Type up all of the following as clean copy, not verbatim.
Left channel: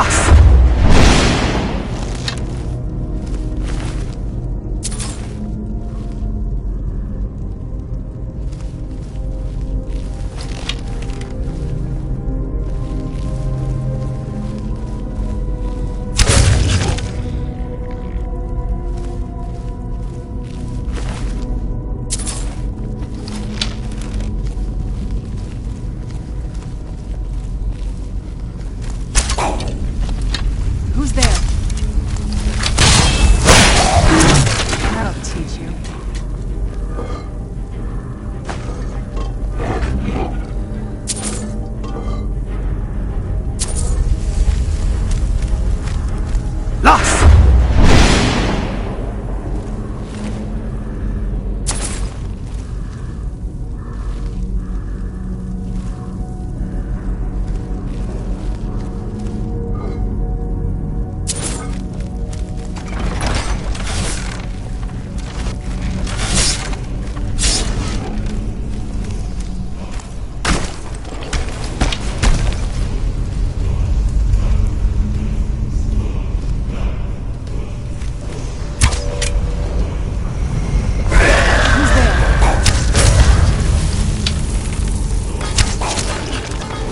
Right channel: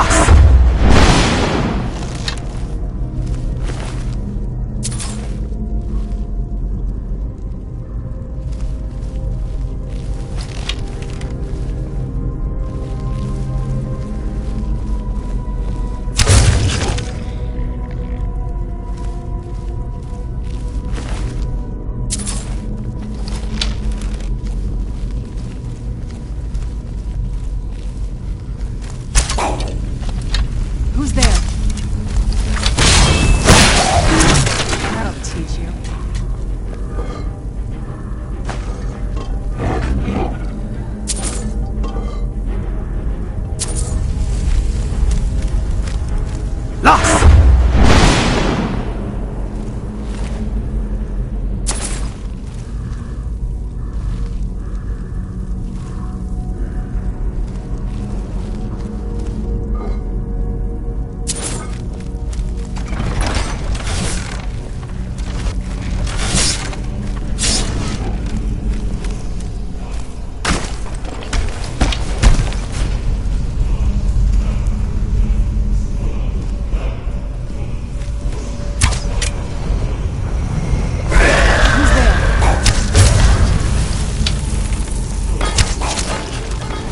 Lost! Who's there? That'll teach you. Lost! Who's there?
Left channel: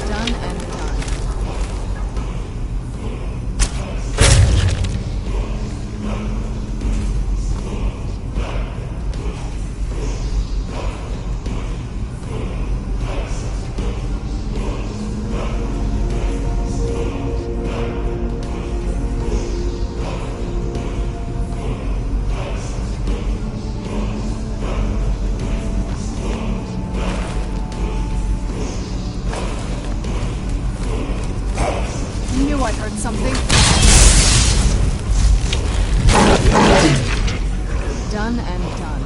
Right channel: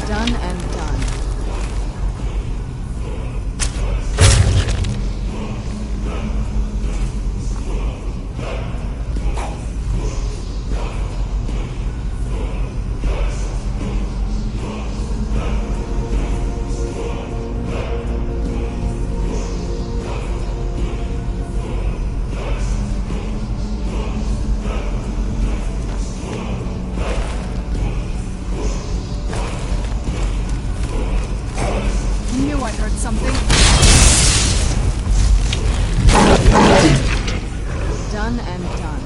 Done and done. Knew I heard something. Done and done.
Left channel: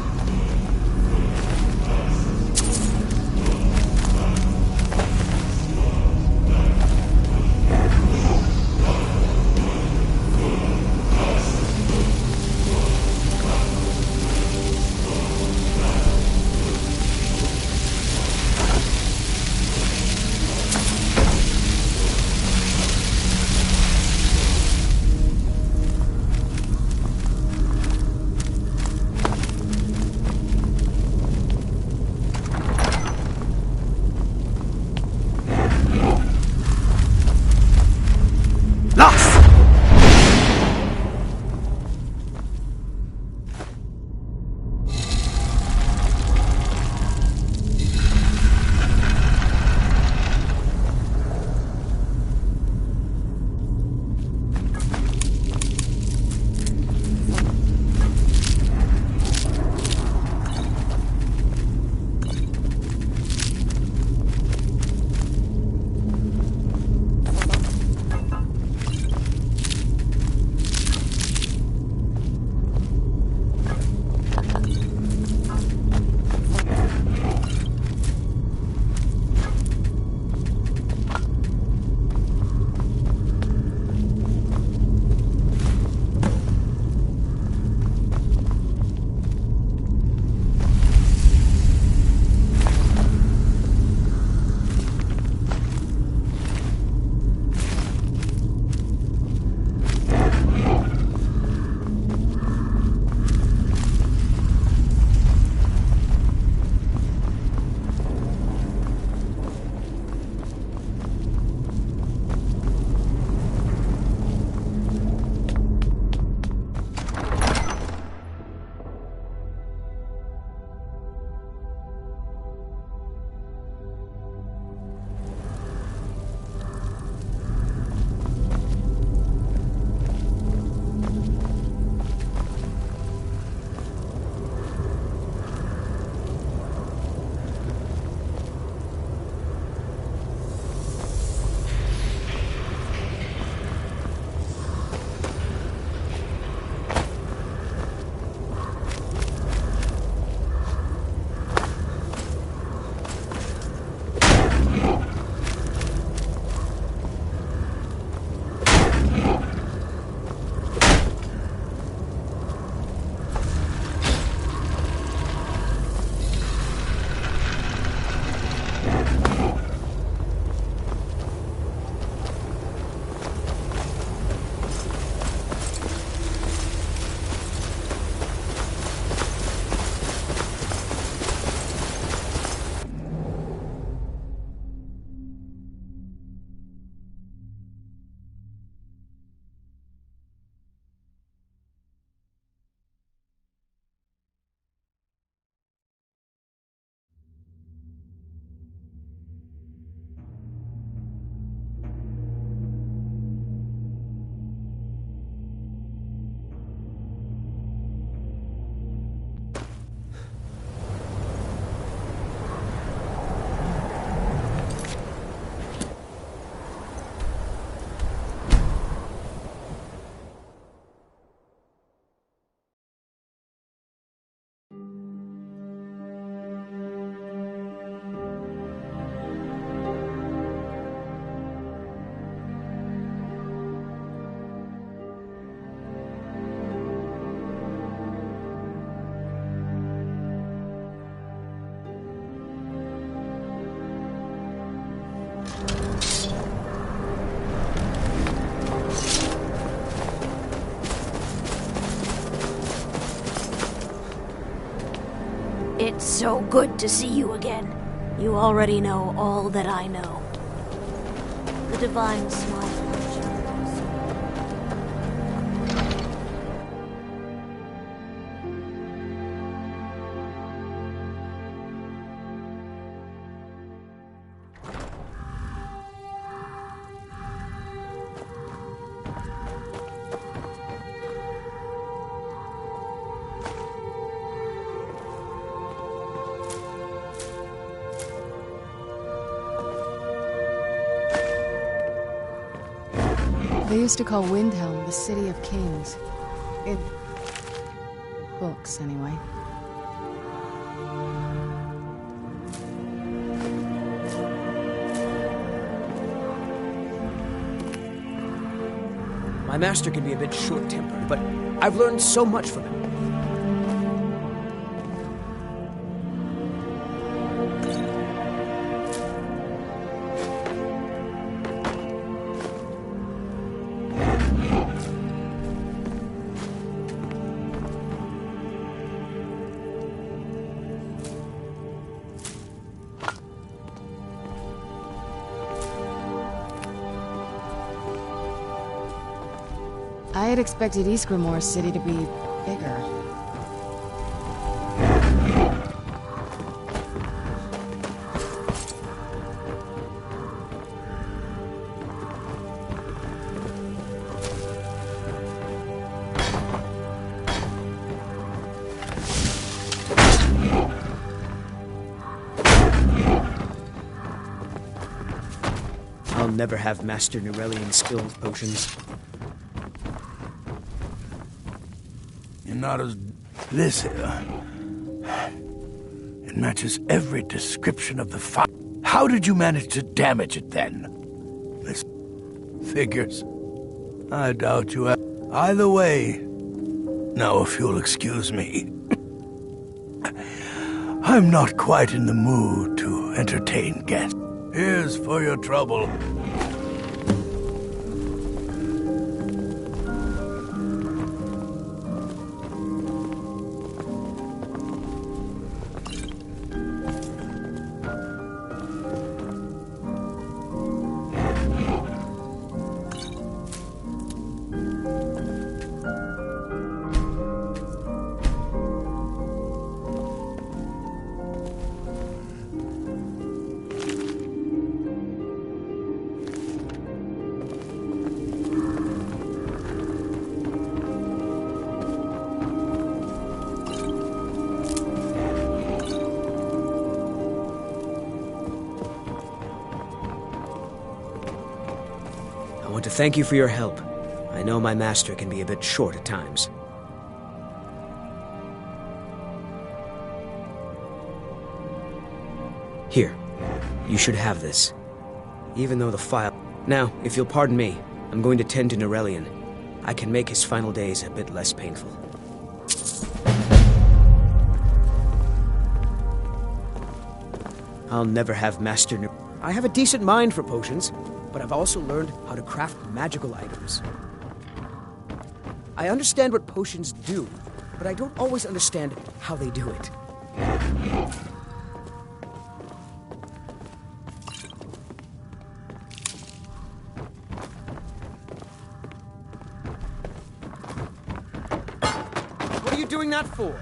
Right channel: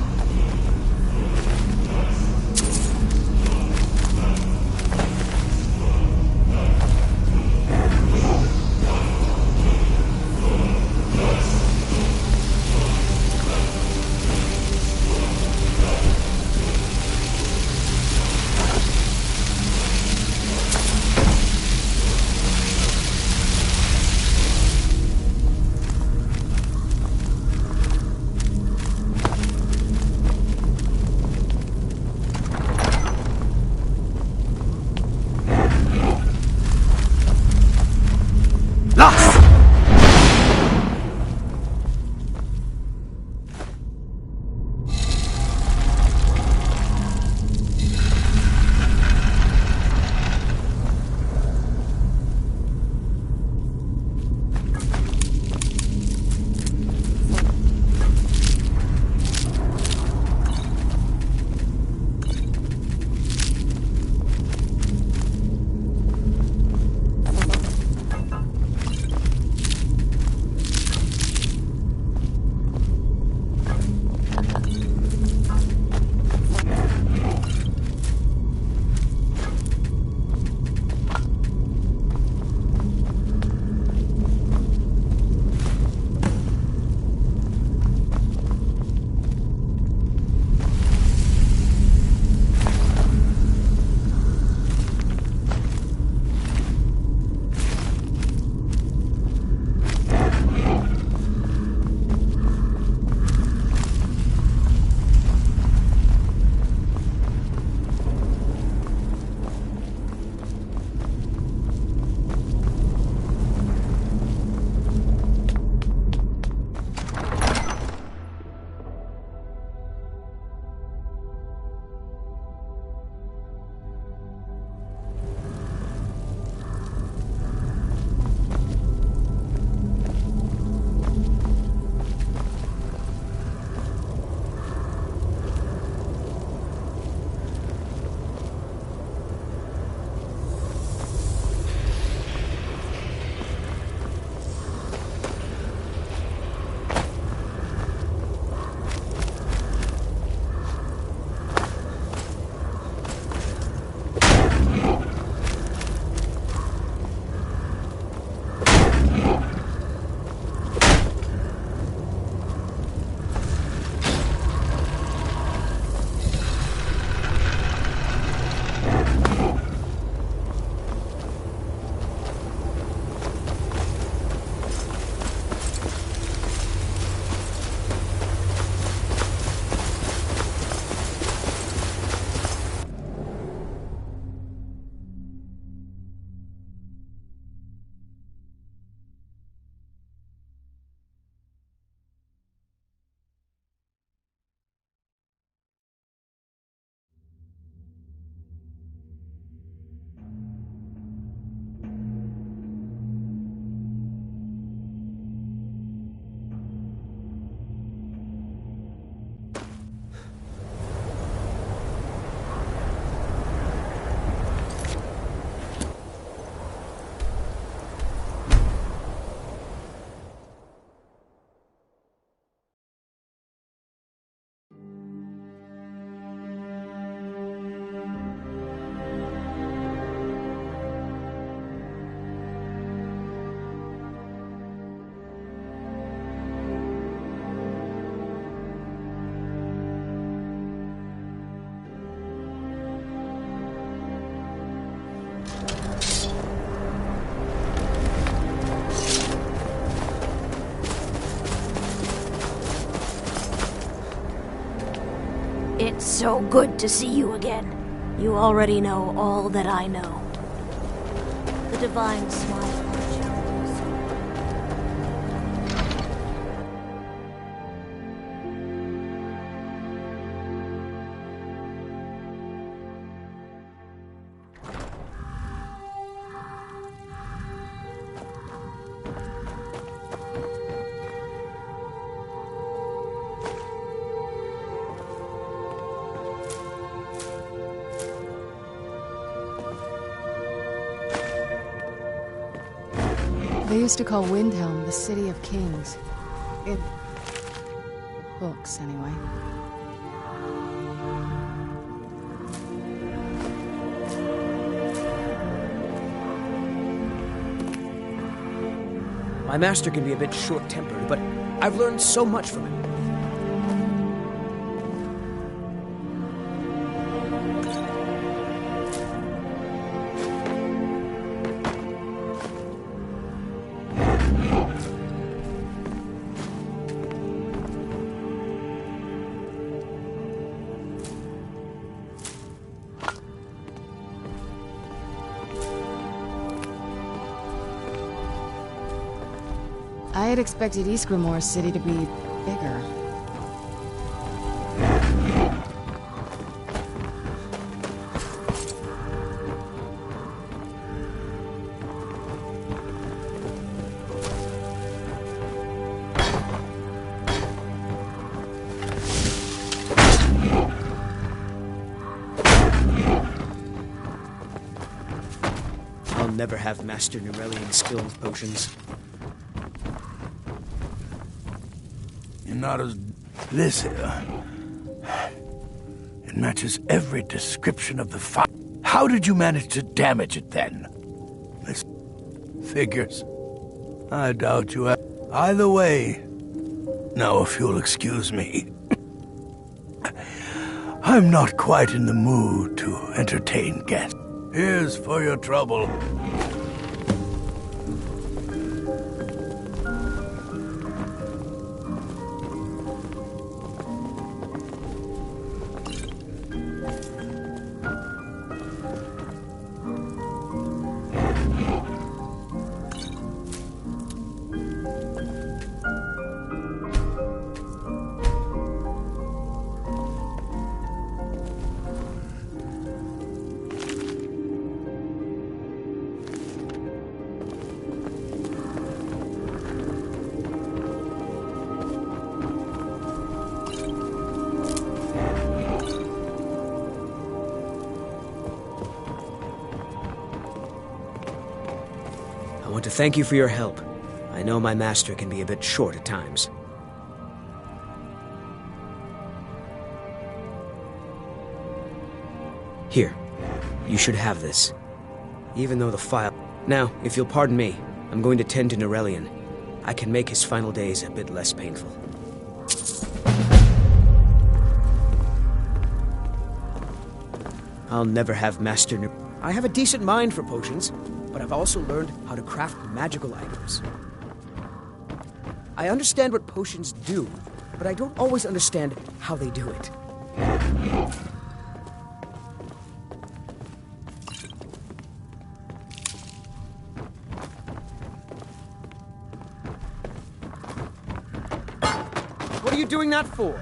So good to see you again. You already know all that I know. The divine smile on Challenger's soul. They used to call Windhelm the City of Kings. In books, anyway. My master can be a bit short-tempered, but I've learned so much from him. I had expected Ysgrimmar City to be bigger. I'll never have Master Nurelian skills potions. You're not as... This here... It matches every description of the fire. How did you manage to damage it, then? This... figures. I doubt you have... Either way... Now, if you'll excuse me... I'm not quite in the mood to entertain guests. Here's for your trouble. I want to thank you for your help. I know my master can be a bit short at times. Here, you should have this. Even though the file... Now, if you'll pardon me, I'm going to tend to Nurelian. I can make his final days a bit less painful. I'll never have Master I have a decent mind for potions, but I've also learned how to craft magical items. I understand what potions do, but I don't always understand how they do it. What are you doing that for?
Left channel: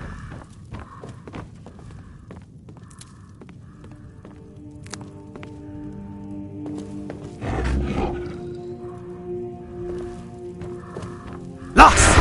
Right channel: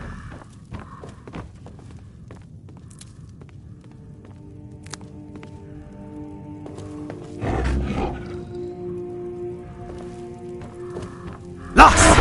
Lost!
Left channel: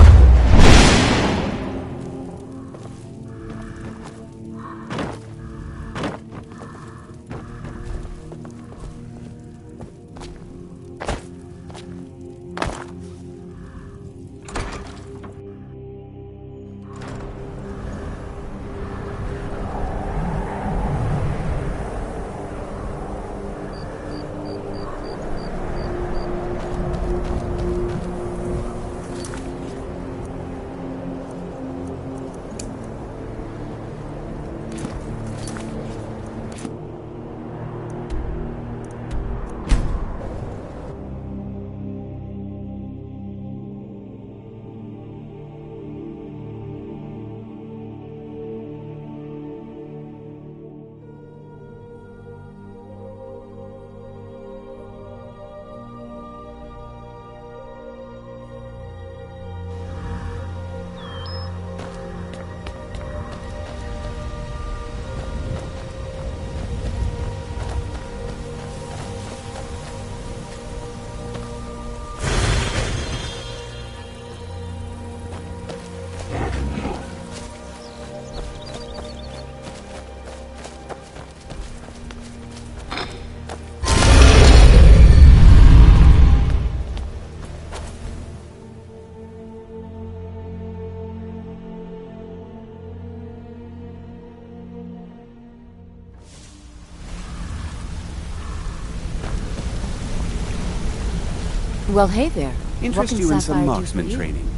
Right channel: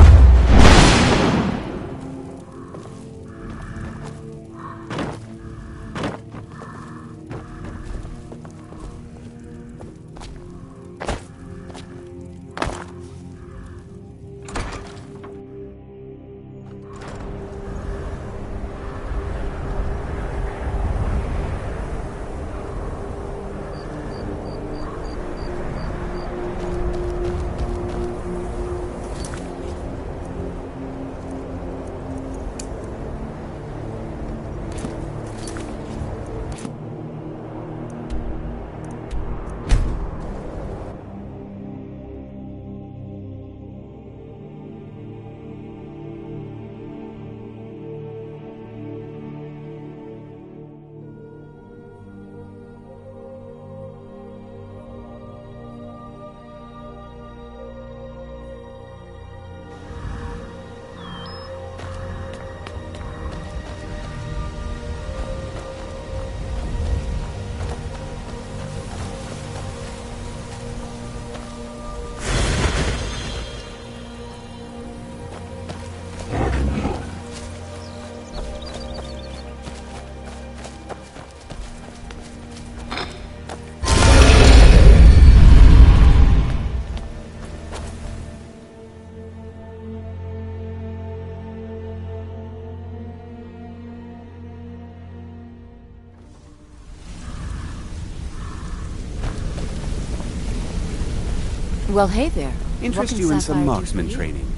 Well, hey there. Interest What can you in Sapphire some do for marksman you? training.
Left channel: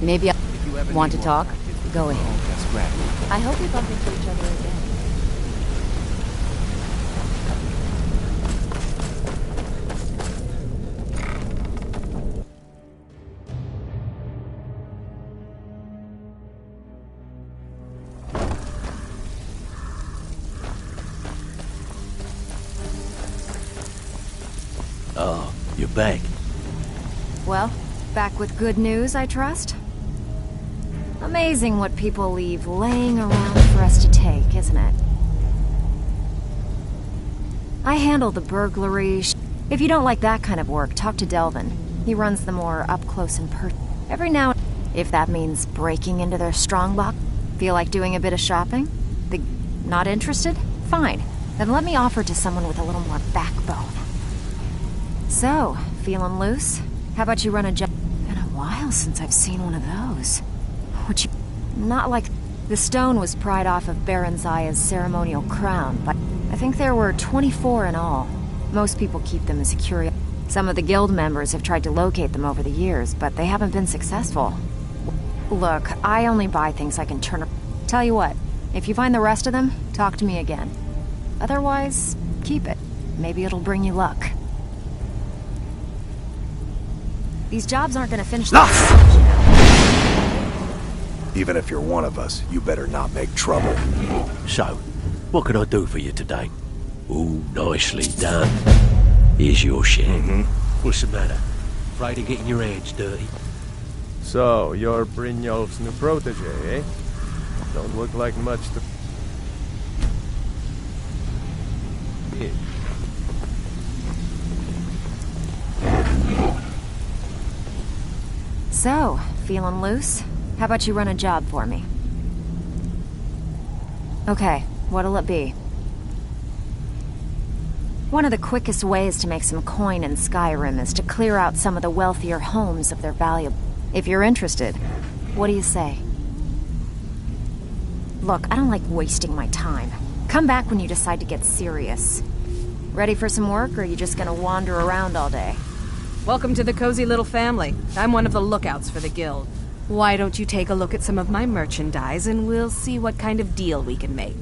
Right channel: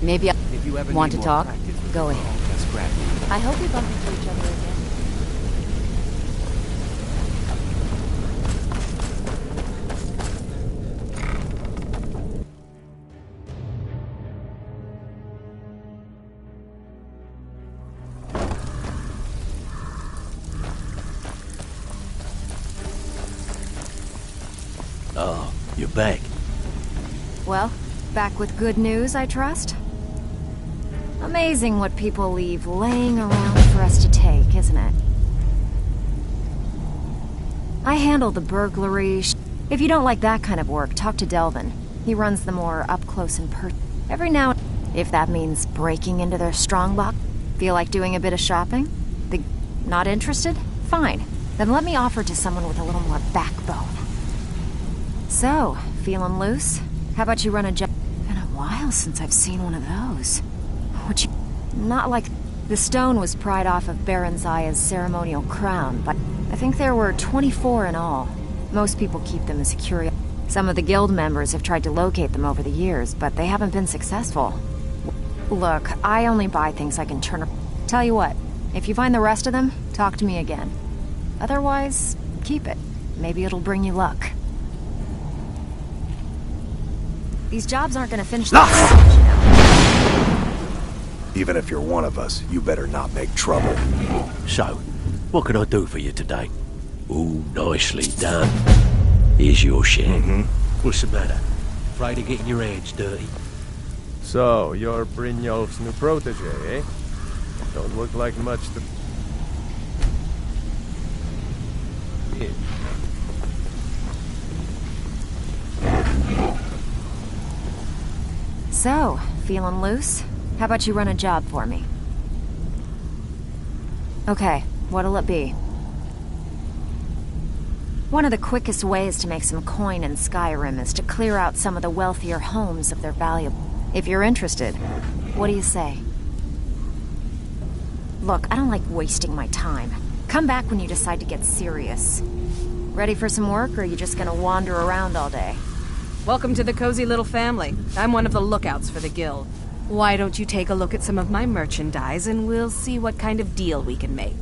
Maybe I If you ever want need to more talk. practice with Go the ahead. ball, just grab me. I hope we bump into each other again. Oh, you're back. Well, back with good news, I trust? Amazing what people leave laying around for us to take, isn't it? I handle the burglary. If you don't like that kind of work, talk to Delvin. He runs the more up-close and every now and if that means breaking into their strongbox. Feel like doing a bit of shopping? Not interested? Fine. Then let me offer to someone with a little more backbone. So, feeling loose? How about you run a job? Been a while since I've seen one of those. Would you... Not like... The stone was pried off of Baron Zaya's ceremonial crown, but I think there were 24 in all. Most people keep them as a curiosity. Some of the guild members have tried to locate them over the years, but they haven't been successful. Look, I only buy things I can turn around. Tell you what, if you find the rest of them, talk to me again. Otherwise, keep it. Maybe it'll bring you luck. These jobs aren't gonna finish themselves, you know. Even if you're one of us, you better not make trouble. So, what can I do for you today? Ooh, nicely done. Here's your share. What's the matter? Afraid of getting your hands dirty? So, you're Brynjolf's new protege, eh? Don't look like much to... Yeah. So, feeling loose? How about you run a job for me? Okay, what'll it be? One of the quickest ways to make some coin in Skyrim is to clear out some of the wealthier homes of their valuable... If you're interested, what do you say? Look, I don't like wasting my time. Come back when you decide to get serious. Ready for some work, or are you just gonna wander around all day? Welcome to the cozy little family. I'm one of the lookouts for the guild. Why don't you take a look at some of my merchandise and we'll see what kind of deal we can make.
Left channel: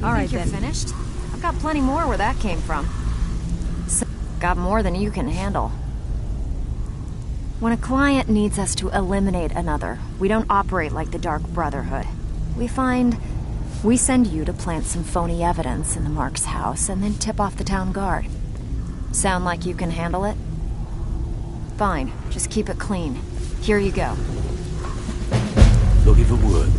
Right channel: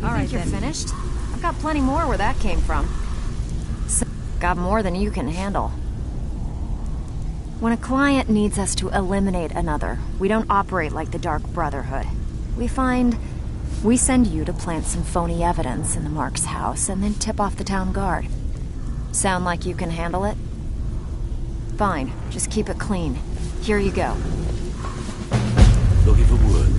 You All right, think you're then. finished? I've got plenty more where that came from. Got more than you can handle. When a client needs us to eliminate another, we don't operate like the Dark Brotherhood. We send you to plant some phony evidence in the Mark's house and then tip off the town guard. Sound like you can handle it? Fine, just keep it clean. Here you go. Looking for work?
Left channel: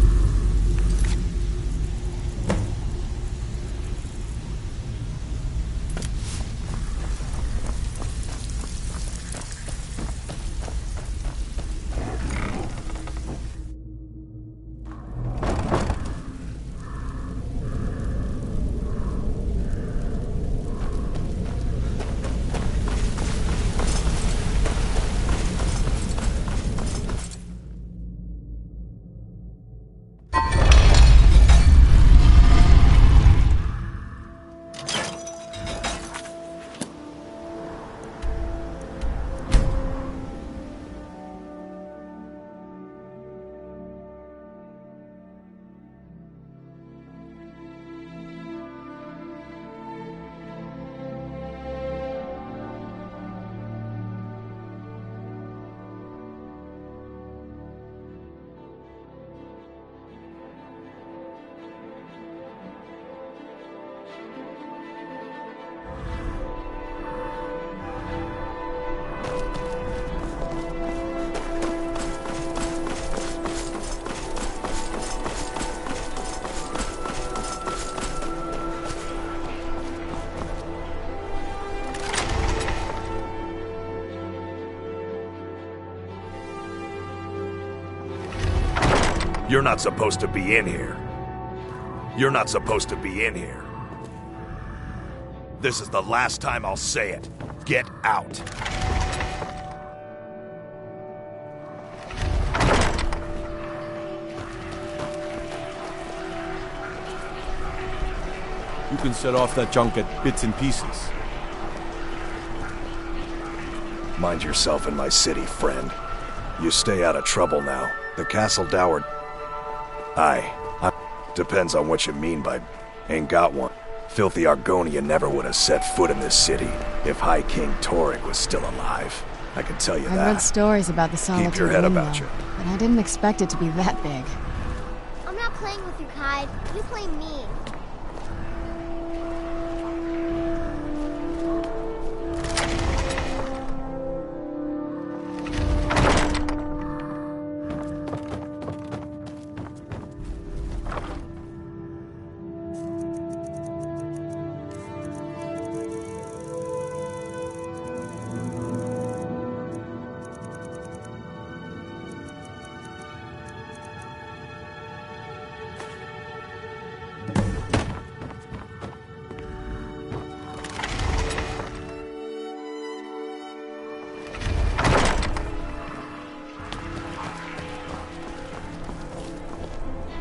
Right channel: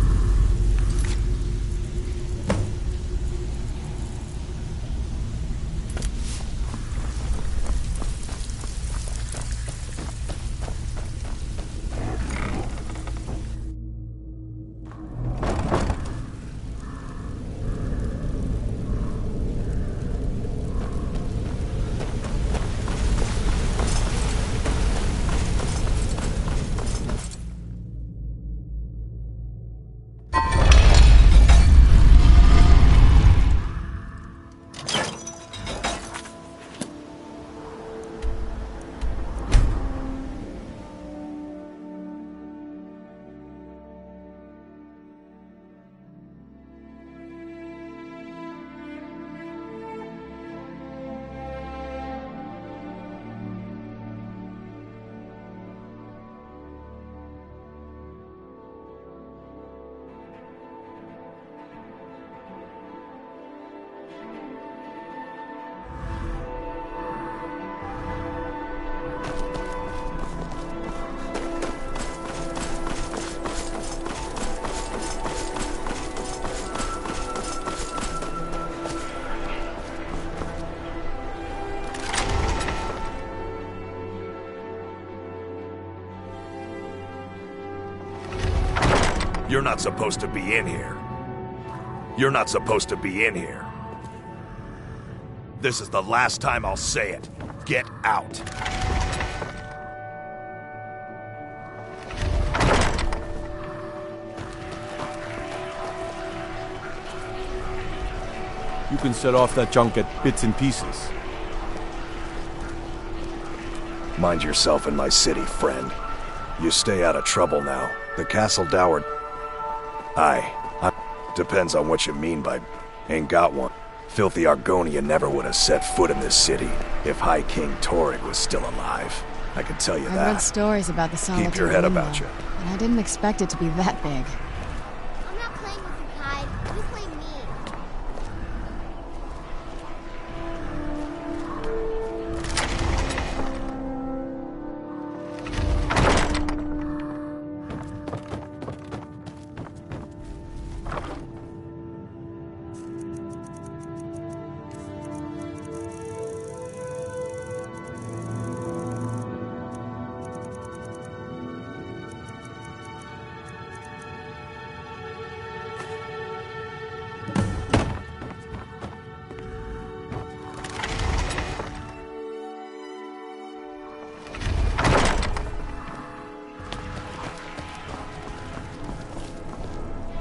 You're not supposed to be in here. You're not supposed to be in here. This is the last time I'll say it. Get out. You can set off that junk at bits and pieces. Mind yourself in my city, friend. You stay out of trouble now. The Castle Dower... Depends on what you mean by... Ain't got one. Filthy Argonia never would have set foot in this city if High King Torrig was still alive. I can tell you that. I've read stories about the Solitude. Keep your head about you. But I didn't expect it to be that big. I'm not playing with you, Kai. You play me.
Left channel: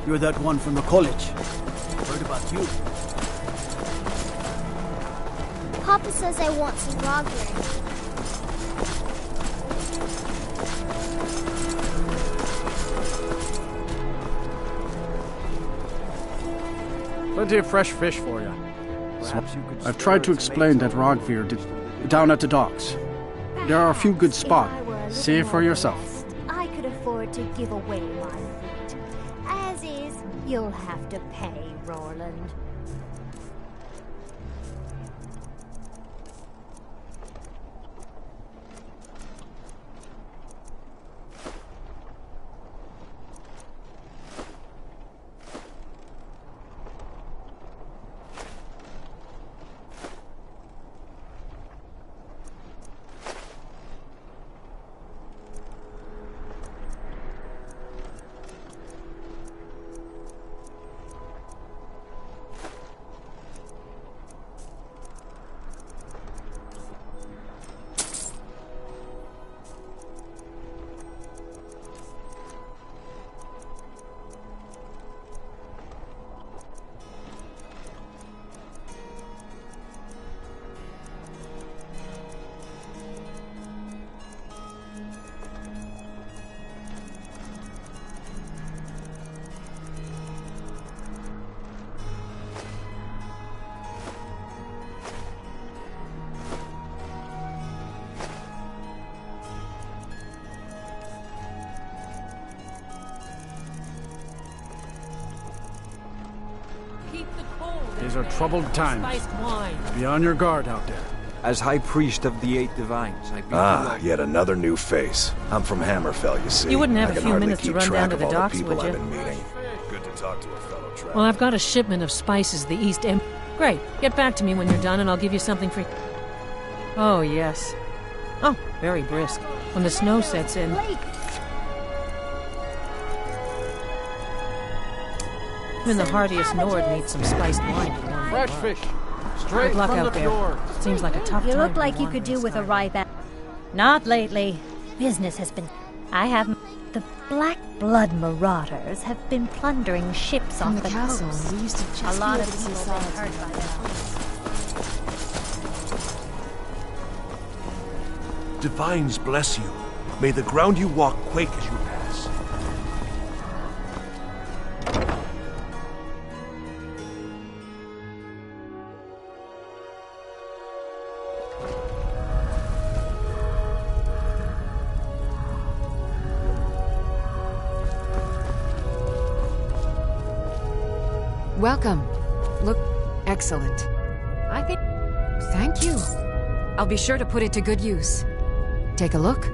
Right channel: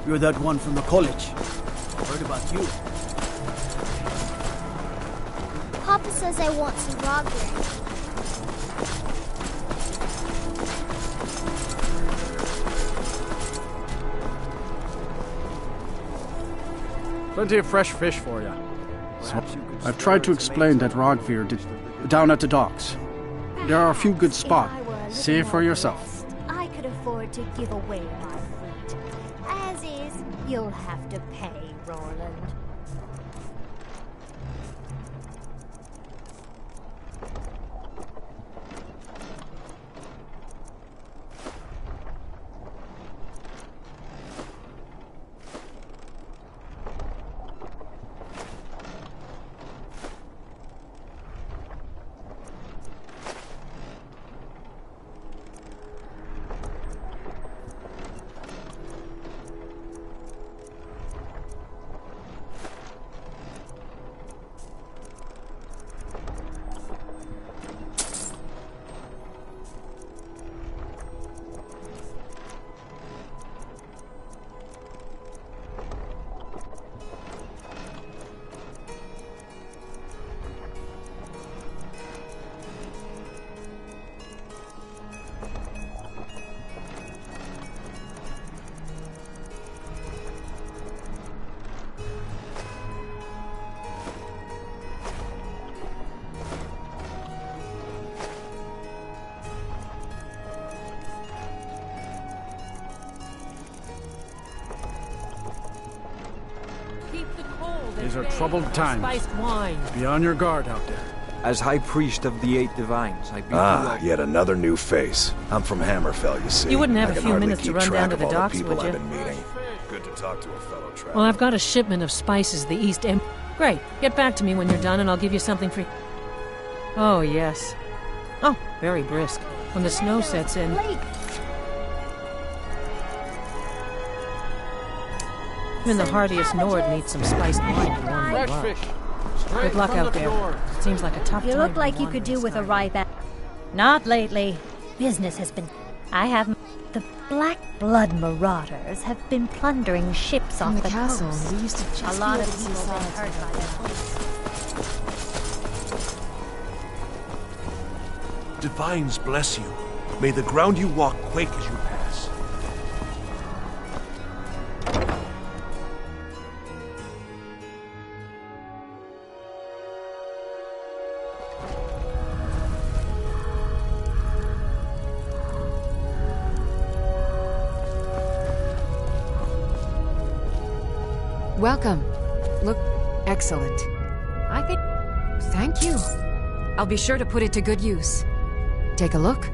You're that one from the college. Heard about you. Papa says I won't see Rogger. Plenty of fresh fish for you. I've tried to explain that Rogvir down at the docks. There are a few good spots. See it for yourself. I could afford to give away my fruit. As is, you'll have to pay, Roland. These are troubled times. Spiced wine. Be on your guard out there. As High Priest of the Eight Divines, I beat yet another new face. I'm from Hammerfell, you see. You wouldn't have I a can few hardly minutes to keep run track down to of the all docks, people would I've you? been meeting. Good to talk to a fellow traveler. Well, I've got a shipment of spices the East End. Great. Get back to me when you're done and I'll give you something free. Oh, yes. Oh, very brisk. When the snow sets in. Even the hardiest Nord needs some spiced wine to warm Fresh them up. fish. Good Straight luck from out the there. fjord. Seems like a tough You time look for like you could do wandering with a Skyrim. ripe apple. Not lately. Business has been... I have... The Black Blood Marauders have been plundering ships From off the castle, coast. we used to just A lot be of able to see people have been Solitude hurt by their Divines bless you. May the ground you walk quake as you pass. Welcome. Look excellent. I think... Thank you. I'll be sure to put it to good use. Take a look.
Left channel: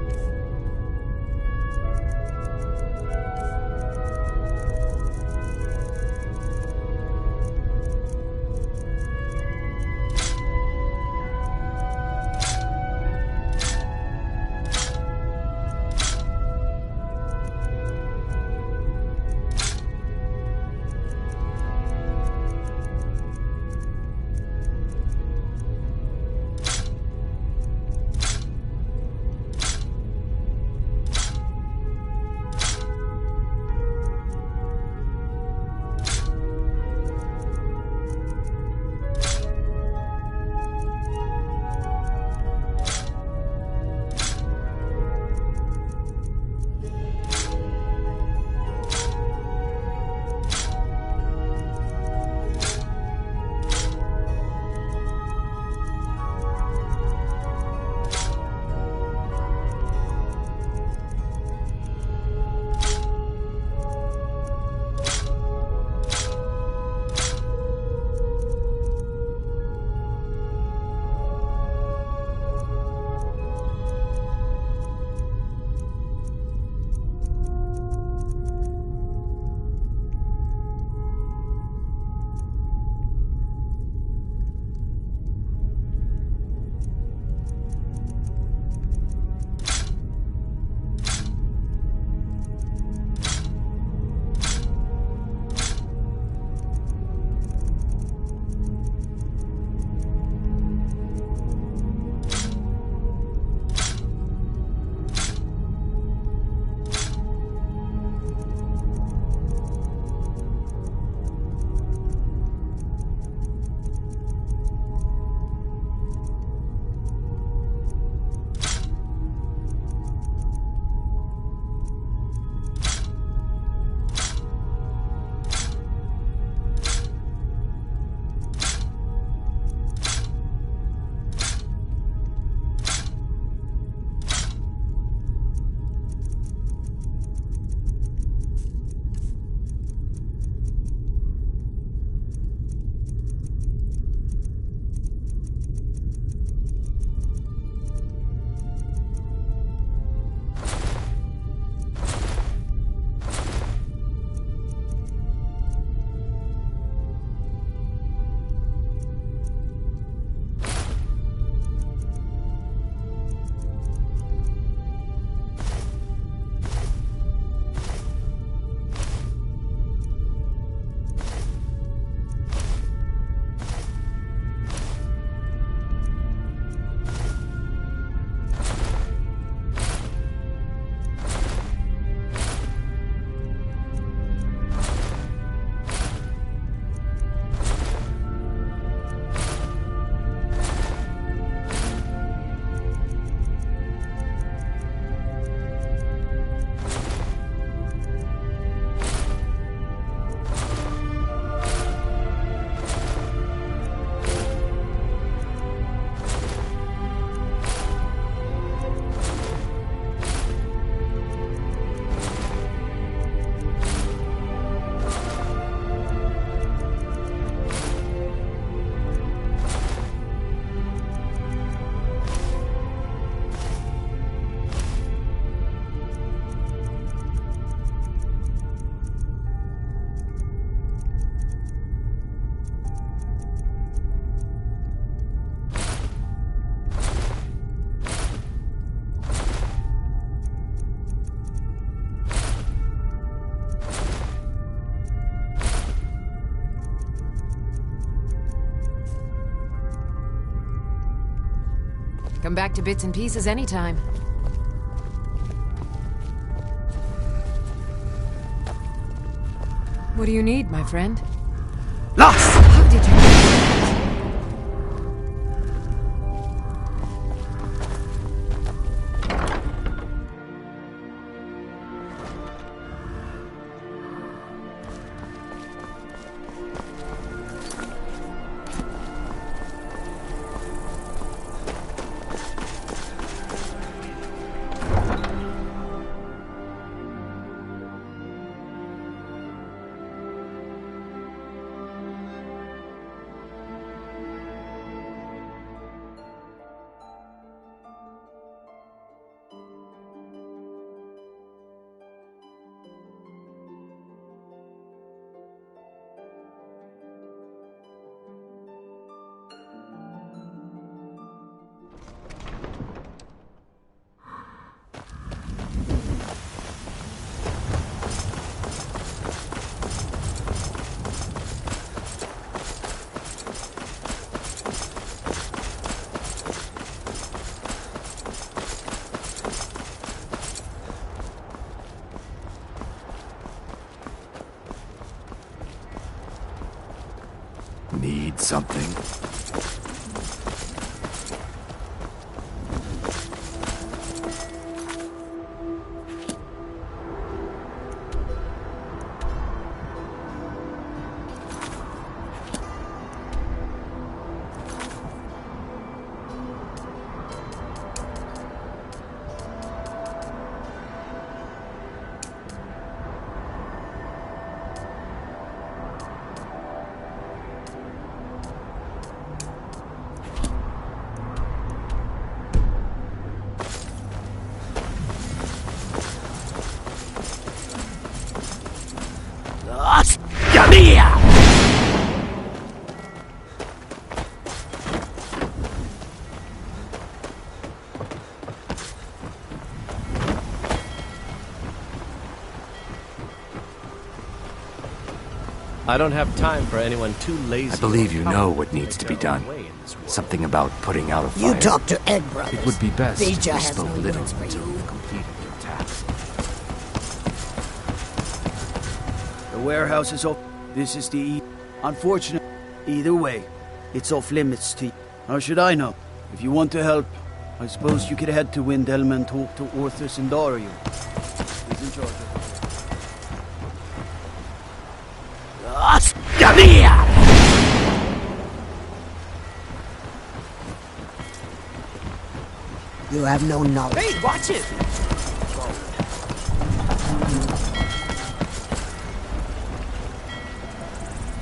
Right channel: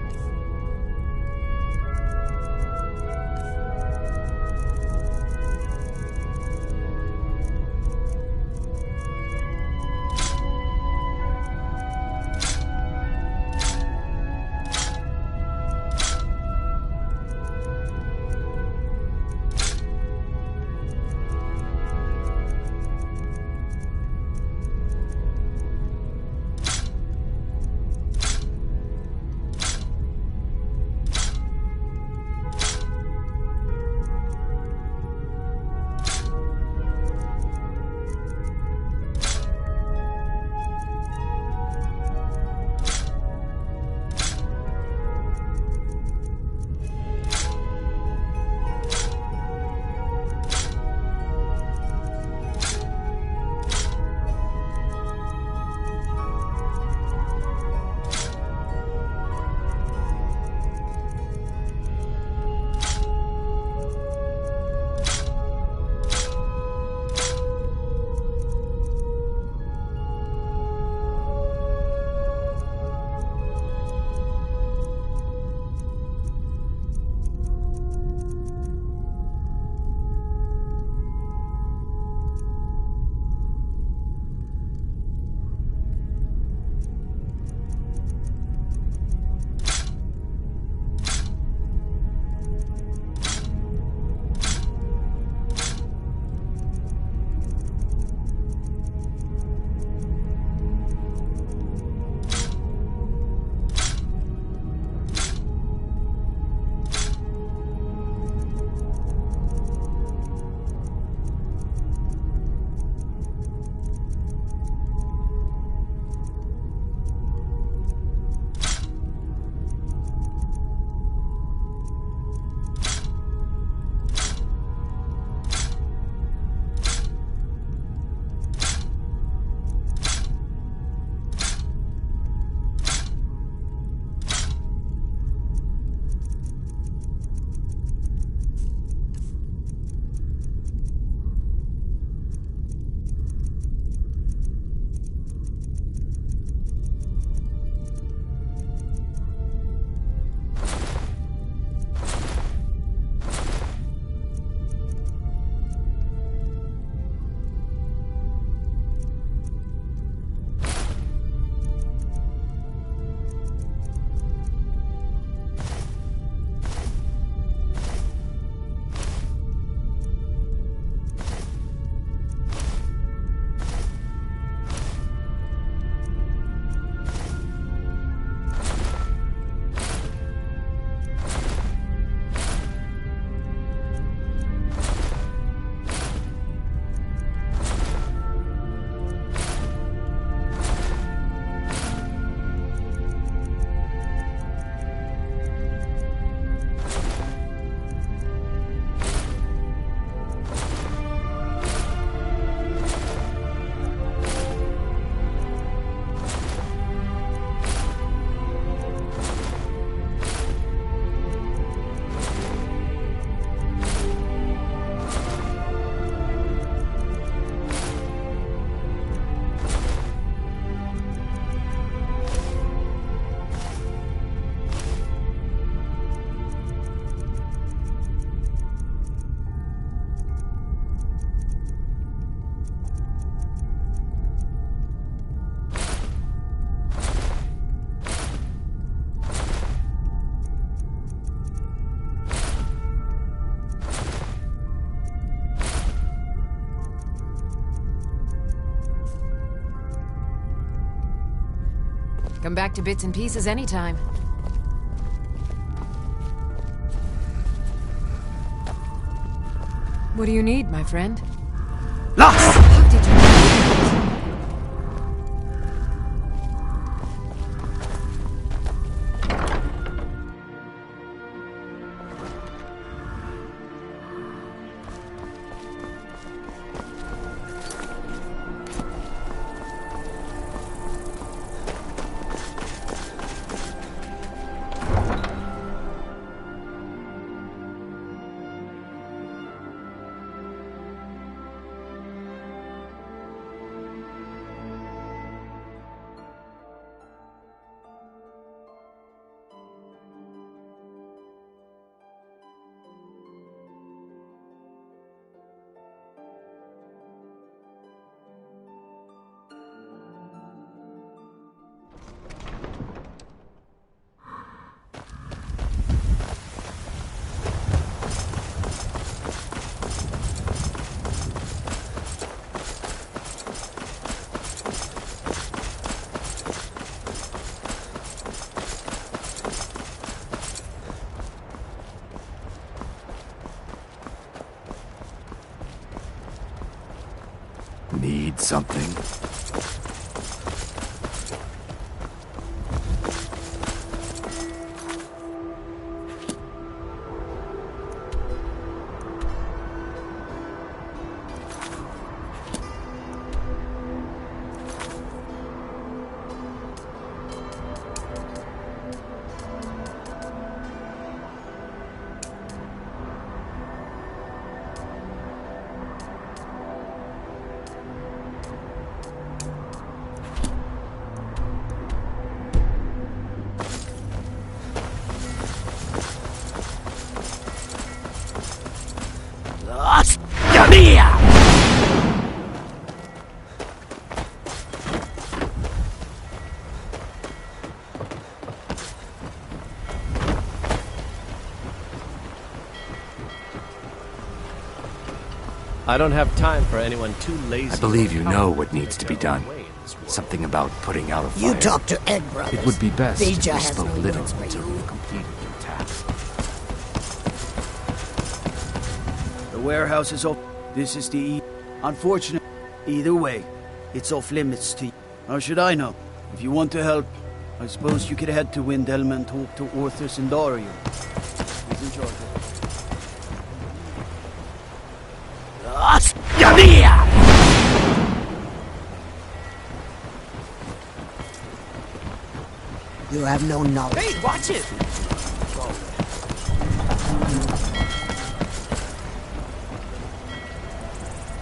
Come back to Bits and Pieces anytime. What do you need, my friend? Lost! How did you do that? Need something? I don't have time for anyone too lazy. I believe you know what needs to be done. Something about putting out a fire. You talk to Egg Brothers. It would be best if Vija you has spoke no little words for until you. you've completed your task. The warehouse is off. This is the unfortunate. Either way, it's off limits to you. How should I know? If you want to help, I suppose you could head to Windelma and talk to Orthus and Dario. He's in charge of it. You have no knowledge. Hey, watch it!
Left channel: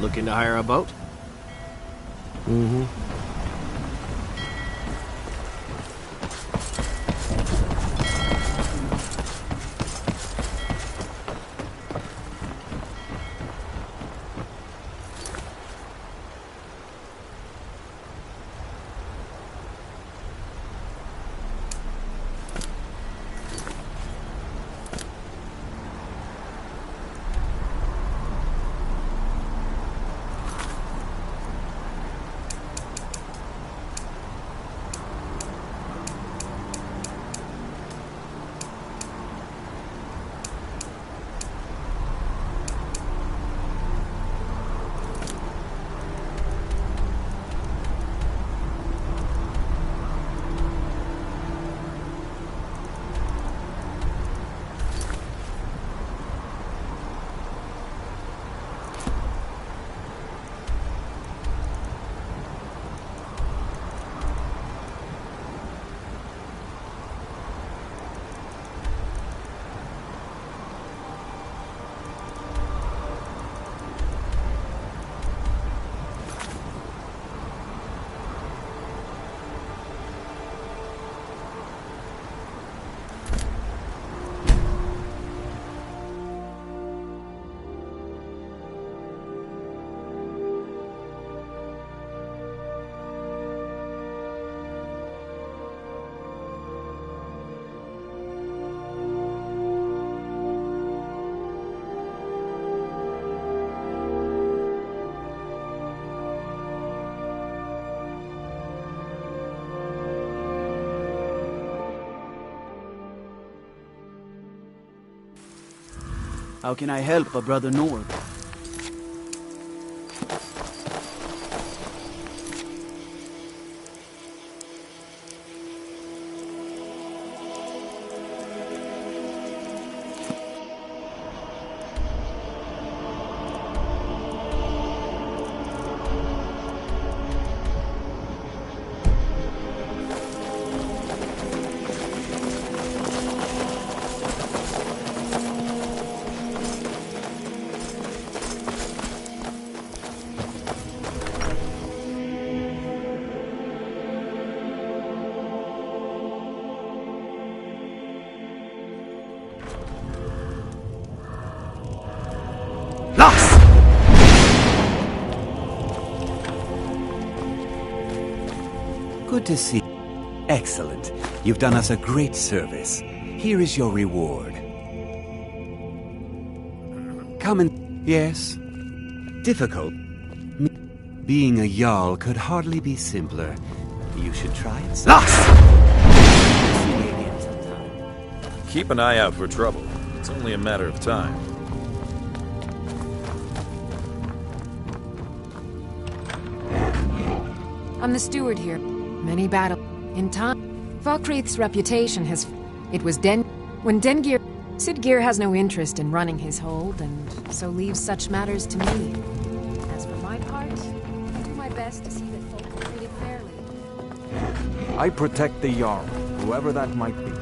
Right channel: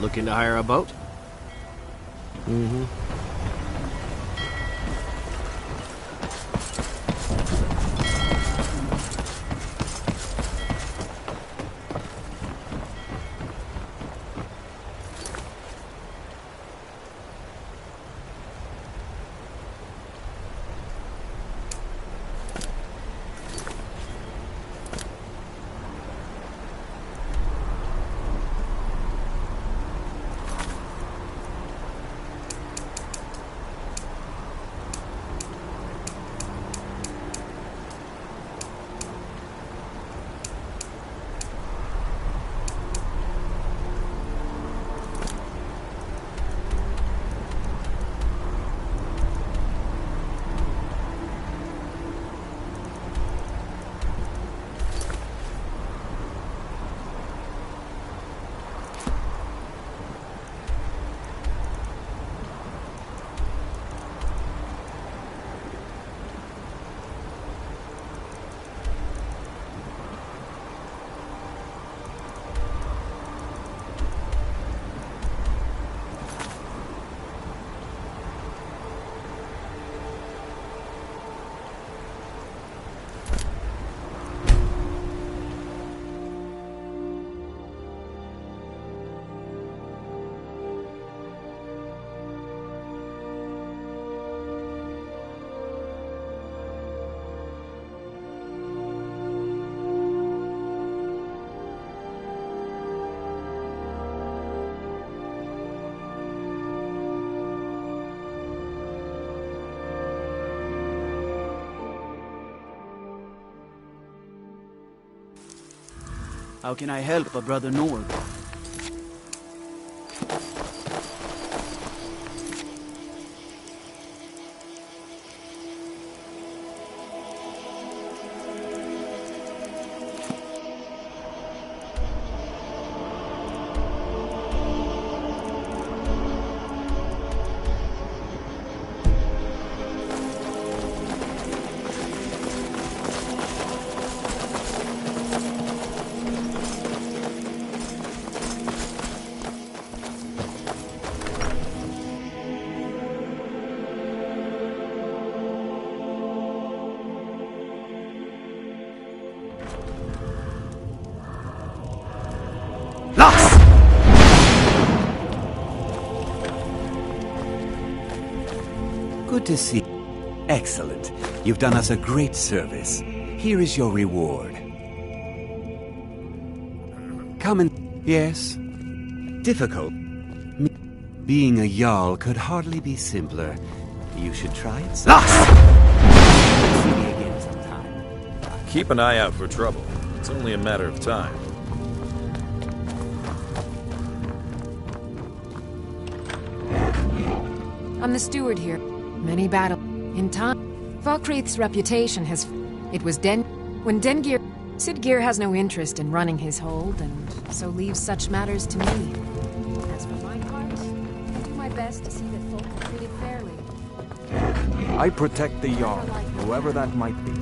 Looking to hire a boat? Mm-hmm. How can I help a brother Nord? Good to see. Excellent. You've done us a great service. Here is your reward. Come and... Yes? Difficult. Being a Jarl could hardly be simpler. You should try it. See me again sometime. Keep an eye out for trouble. It's only a matter of time. I'm the steward here. Many battles. In time, Falkreath's reputation has... It was when Dengir... Sidgir has no interest in running his hold, and so leaves such matters to me. As for my part, I do my best to see that folk are treated fairly. I protect the Jarl, whoever that might be.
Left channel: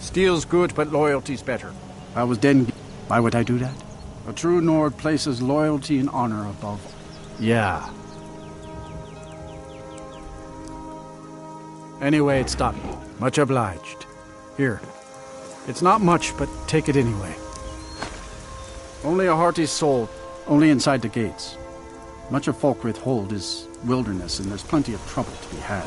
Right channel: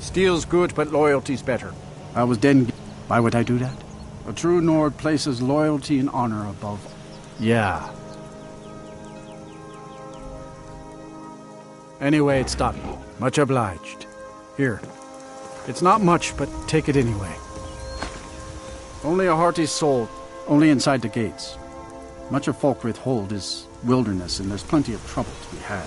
Steel's good, but loyalty's better. I was Den. Why would I do that? A true Nord places loyalty and honor above. Yeah. Anyway, it's done. Much obliged. Here. It's not much, but take it anyway. Only a hearty soul, only inside the gates. Much of Falkreath Hold is wilderness, and there's plenty of trouble to be had.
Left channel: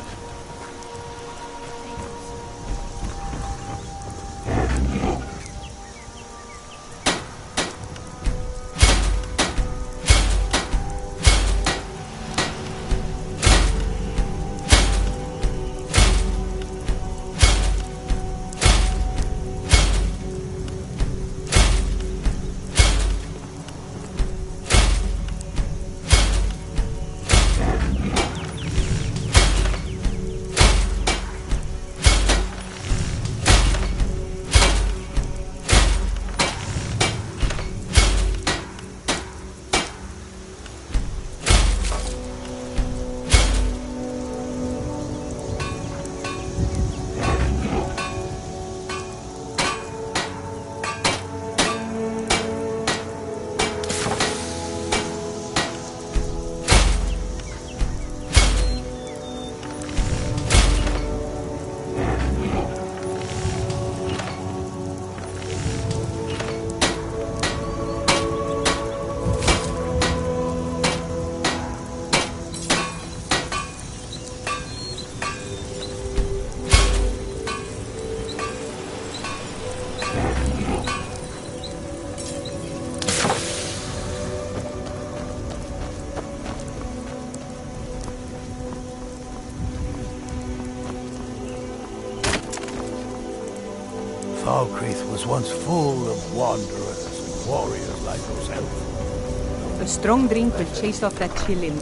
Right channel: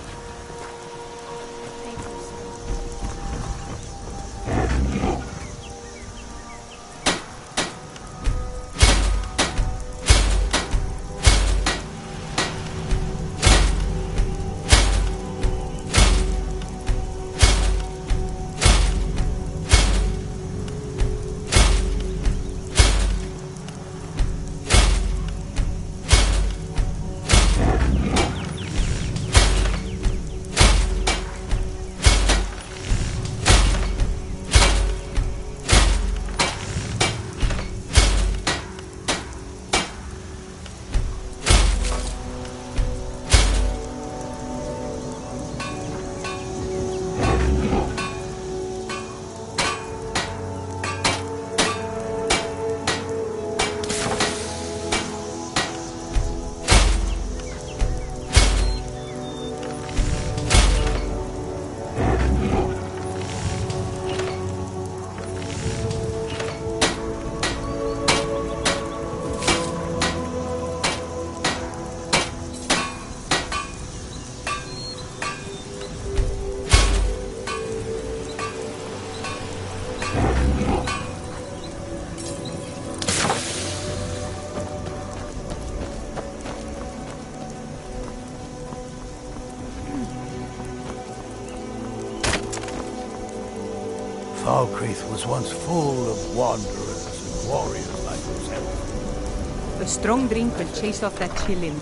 Falkreath was once full of wanderers and warriors like yourself. A strong drink will chase off that chillin'.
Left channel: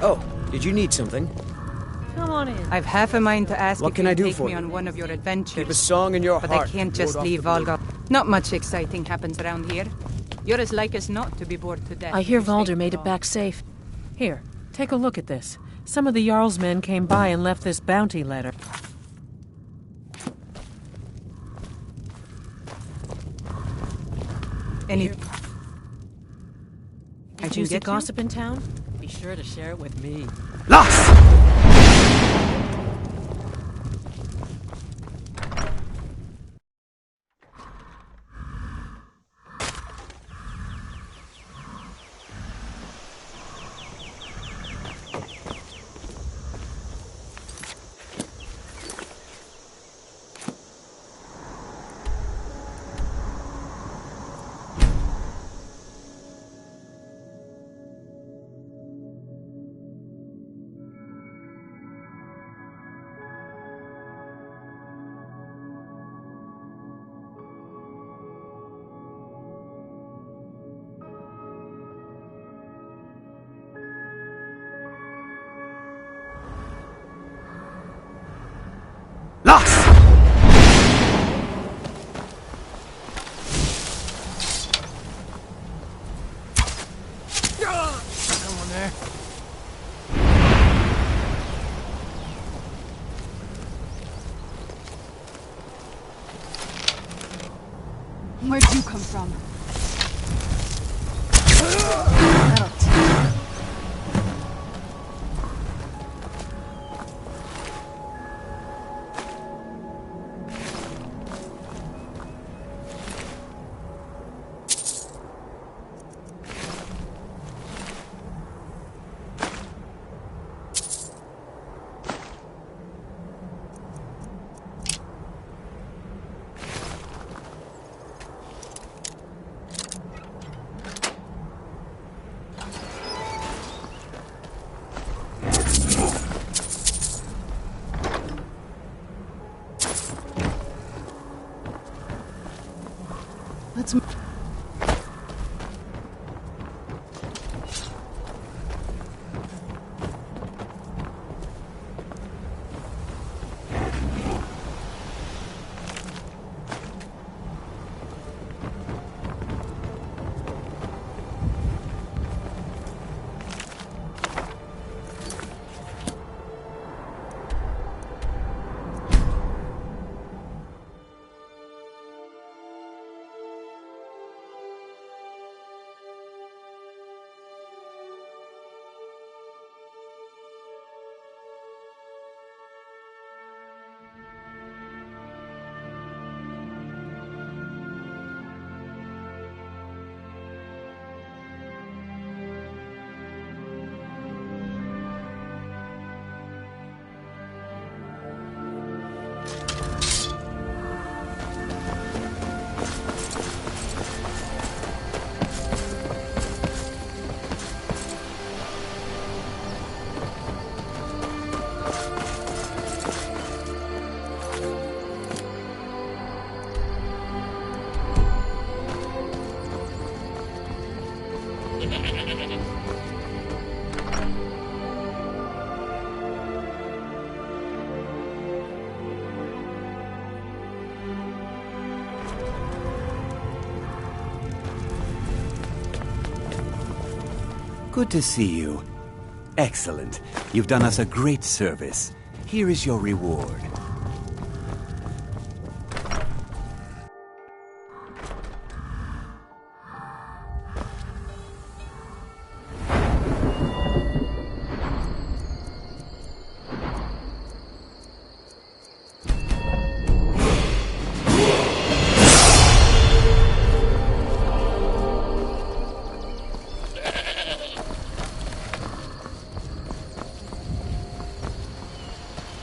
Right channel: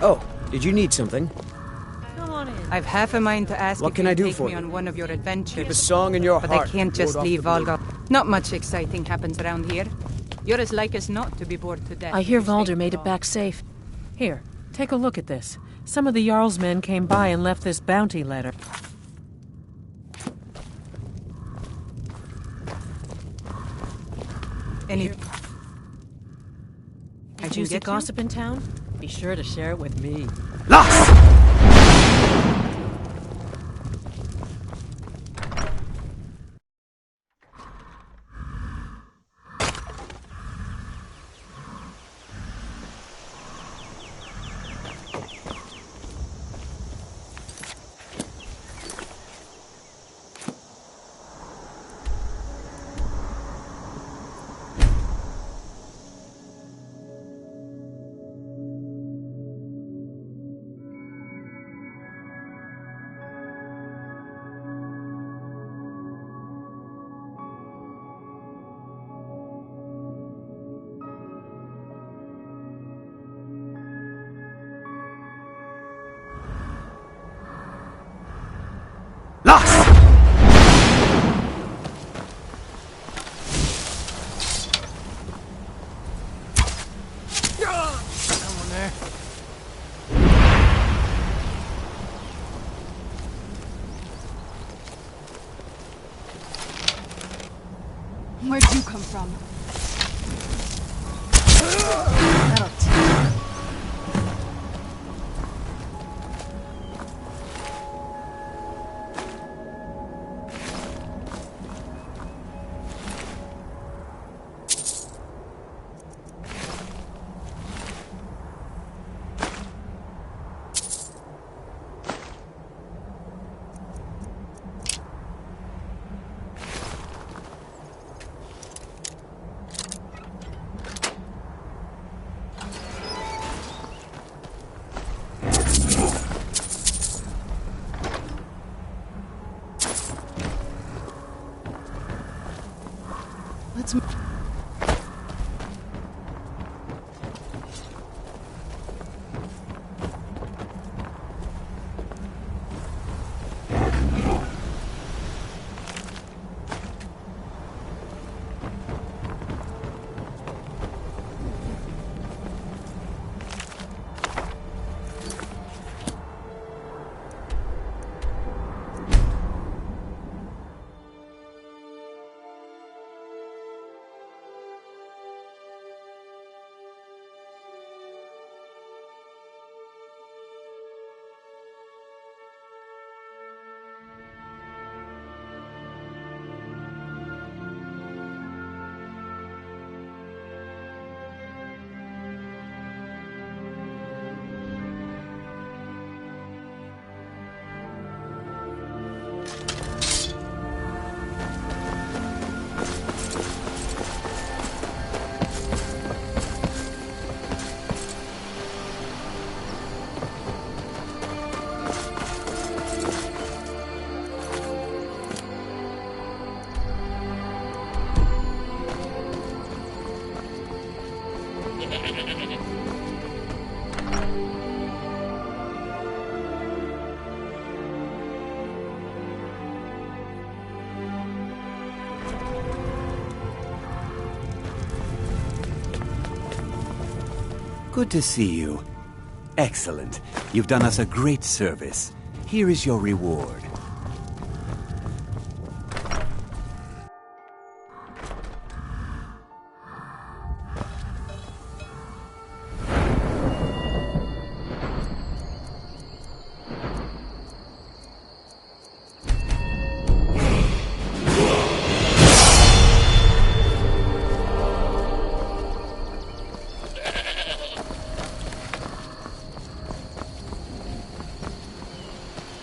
Oh, did you need something? Come on in. I've half a mind to ask What if can you I do take for me you? on one of your adventures. Keep a song in your but heart. I can't just Ward off leave the blade. Volga. Not much exciting happens around here. You're as like as not to be bored to death. I hear if you stay Valder made it long. back safe. Here, take a look at this. Some of the Jarl's men came by and left this bounty letter. Any... Did you see gossip in town? Be sure to share it with me. there? Where'd you come from? That'll teach. Let's... Good to see you. Excellent. You've done us a great service. Here is your reward.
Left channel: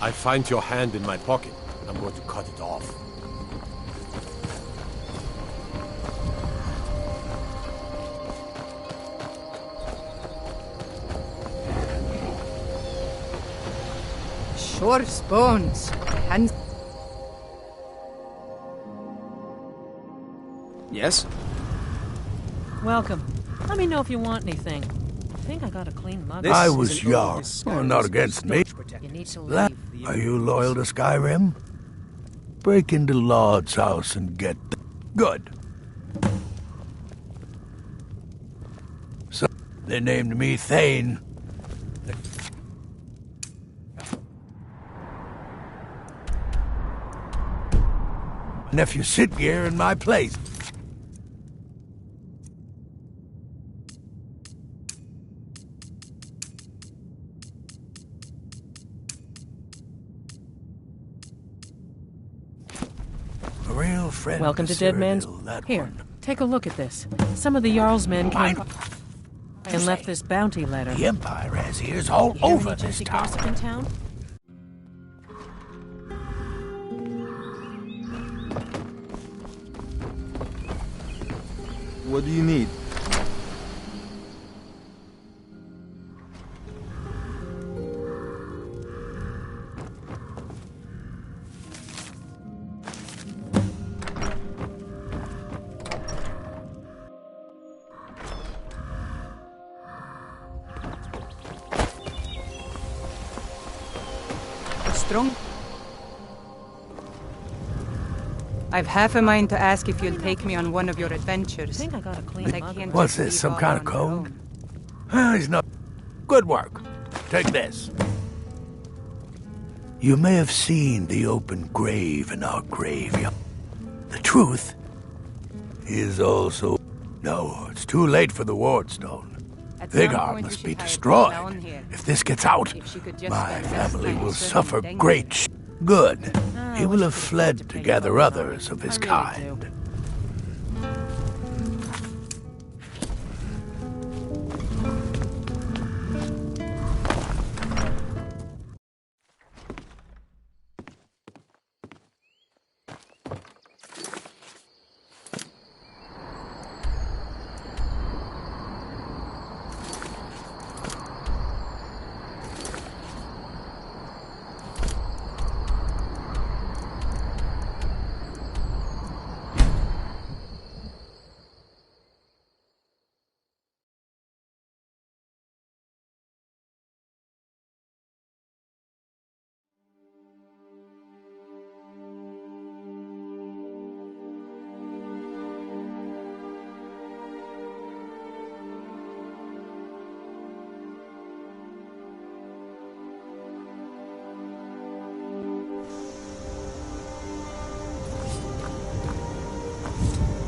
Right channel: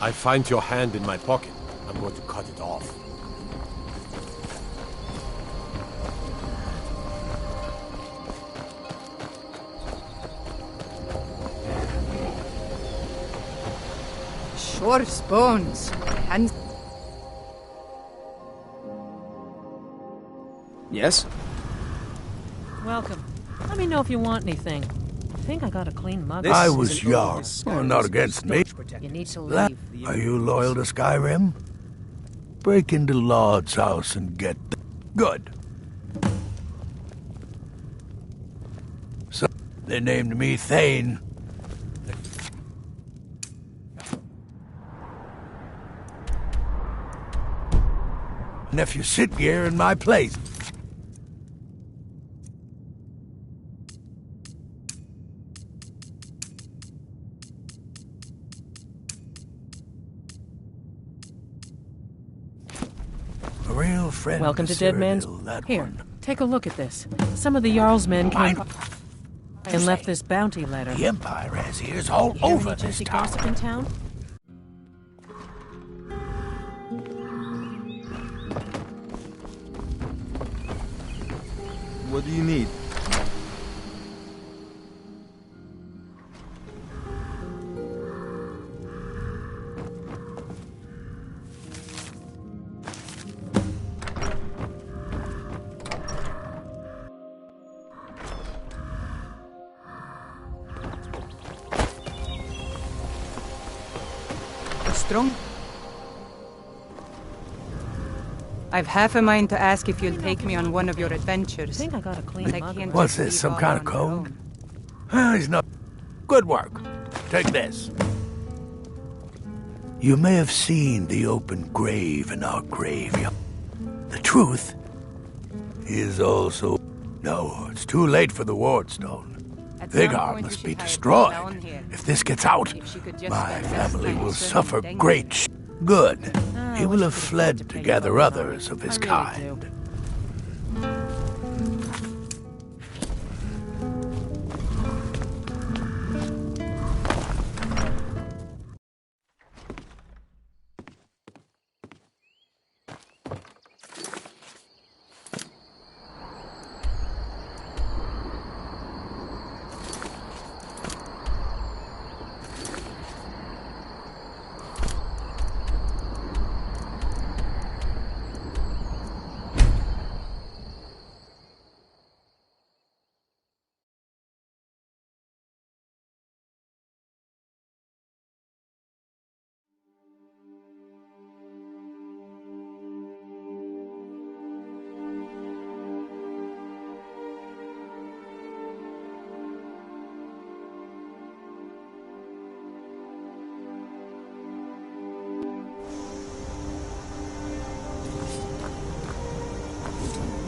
I find your hand in my pocket. I'm going to cut it off. Sure bones. Hands. Yes? Welcome. Let me know if you want anything. I think I got a clean mug. I was young. Well, not against me. You need to Lad, leave. are you loyal to Skyrim? Break into Lord's house and get... Good. So, they named me Thane. Nephew Sitgear in my place. A real friend. Welcome to Dead Man's... Here, take a look at this. Some of the Jarl's men came and left this bounty letter. The Empire has ears all You hear over any this juicy town. gossip in town? What do you need? Strong. I've half a mind to ask if you'll take me on one of your adventures. I think I got a clean mug. What's this, some kind of code? He's not... Good work. Take this. You may have seen the open grave in our graveyard. The truth is also... No, it's too late for the wardstone. Vigar must be destroyed. If this gets out, my family will suffer great good. He will have fled to gather others of his kind.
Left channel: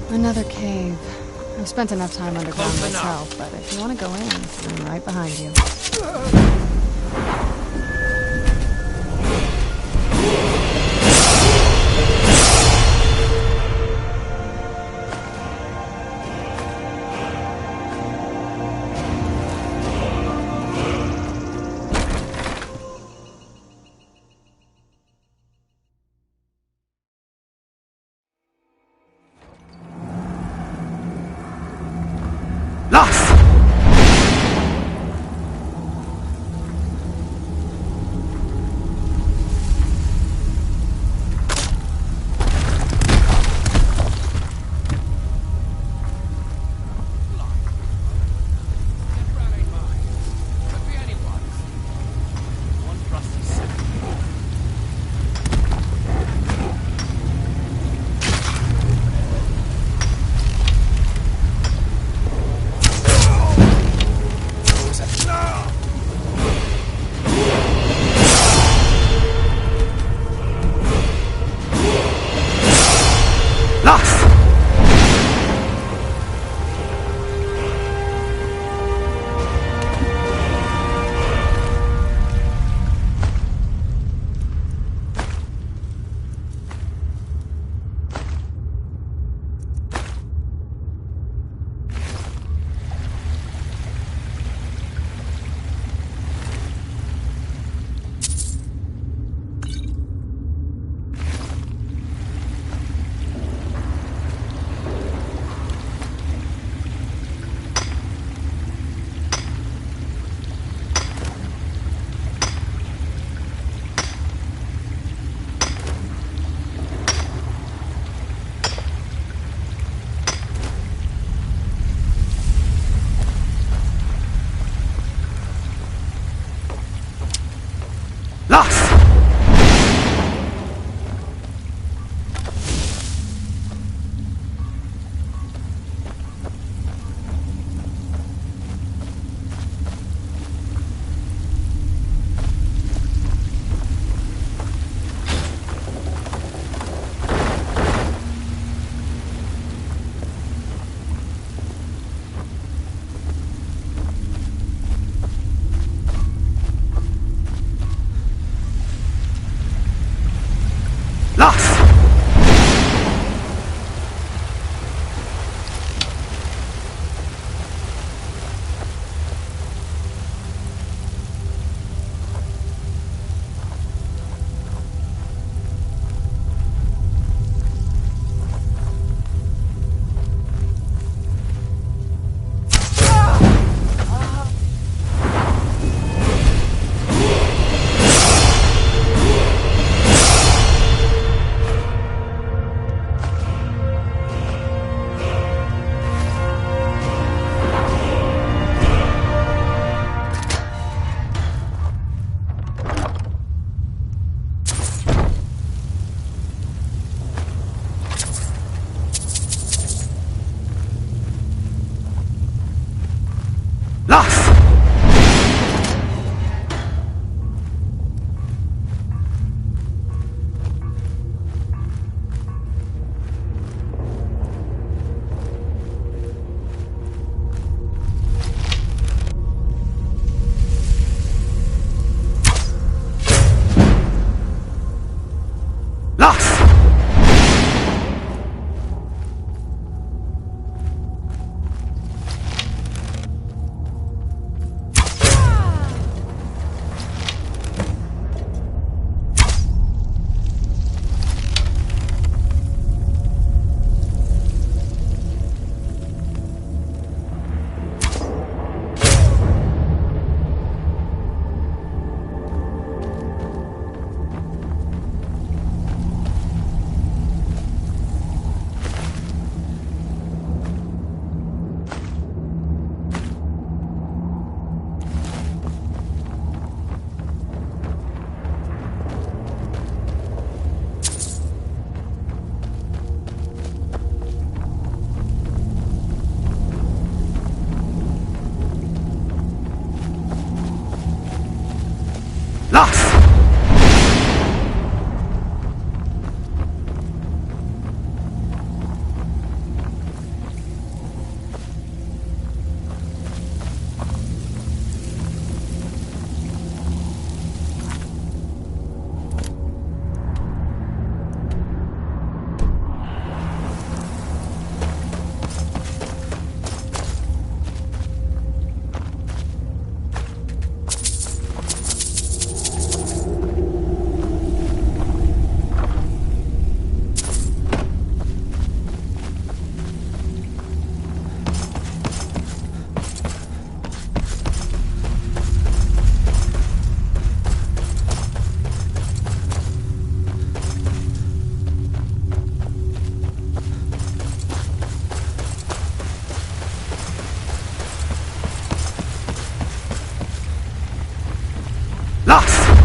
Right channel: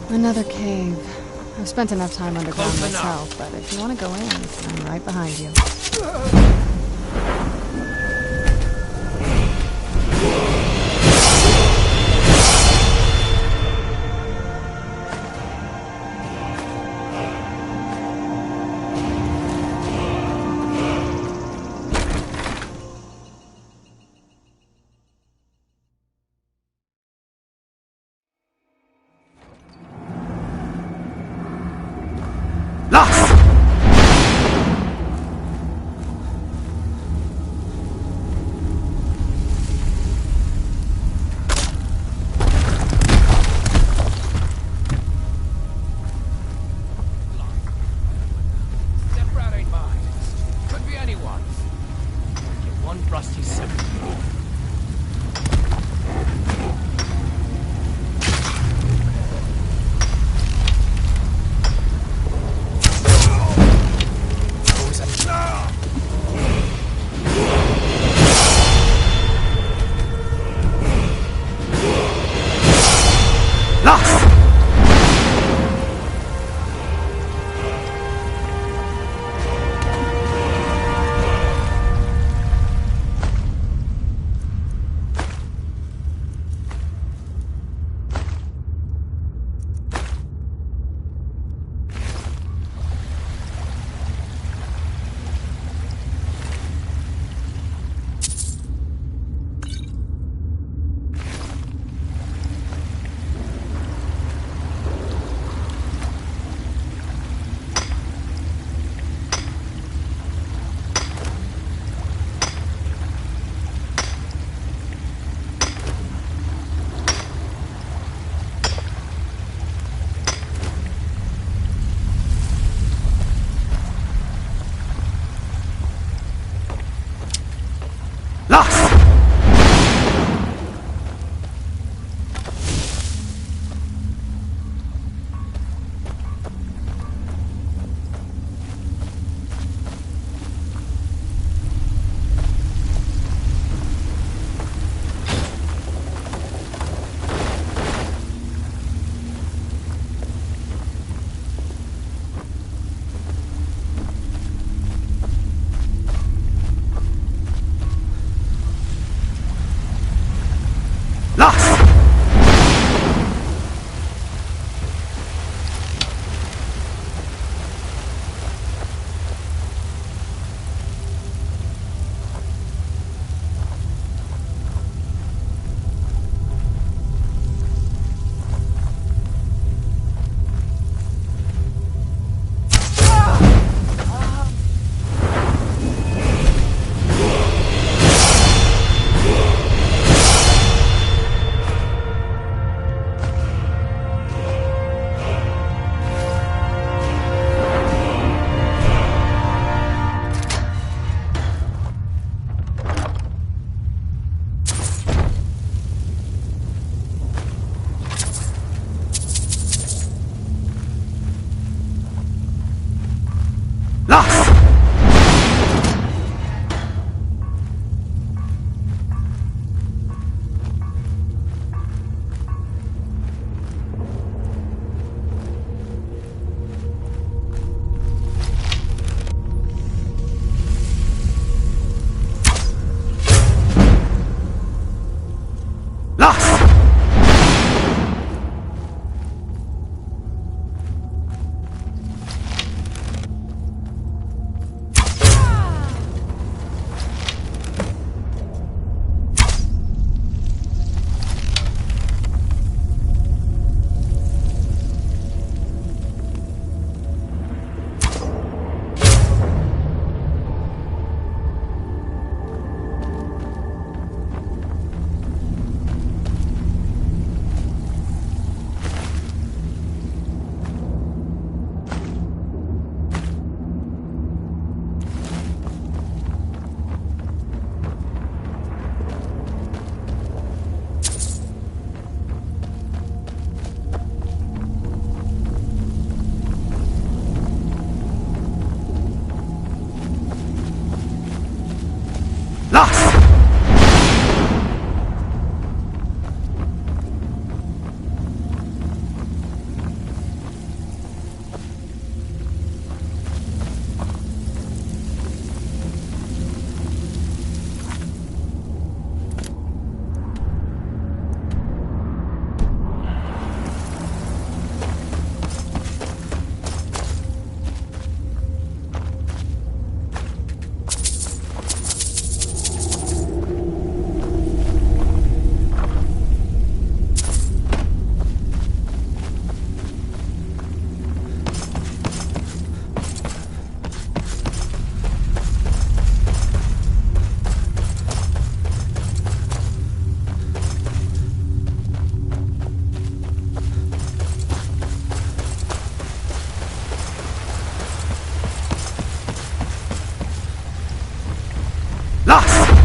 Another cave. I've spent enough time underground myself, but if you want to go in, I'm right behind you. Lost!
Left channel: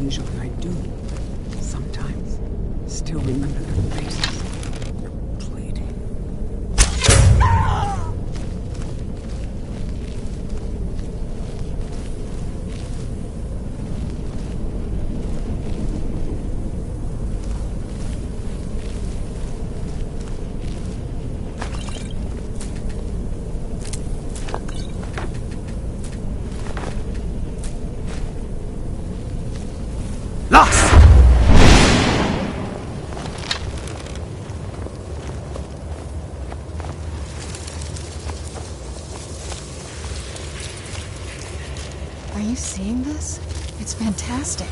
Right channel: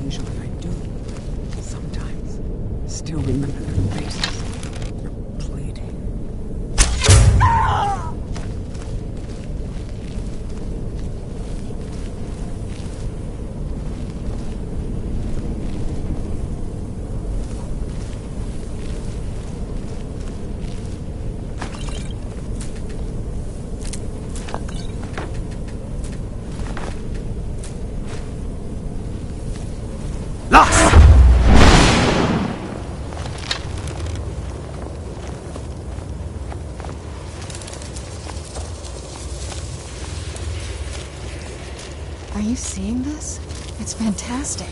Usually I do. Sometimes. Still remember their faces. Their pleading. Lost! Are you seeing this? It's fantastic.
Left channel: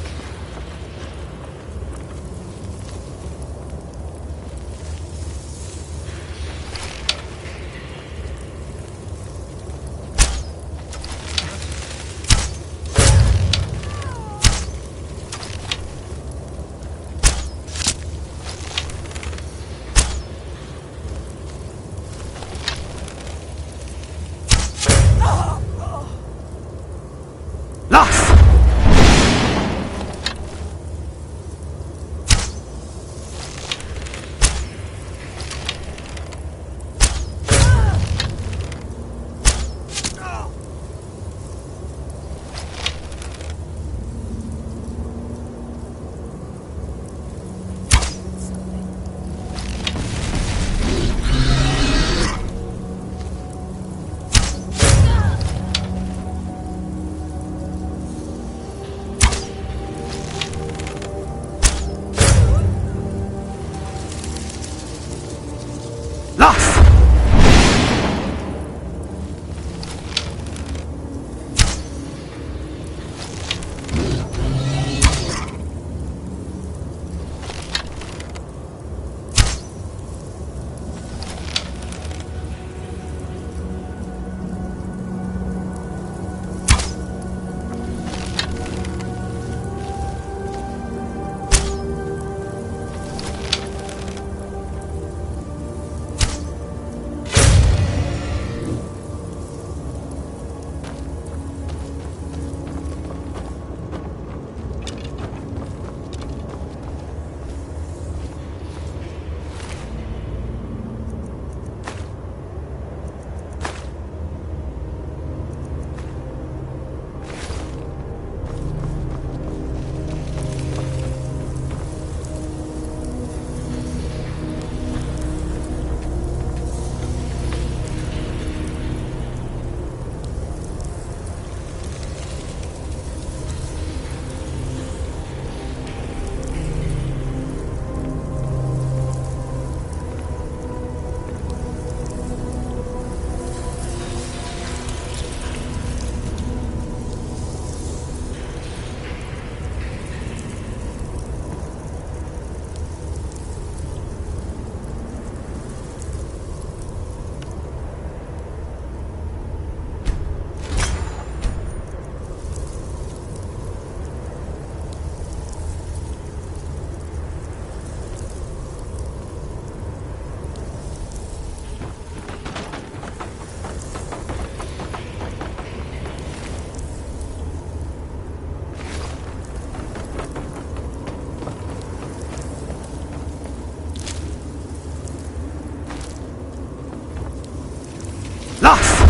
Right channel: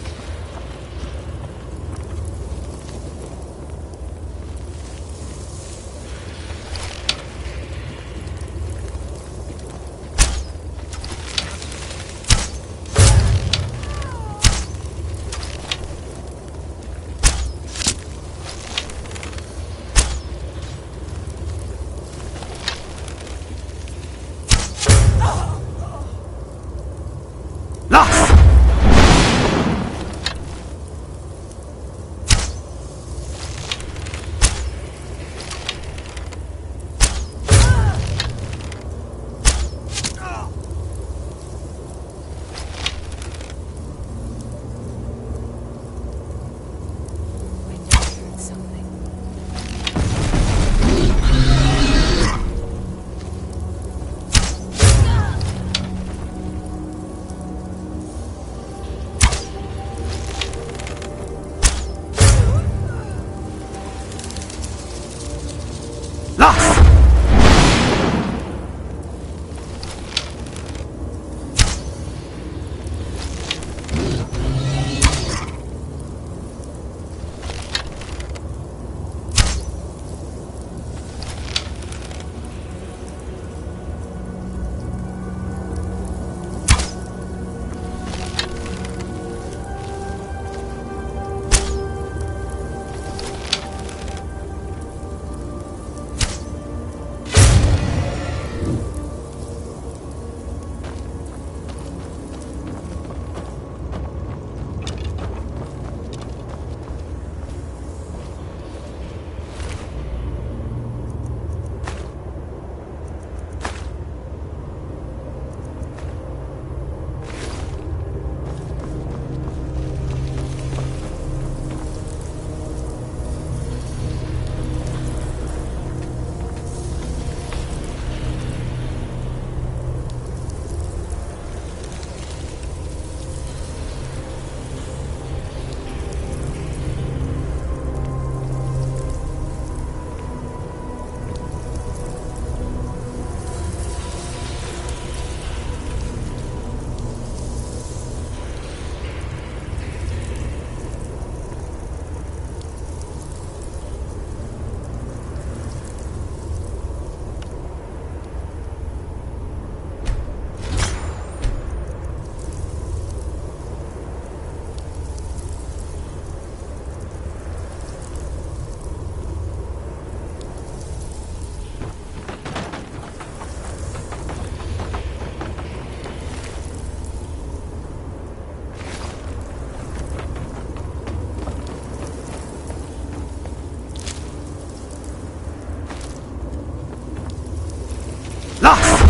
Lost!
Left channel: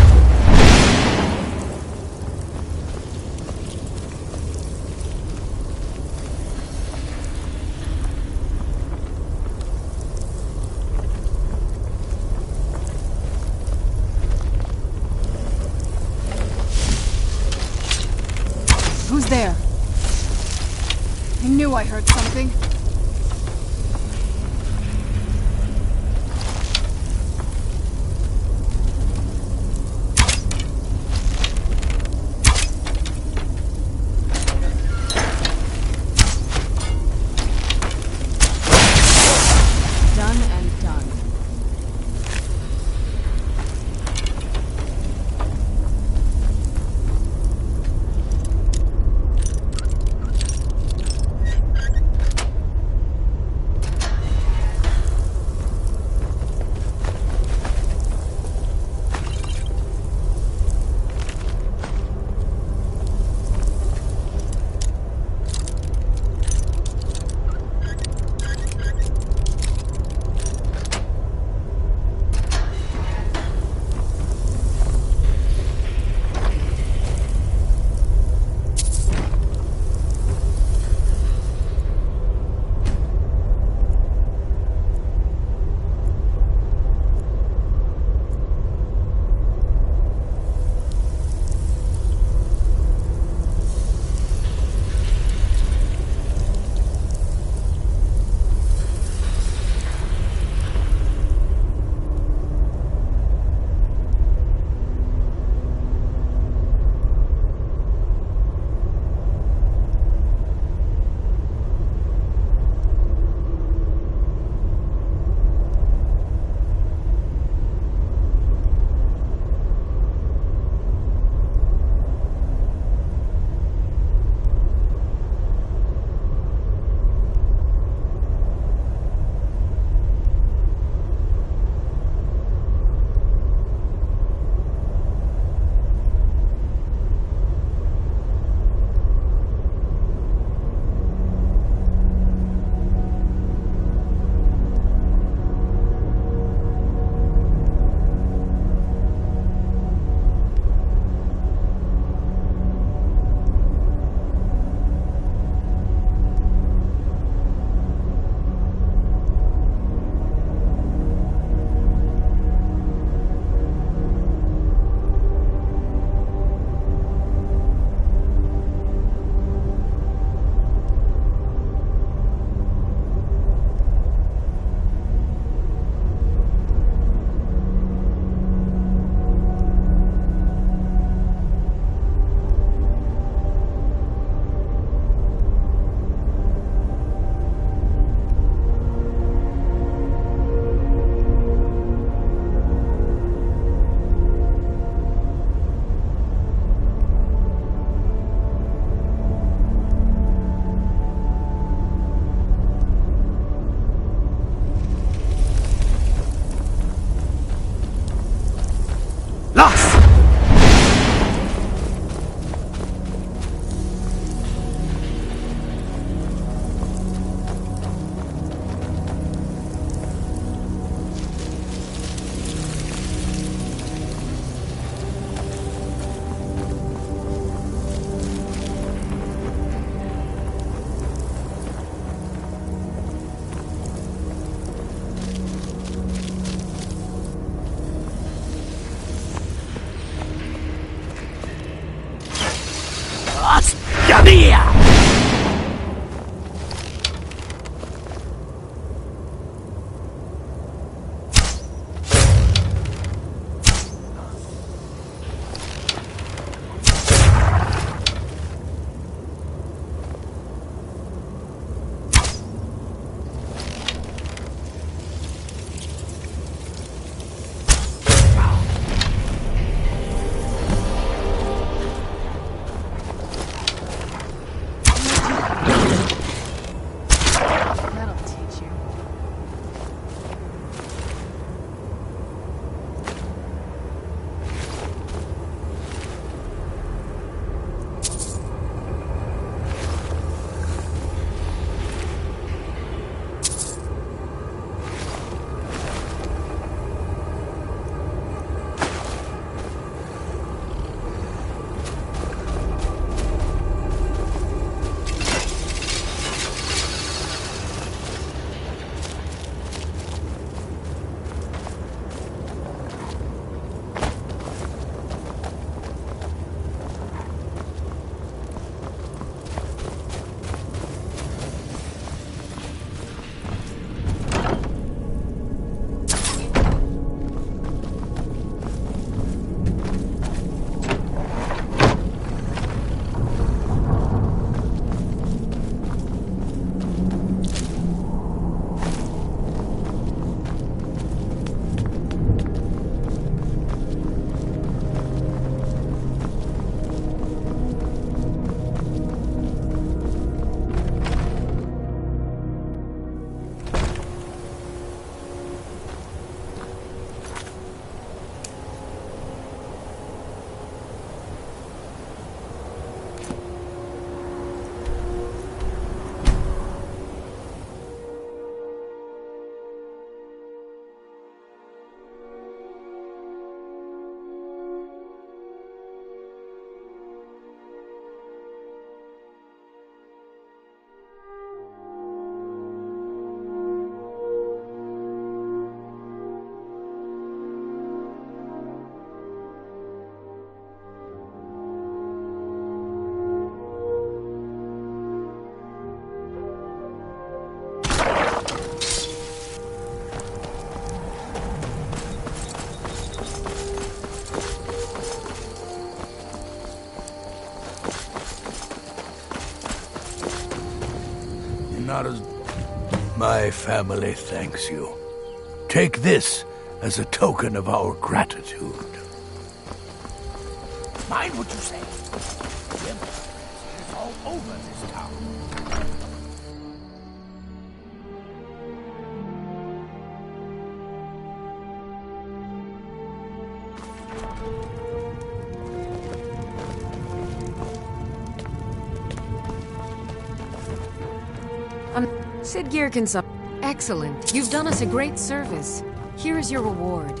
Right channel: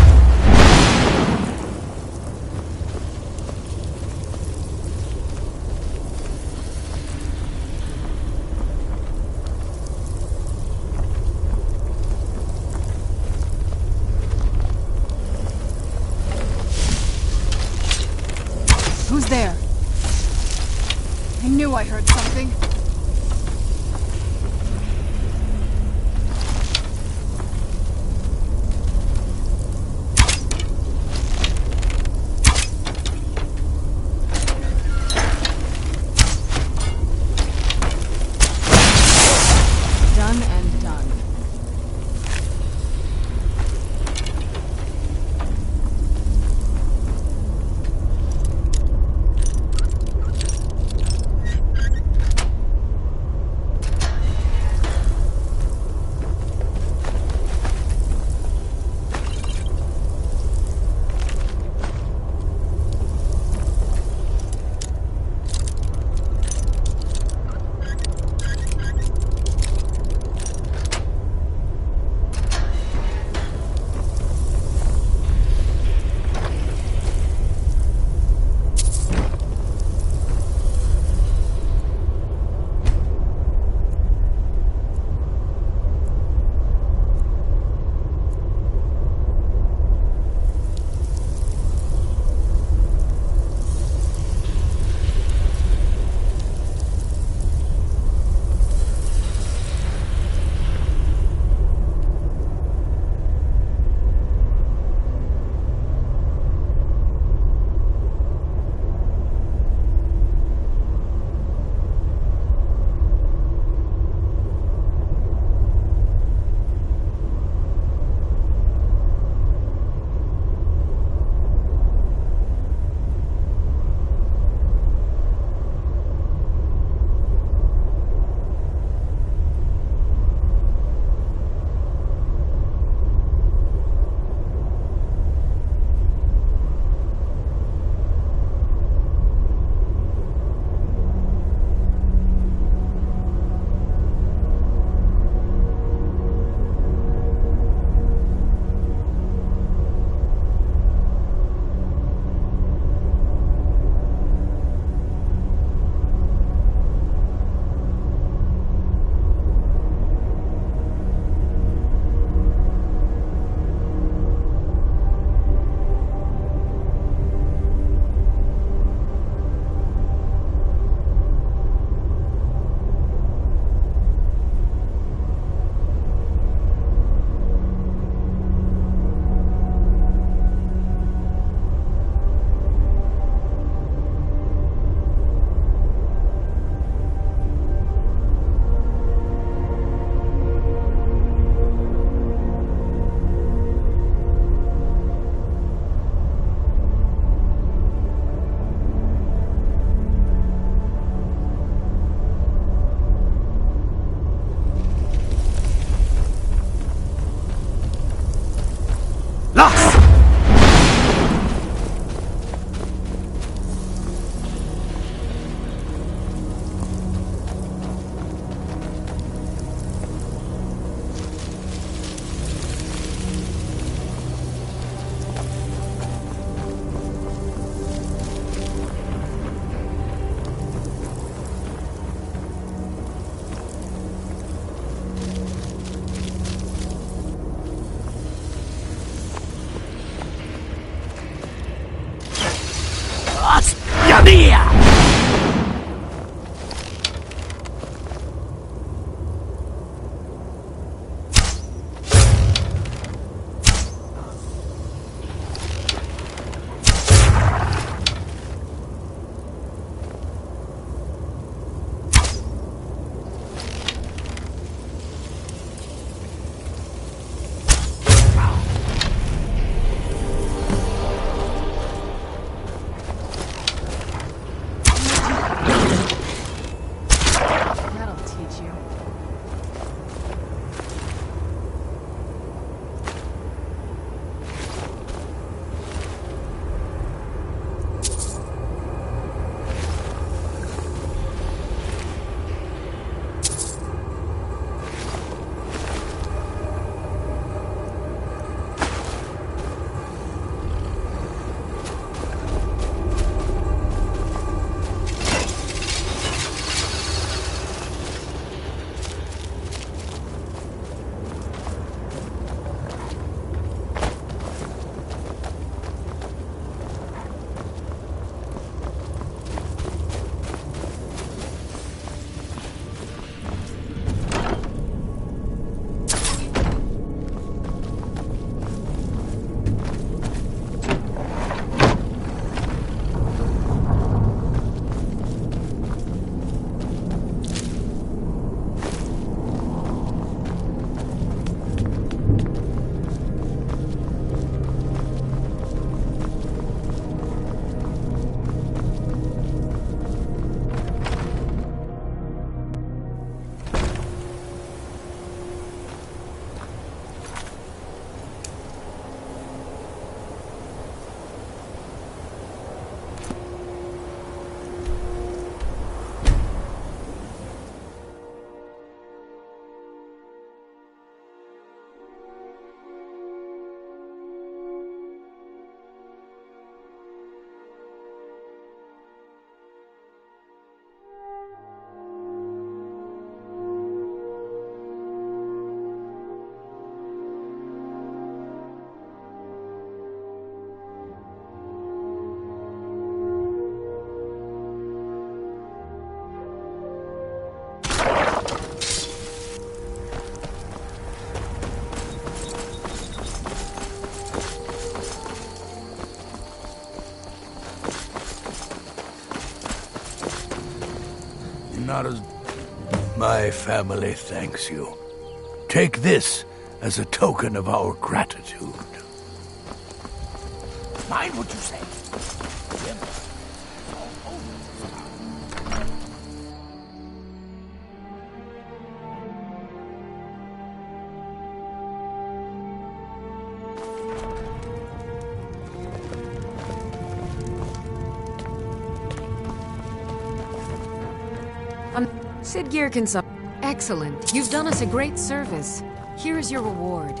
Who's there? I knew I heard something. Done and done. Lost! Yamia! not as... My family thanks you. Take this as a token of our gratitude. Mind what you say. The Empire is all over this town. Sidgir can sup. Excellent. You've done us a great service. Here is your reward.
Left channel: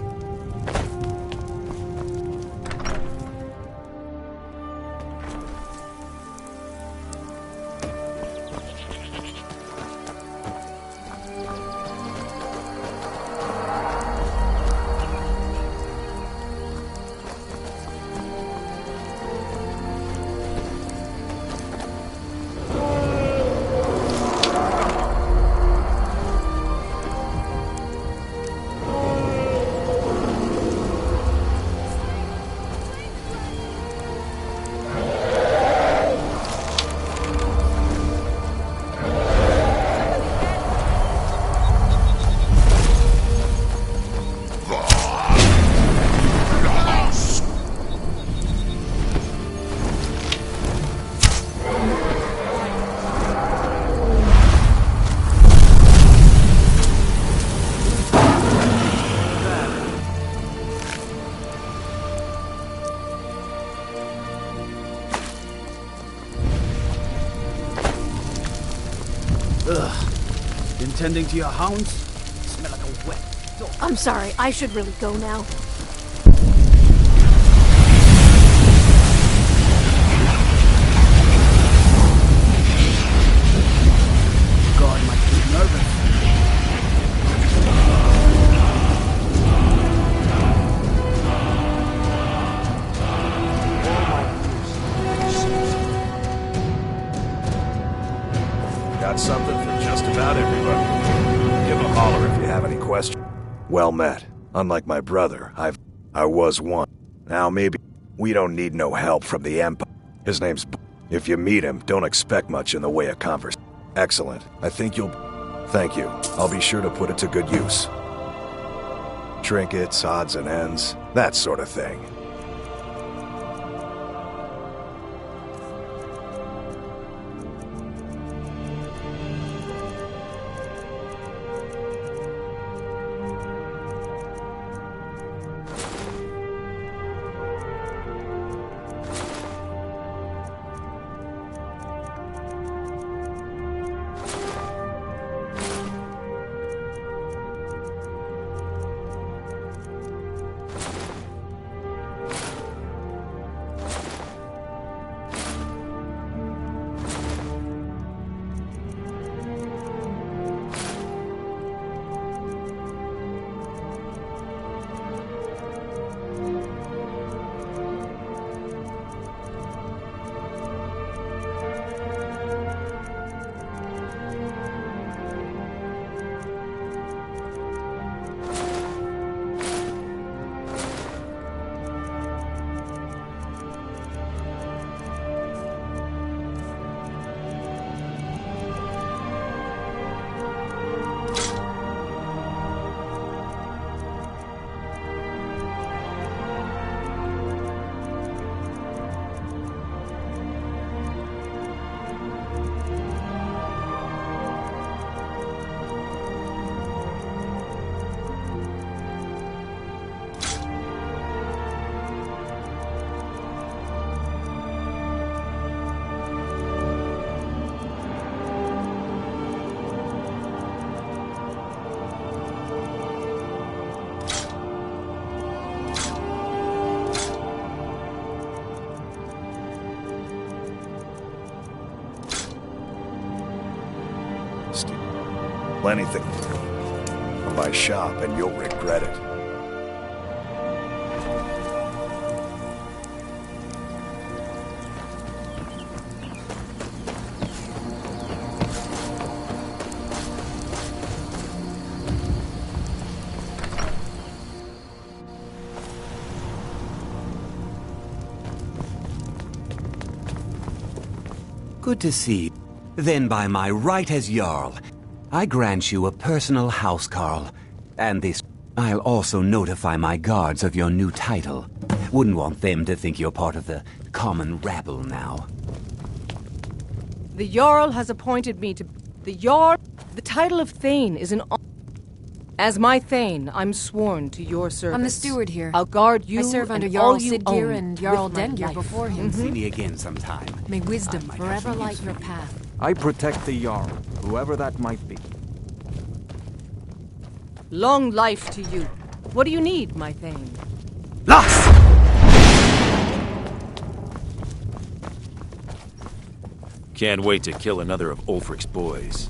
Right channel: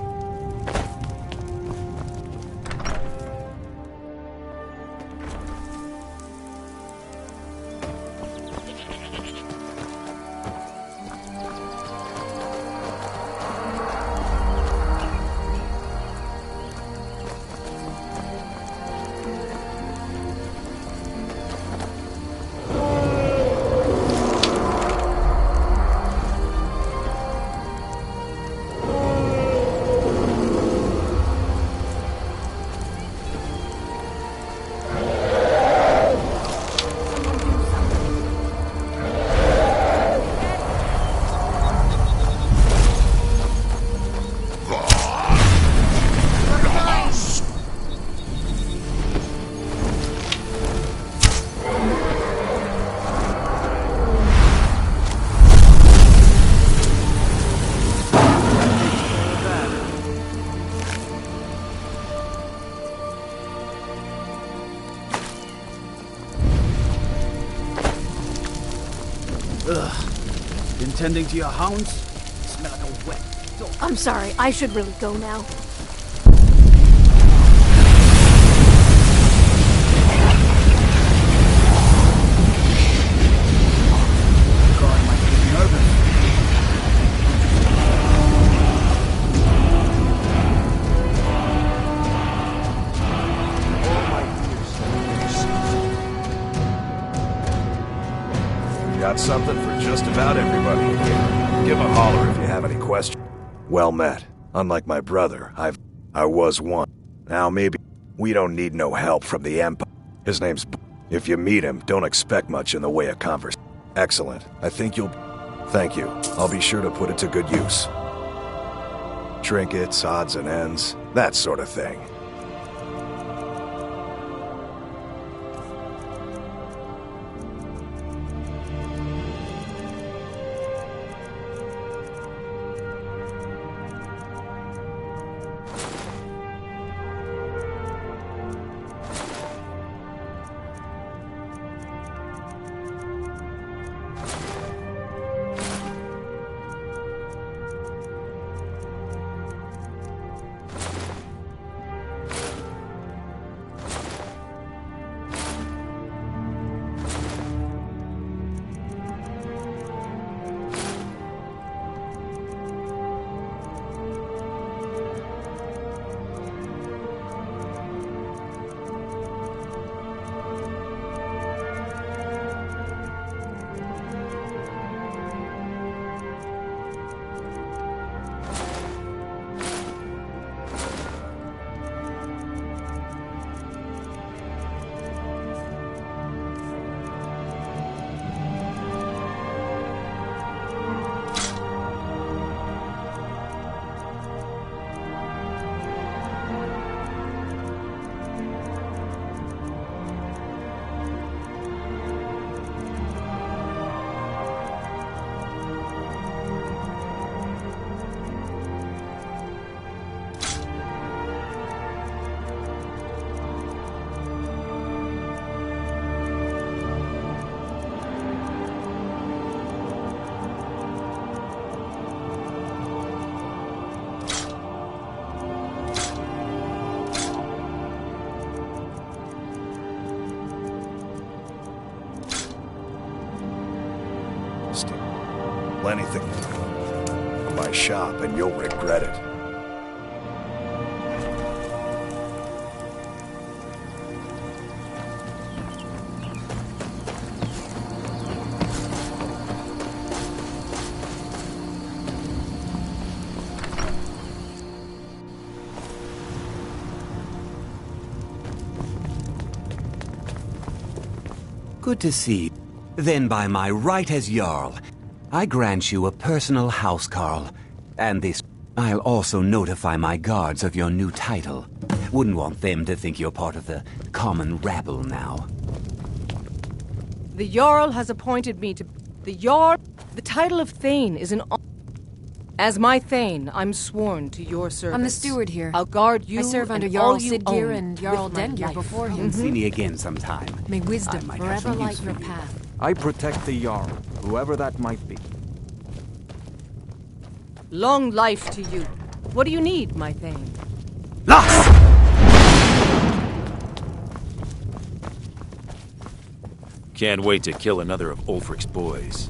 Been tending to your hounds? Smell like a wet dog. I'm sorry, I should really go now. God might be nervous. Oh my ears. Got something for just about everybody in here. Give a holler if you have any questions. Well met. Unlike my brother, I was one. Now maybe we don't need no help from the Empire. His name's If you meet him, don't expect much in the way of conversation. Excellent. I think you'll... Thank you. I'll be sure to put it to good use. Trinkets, odds and ends, that sort of thing. Anything from my shop and you'll regret it. Good to see you. Then by my right as Jarl, I grant you a personal housecarl. And this, I'll also notify my guards of your new title. Wouldn't want them to think you're part of the common rabble now. The Jarl has appointed me to... The Jarl... The title of Thane is an... As my Thane, I'm sworn to your service. I'm the steward here. I'll guard you. I serve under and Jarl all you Sidgir own and Jarl with my Dengir life. before him. See me again sometime. May wisdom I might have forever some light use your for you. path. I protect the Jarl, whoever that might be. Long life to you. What do you need, my Thane? Lost! Can't wait to kill another of Ulfric's boys.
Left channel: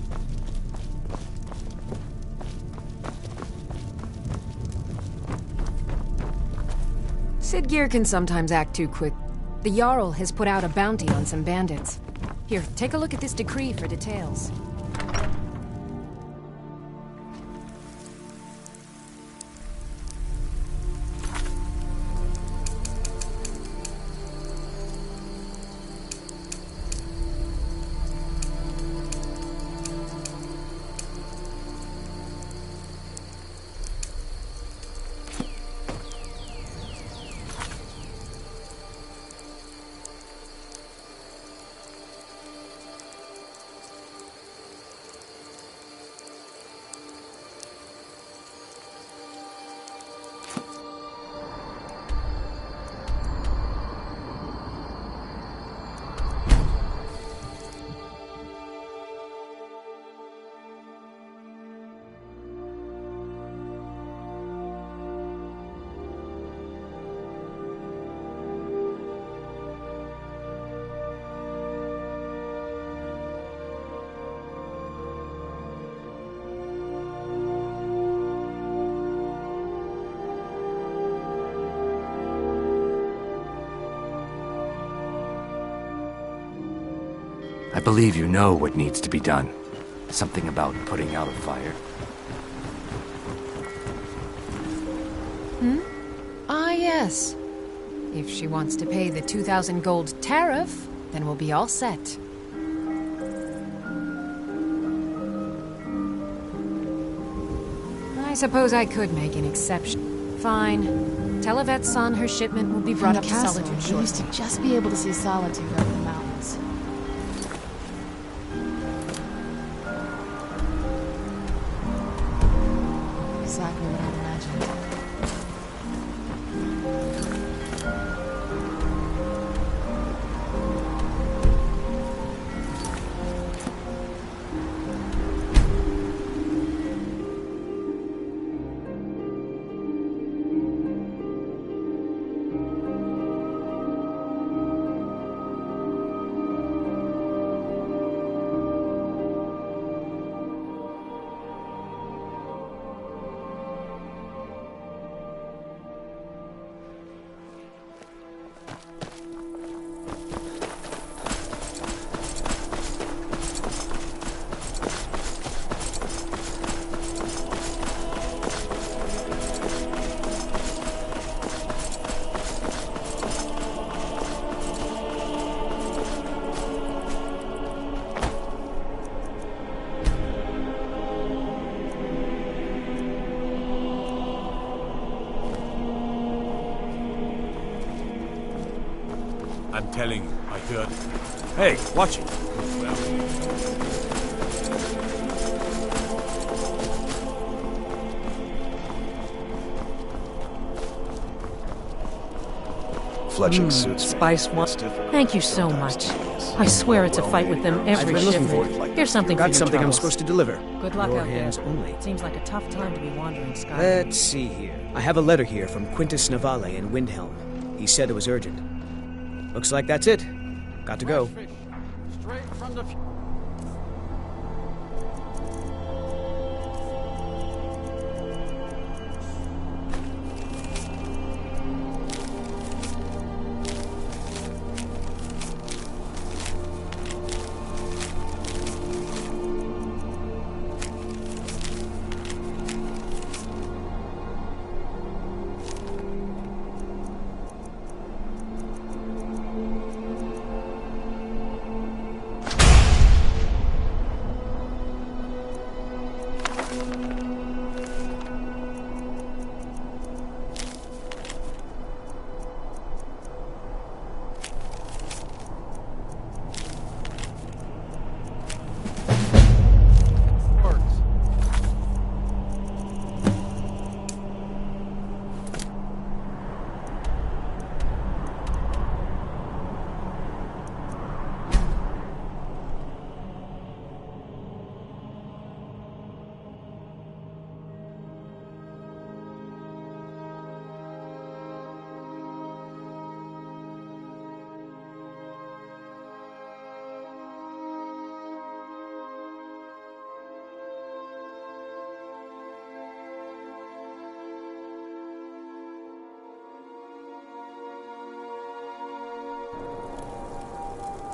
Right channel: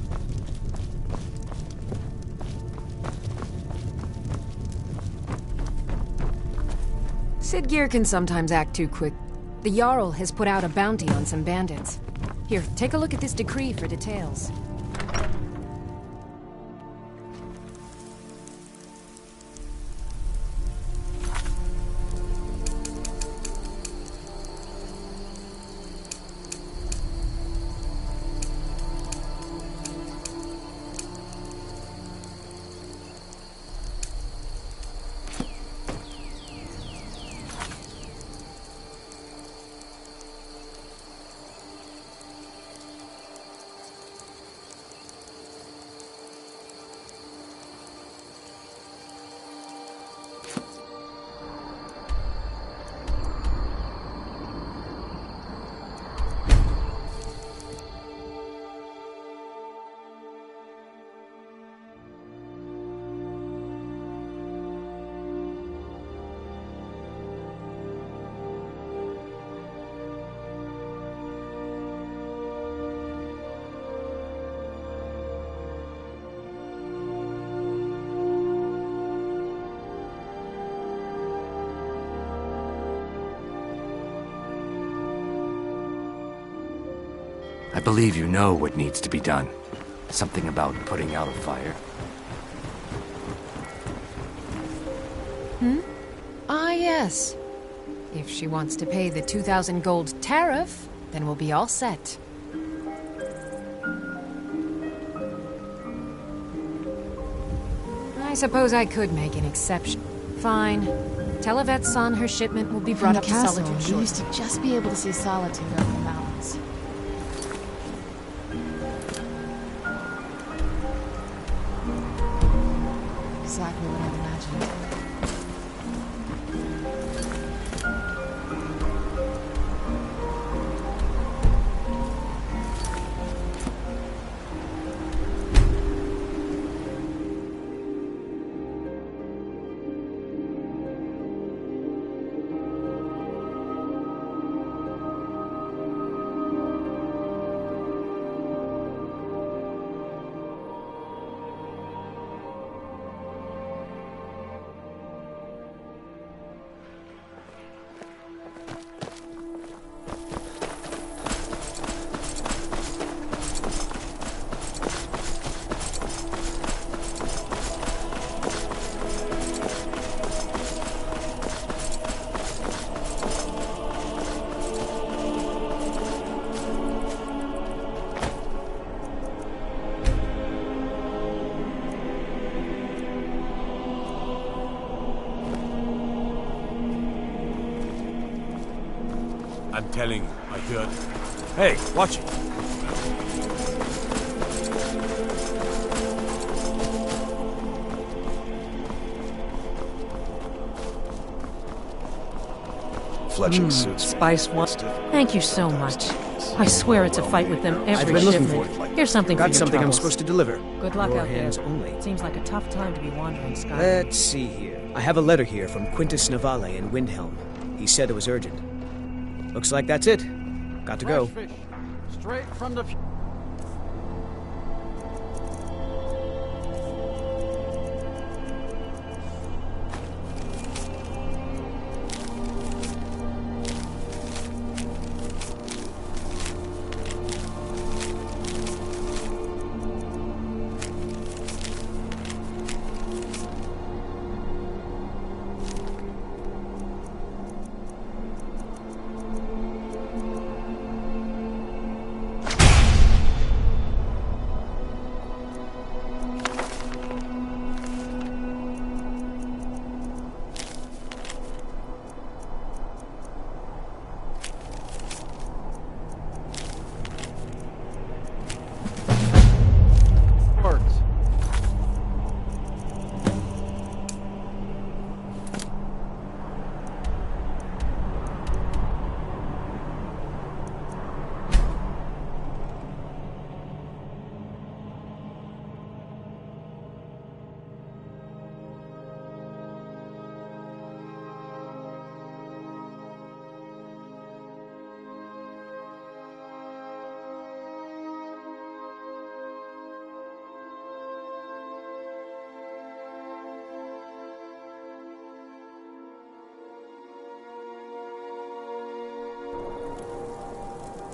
Sidgir can sometimes act too quick. The Jarl has put out a bounty on some bandits. Here, take a look at this decree for details. I believe you know what needs to be done. Something about putting out a fire. Ah, yes. If she wants to pay the 2,000 gold tariff, then we'll be all set. I suppose I could make an exception. Fine. Tell Yvette's son her shipment will be brought up to Solitude You shortly. used to just be able to see Solitude over the mountains. Exactly what I'd imagined. I'm telling you, I heard it. Hey, watch it. Fletching suits. Spice one. Thank you so much. I swear it's a fight with them I've every been looking shipment. for it. Here's something for Got your something I'm troubles. supposed to deliver. Good luck Your out hands there. only. Seems like a tough time to be wandering Skyrim. Let's see here. I have a letter here from Quintus Navale in Windhelm. He said it was urgent. Looks like that's it. Got to go. Fresh fish, straight from the...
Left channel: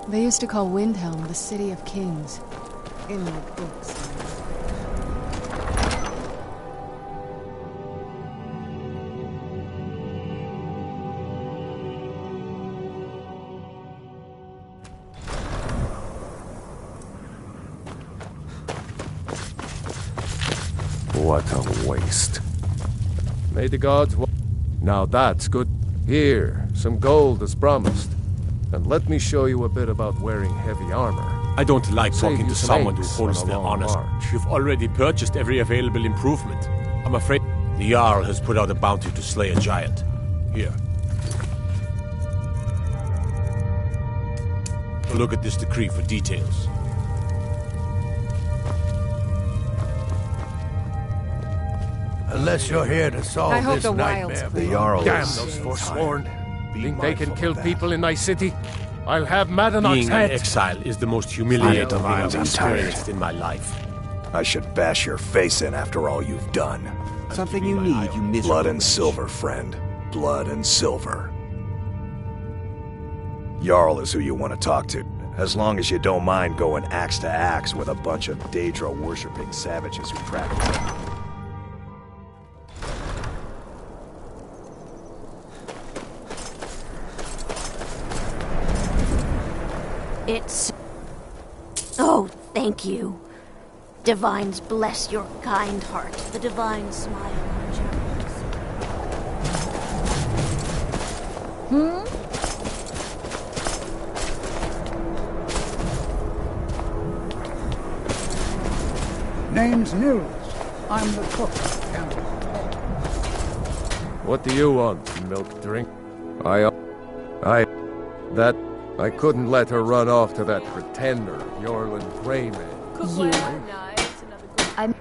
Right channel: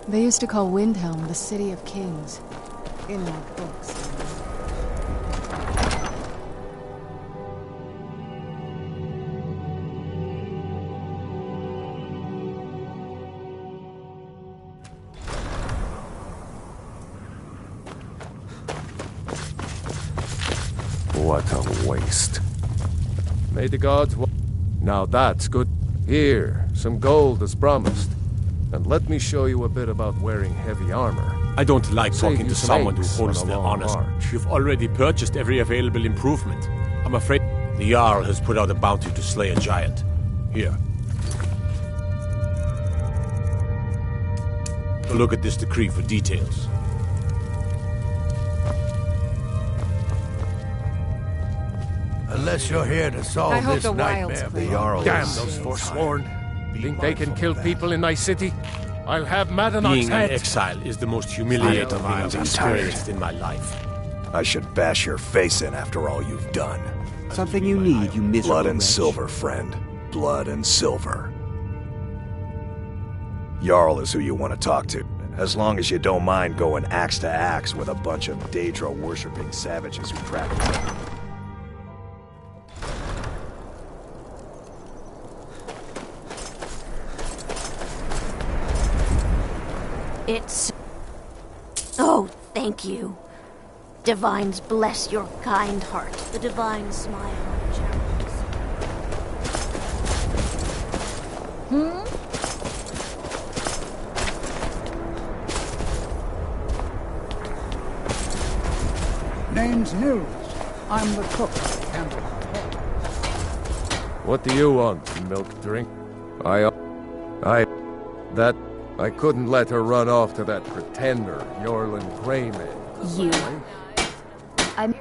They used to call Windhelm the City of Kings. In our books. What a waste. May the gods Now that's good. Here, some gold as promised. And let me show you a bit about wearing heavy armor. I don't like Save talking you to some someone who aches holds on a their long honors. march. You've already purchased every available improvement. I'm afraid the Jarl has put out a bounty to slay a giant. Here. Look at this decree for details. Unless you're here to solve I hope this the nightmare. wilds The Jarl Damn is those tired. forsworn. Be Think they can mindful kill of that. people in my city? I'll have Madanok's Being head. an exile is the most humiliating thing I've I'm tired. experienced in my life. I should bash your face in after all you've done. Something you need, you miserable Blood and wretch. silver, friend. Blood and silver. Jarl is who you want to talk to. As long as you don't mind going axe to axe with a bunch of Daedra-worshipping savages who practice it. It's... Oh, thank you. Divines bless your kind heart. The divine smile on Charles. Name's Nils. I'm the cook at Candleheart Hall. What do you want, milk drink? I couldn't let her run off to that pretender, Yorlin Greyman. You. I'm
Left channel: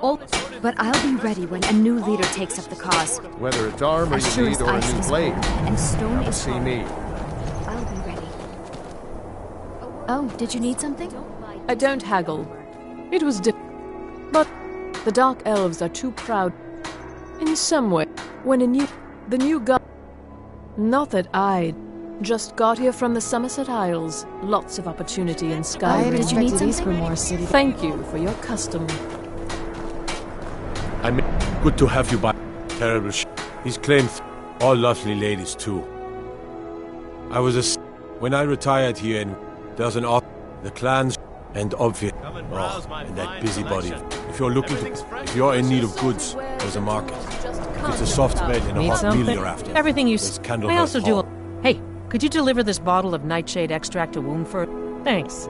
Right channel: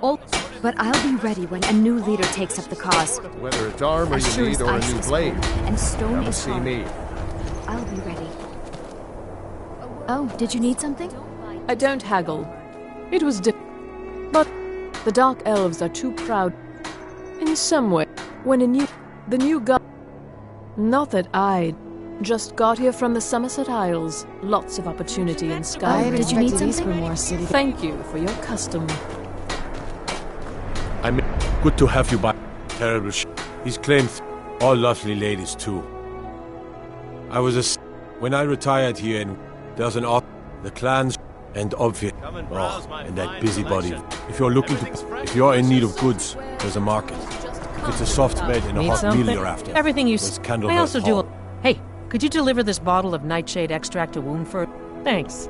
old, but I'll be ready when a new leader takes up the cause. Whether it's armor As you sure need as or a ice new is blade, cold and stone come is see hard. me. I'll be ready. Oh, did you need something? I don't haggle. It was but the Dark Elves are too proud. In some way, when the new god... Not that I just got here from the Somerset Isles. Lots of opportunity in Skyrim. Did you need something? More city. Thank you for your custom. I mean, good to have you by. Terrible He's claimed all lovely ladies too. I was when I retired here and there's an the clans and obvious and that busybody. If you're looking to, if you're in need of goods, there's a market. If it's a soft bed and a Need hot something? meal you're after, Everything you there's I Candleheart also do. Hall. Hey, could you deliver this bottle of nightshade extract to Woundford? Thanks.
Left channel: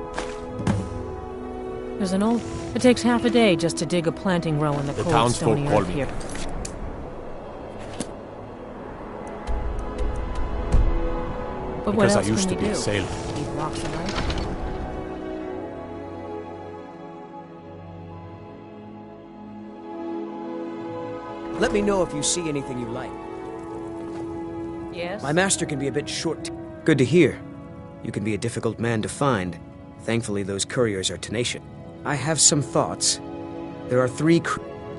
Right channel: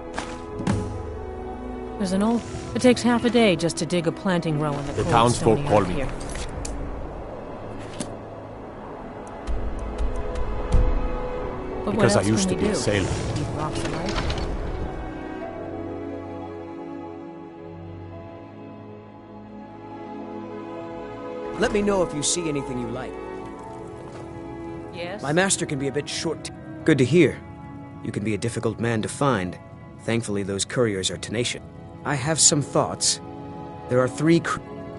There's an old... It takes half a day just to dig a planting row in the cold, townsfolk stony call earth me. here. But what Because I else used can to we be a do? sailor. Eat rocks alive? Let me know if you see anything you like. Yes? My master can be a bit short. Good to hear. You can be a difficult man to find. Thankfully, those couriers are tenacious. I have some thoughts. There are 3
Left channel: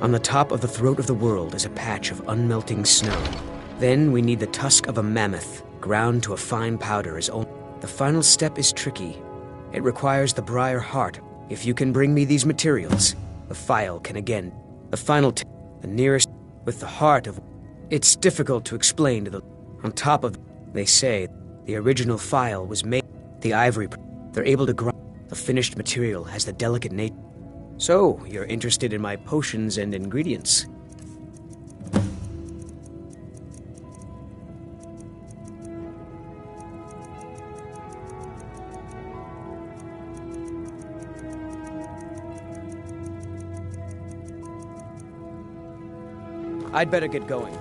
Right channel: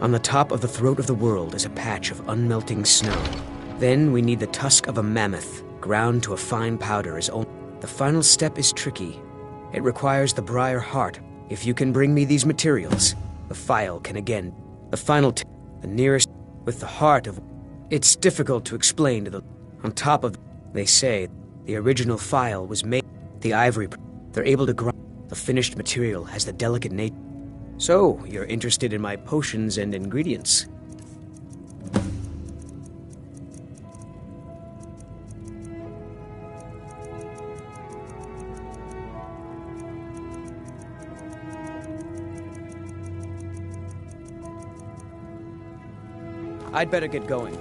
On the top of the throat of the world is a patch of unmelting snow. Then we need the tusk of a mammoth, ground to a fine powder as only... The final step is tricky. It requires the briar heart. If you can bring me these materials, the file can again... The final the nearest... With the heart of... It's difficult to explain to the... On top of... They say, the original file was made... The ivory... They're able to grind... The finished material has the delicate nature... So, you're interested in my potions and ingredients? I'd better get going.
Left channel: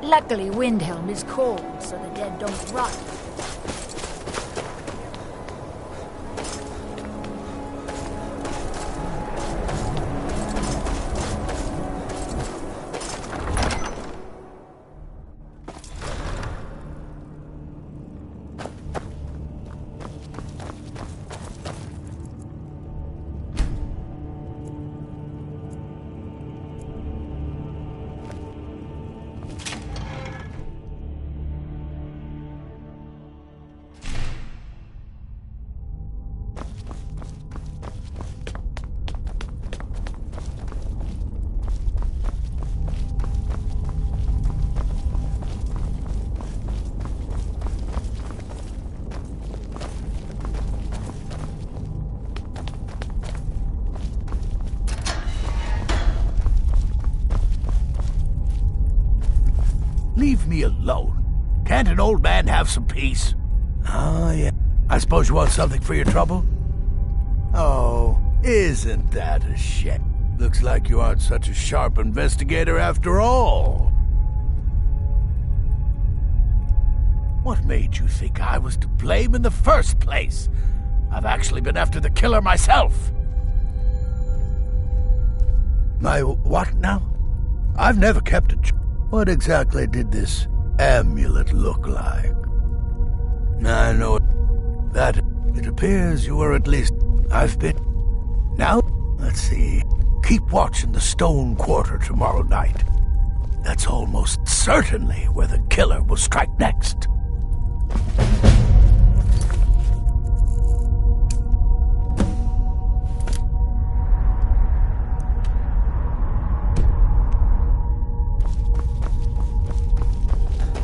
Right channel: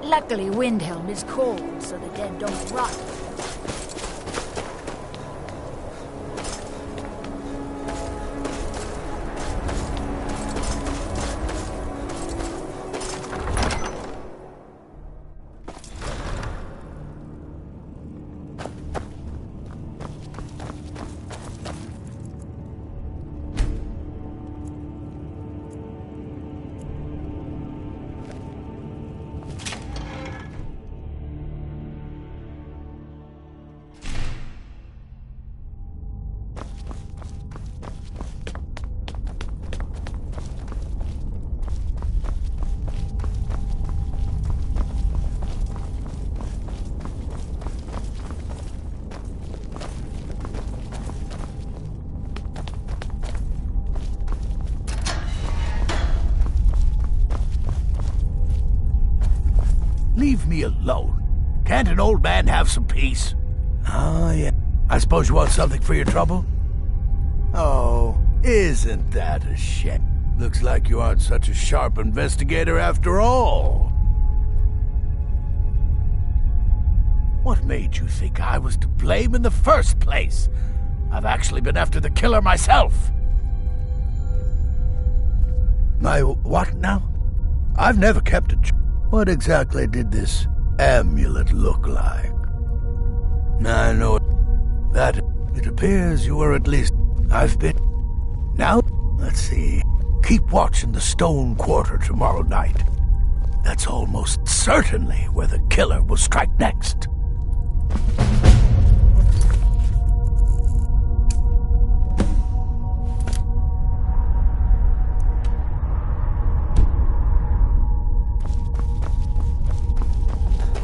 Luckily, Windhelm is cold, so the dead don't rot. me alone. Can't an old man have some peace? Oh, yeah. I suppose you want something for your trouble? Oh, isn't that a shame? Looks like you aren't such a sharp investigator after all. What made you think I was to blame in the first place? I've actually been after the killer myself. My what now? I've never kept a... What exactly did this amulet look like? I know that it appears you were at least... I've been... Now, let's see. Keep watch in the Stone Quarter tomorrow night. That's almost certainly where the killer will strike next.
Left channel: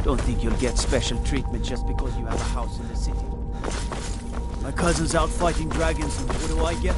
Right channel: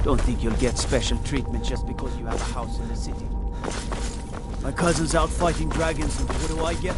Don't think you'll get special treatment just because you have a house in the city. My cousin's out fighting dragons, and what do I get?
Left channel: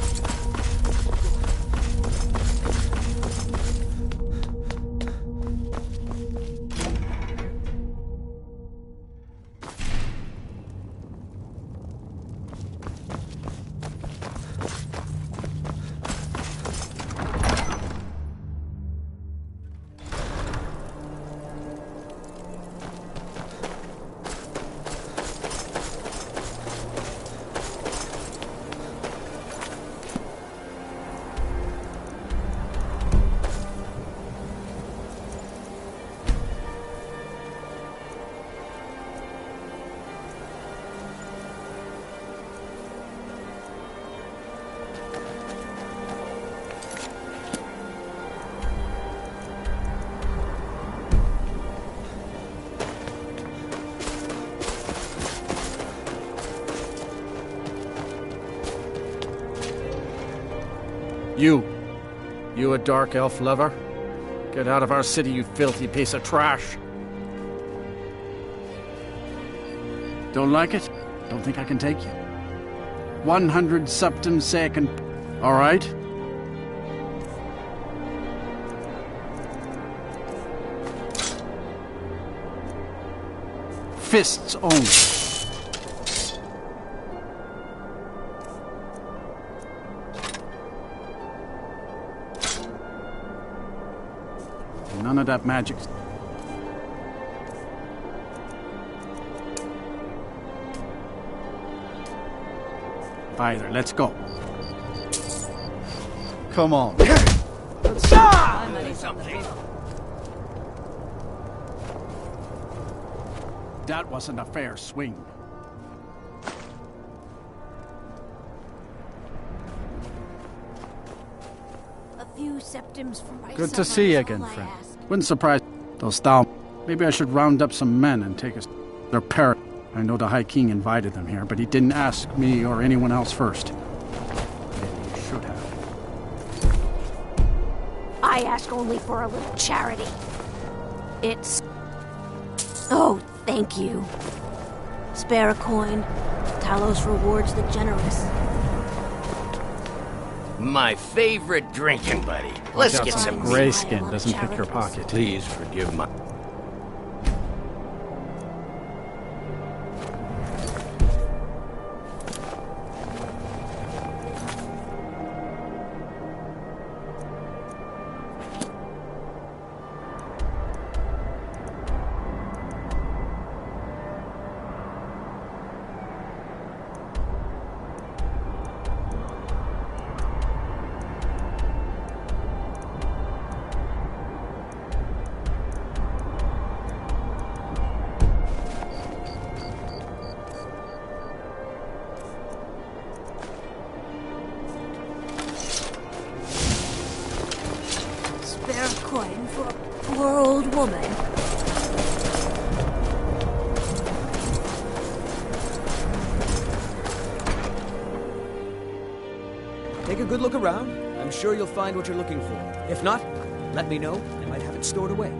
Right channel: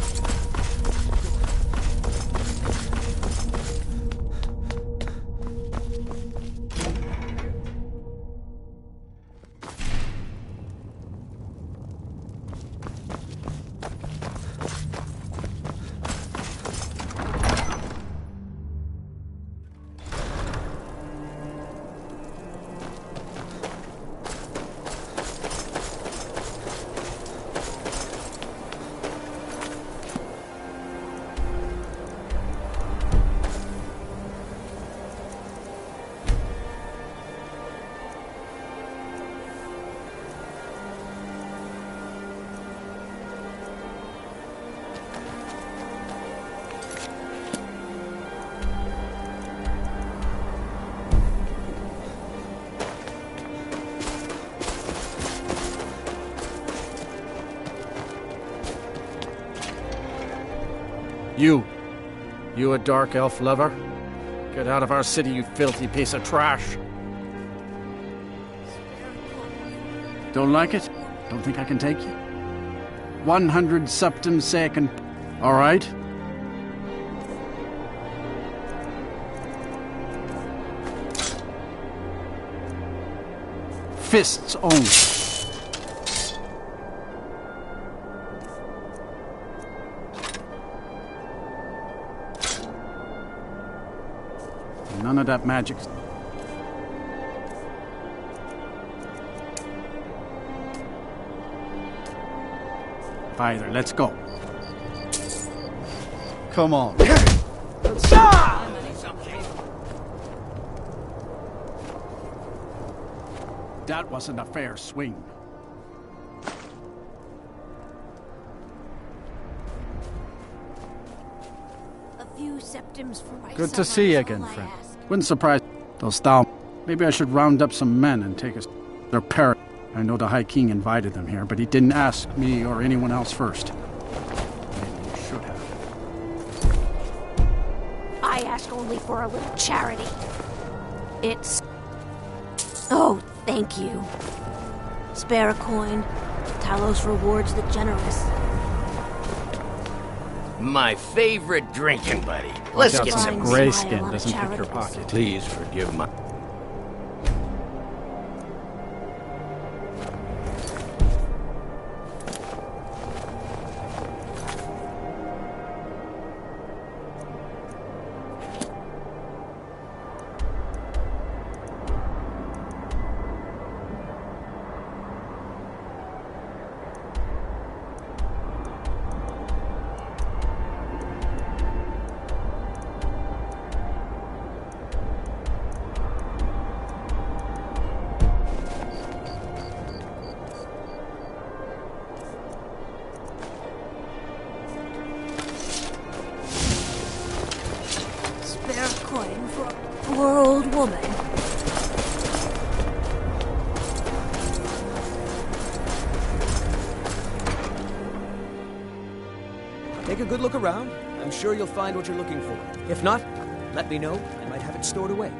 You a dark elf lover? Get out of our city, you filthy piece of trash. Don't like it? Don't think I can take you? 100 septim second. All right? Fists only. None of that magic. Either, let's go. Come on. Let's That wasn't a fair swing. A few septims for my Good to see you again, friend. Wouldn't surprise those Thal. Maybe I should round up some men and take us their parrot. I know the High King invited them here, but he didn't ask me or anyone else first. Maybe you should have. I ask only for a little charity. It's... Oh, thank you. Spare a coin. Talos rewards the generous. My favorite drinking buddy. Let's get some grayskin doesn't pick your pocket. Please forgive my... Coin for a poor old woman. Take a good look around. I'm sure you'll find what you're looking for. If not, let me know. I might have it stored away.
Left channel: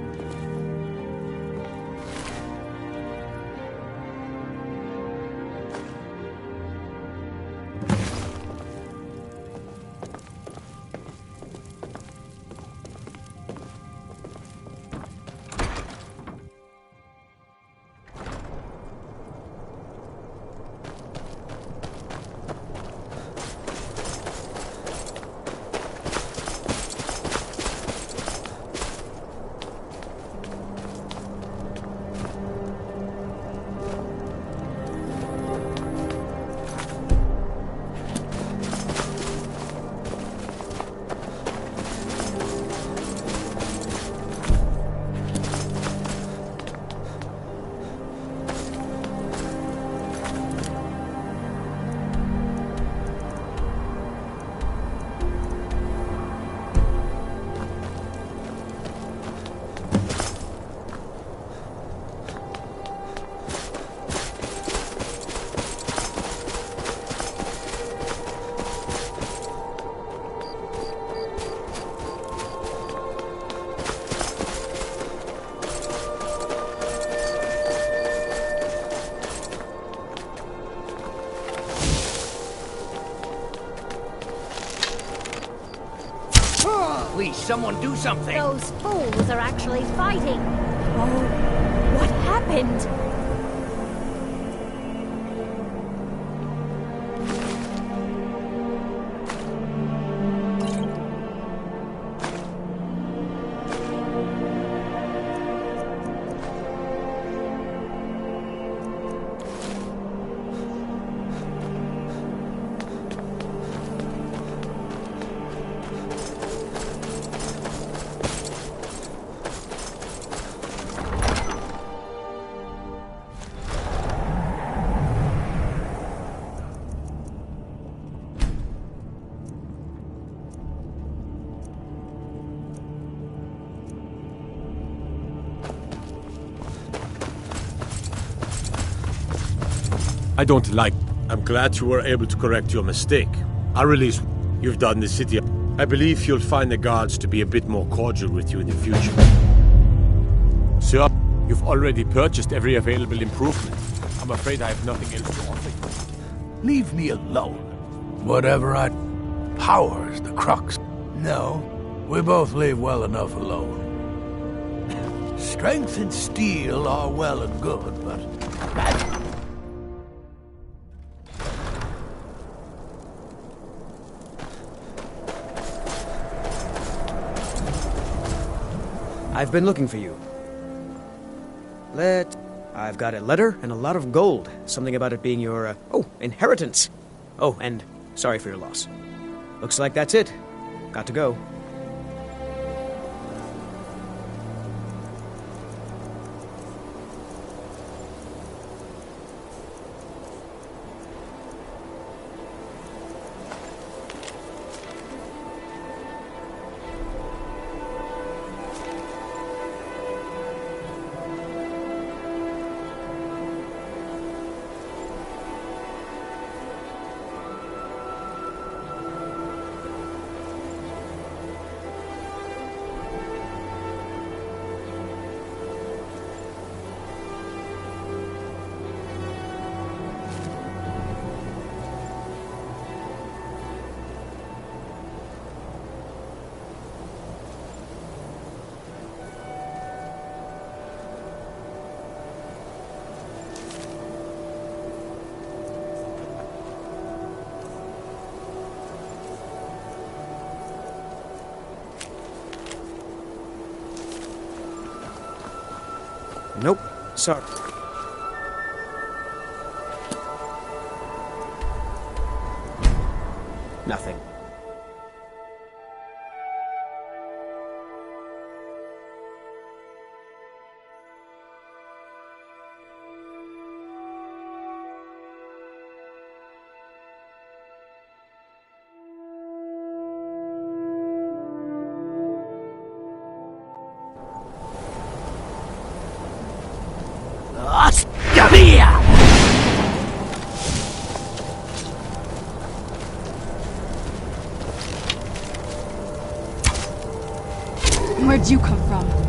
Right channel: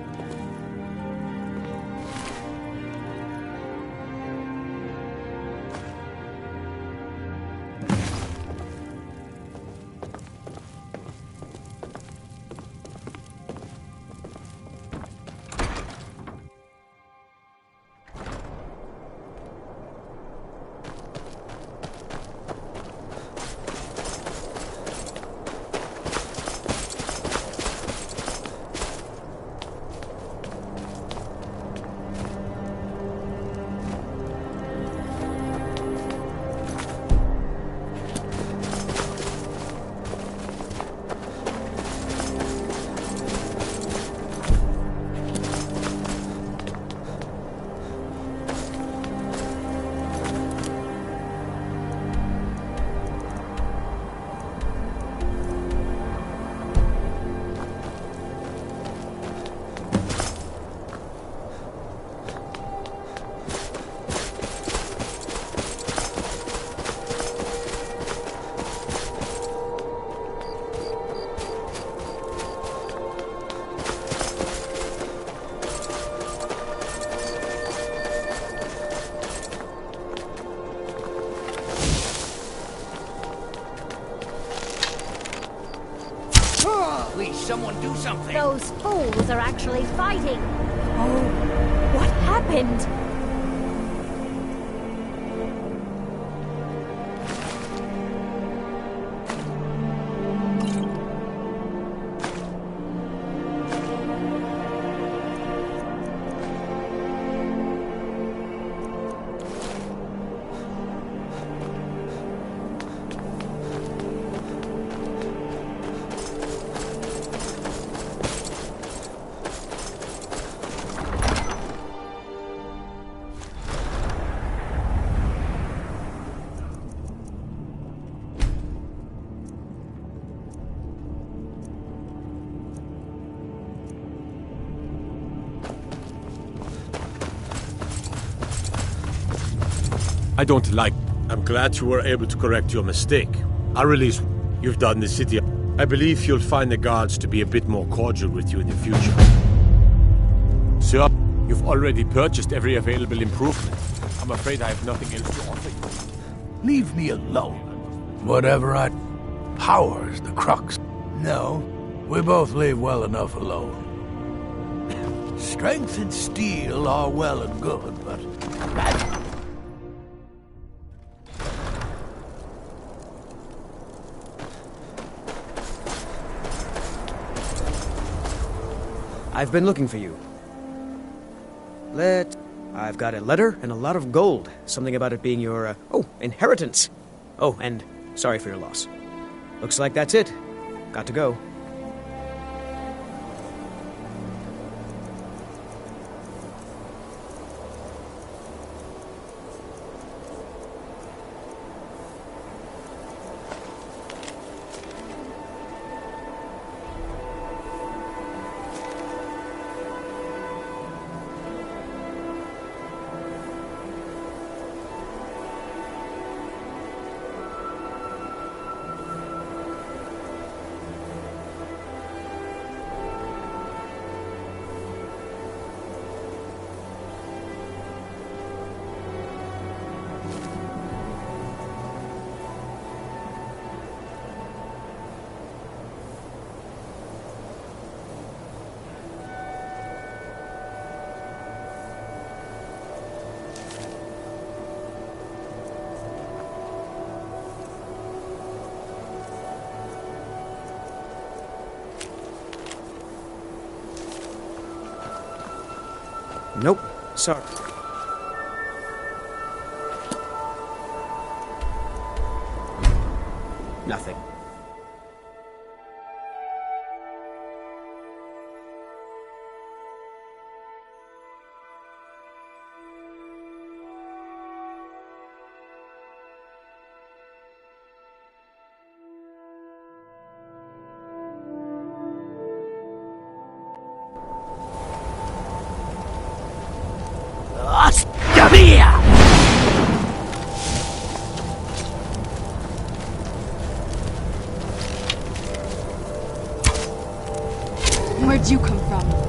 Please, someone do something! Those fools are actually fighting! Oh, what happened? I don't like... I'm glad you were able to correct your mistake. I release you've done the city. I believe you'll find the guards to be a bit more cordial with you in the future. Sir, you've already purchased every available improvement. I'm afraid I have nothing else to offer you. Leave me alone. Whatever I... Power's the crux. No, we both leave well enough alone. Strength and steel are well and good, but... I've been looking for you. I've got a letter and a lot of gold. Something about it being your, inheritance. Oh, and sorry for your loss. Looks like that's it. Got to go. Nope. Sorry. Nothing. Where'd you come from?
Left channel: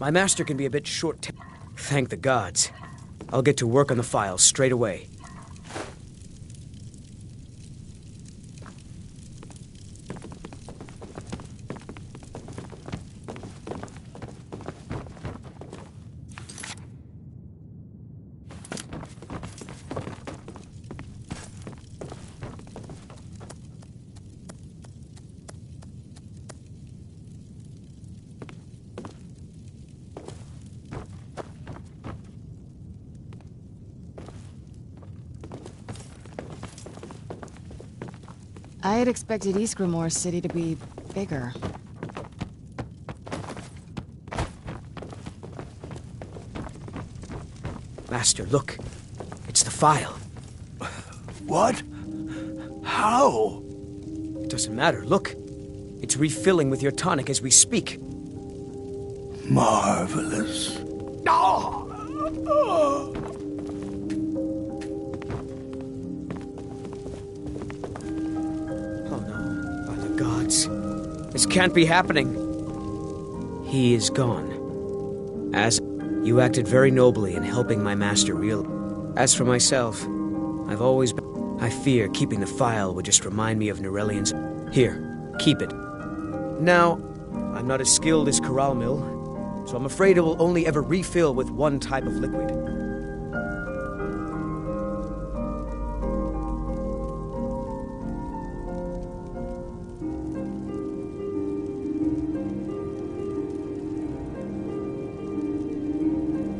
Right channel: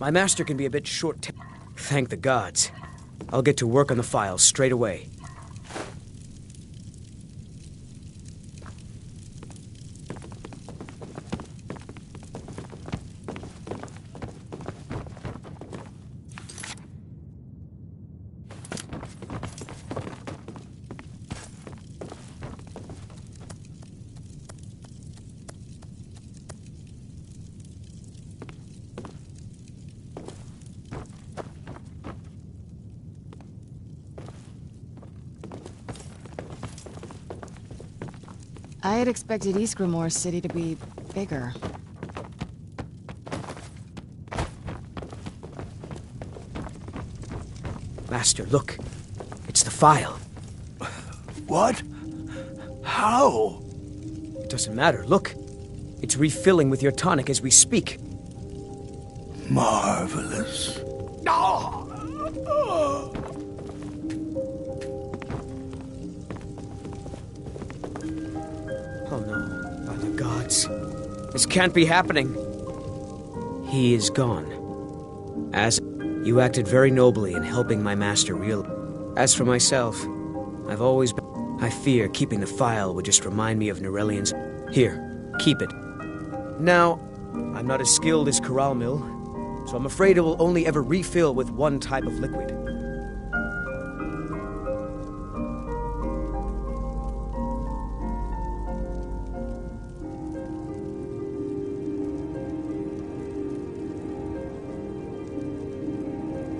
My master can be a bit short-tempered. Thank the gods. I'll get to work on the files straight away. I had expected Ysgramor City to be bigger. Master, look. It's the file. What? How? It doesn't matter. Look. It's refilling with your tonic as we speak. Marvelous. Oh no, by the gods. This can't be happening. He is gone. As you acted very nobly in helping my master As for myself, I've always been... I fear keeping the file would just remind me of Norellian's... Here, keep it. Now, I'm not as skilled as Corral Mill, so I'm afraid it will only ever refill with one type of liquid.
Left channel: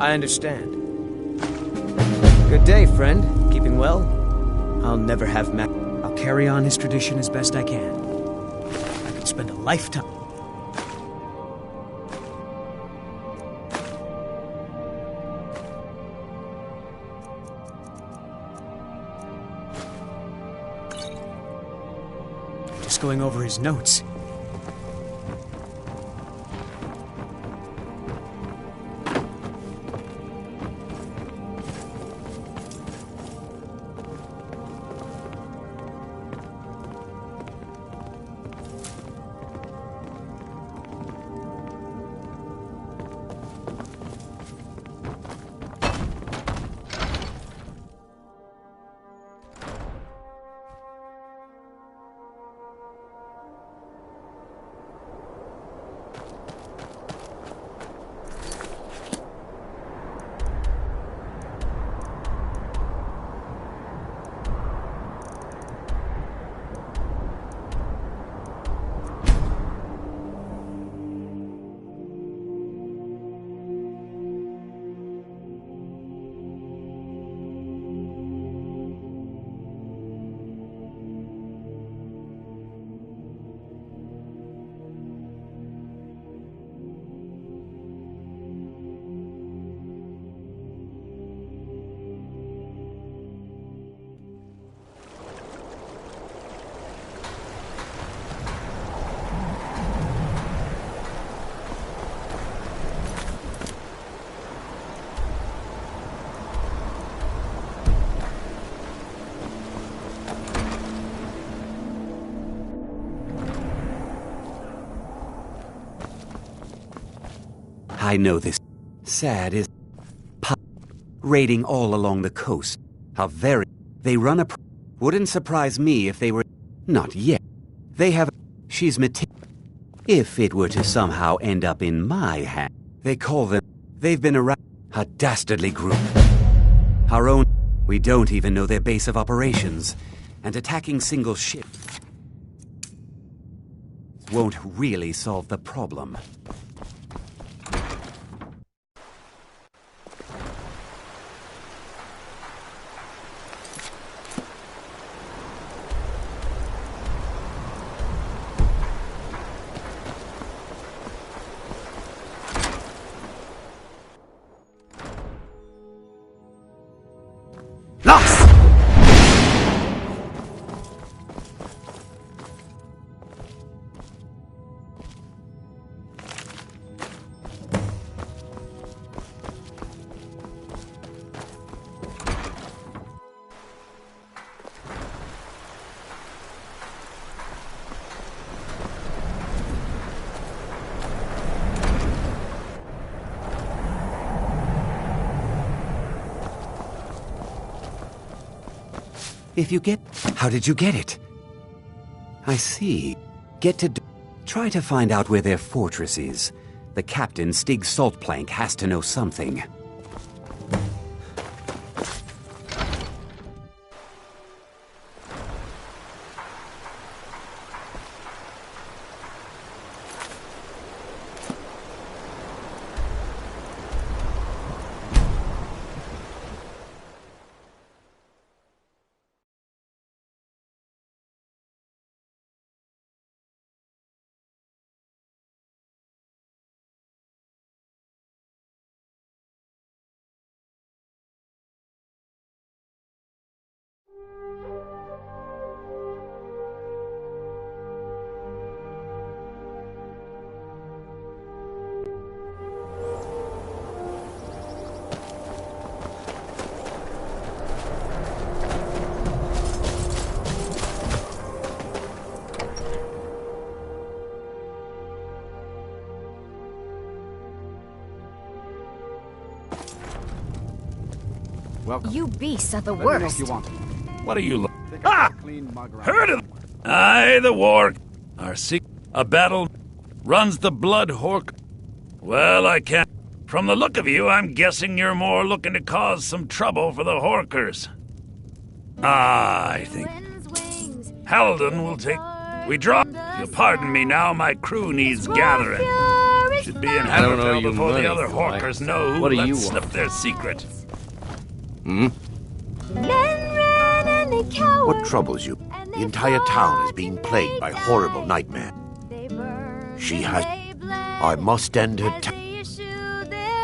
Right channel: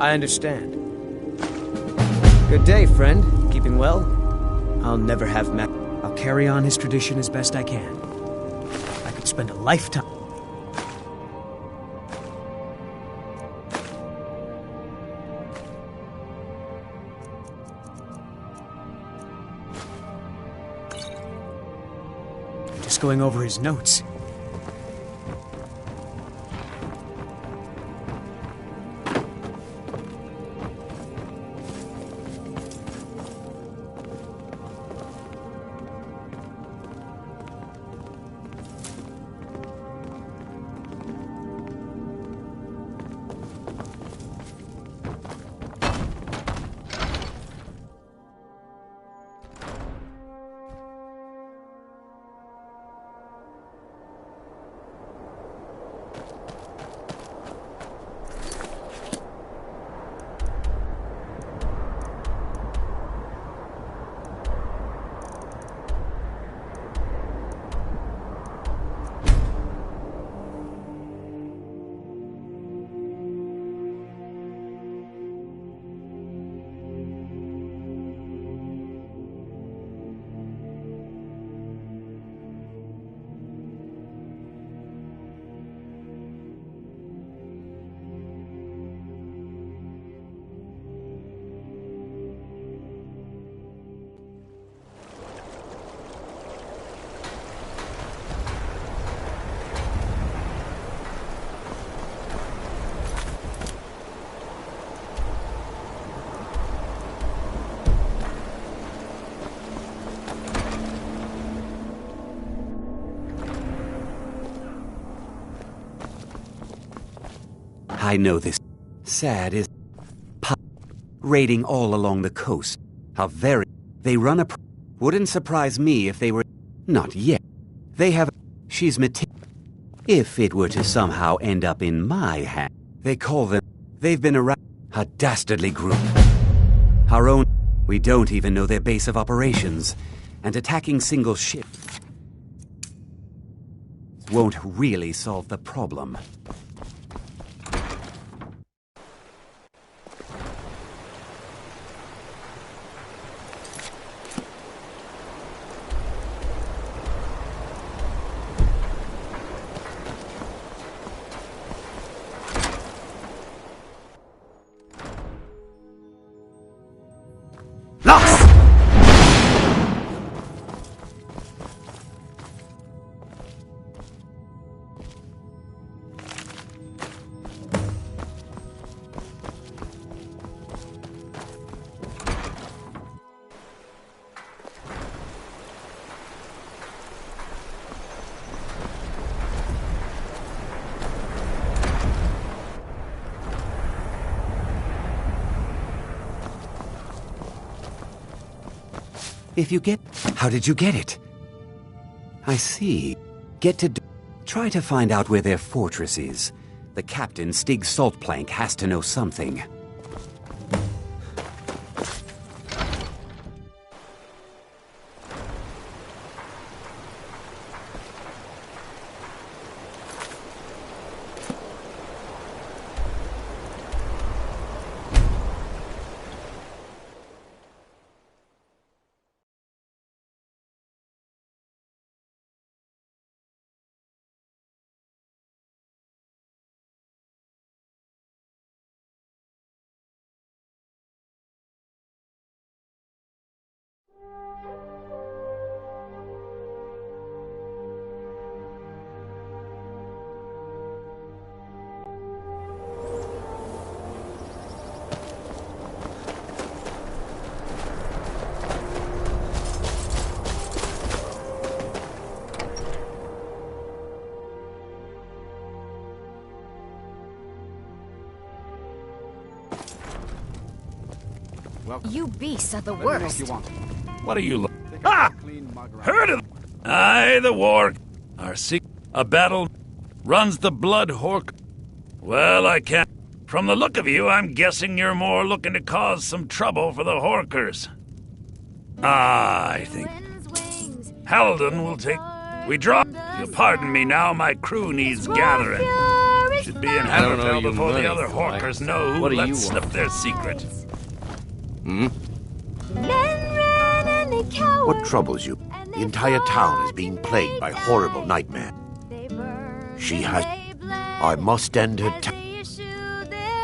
I understand. Good day, friend. Keeping well? I'll never have I'll carry on his tradition as best I can. I could spend a lifetime... Just going over his notes. I know this. Sad is... raiding all along the coast. How very... They run a... Wouldn't surprise me if they were... Not yet. They have... She's If it were to somehow end up in my hand... They call them... They've been around... A dastardly group. Our own... We don't even know their base of operations. And attacking single ships... won't really solve the problem. If you get... How did you get it? I see. Get to... Try to find out where their fortress is. The captain, Stig Saltplank, has to know something. Welcome. You beasts are the Let me know if worst. you want. What are you Heard of Aye, the war. Our a battle runs the blood hork. Well, I can't. From the look of you, I'm guessing you're more looking to cause some trouble for the Horkers. I think Halden will take... We draw... If you'll pardon me now, my crew needs gathering. Should be in Hammerfell before the other Horkers know who let slip their secret. What troubles you? The entire town is being plagued by horrible nightmares. She has... I must end her...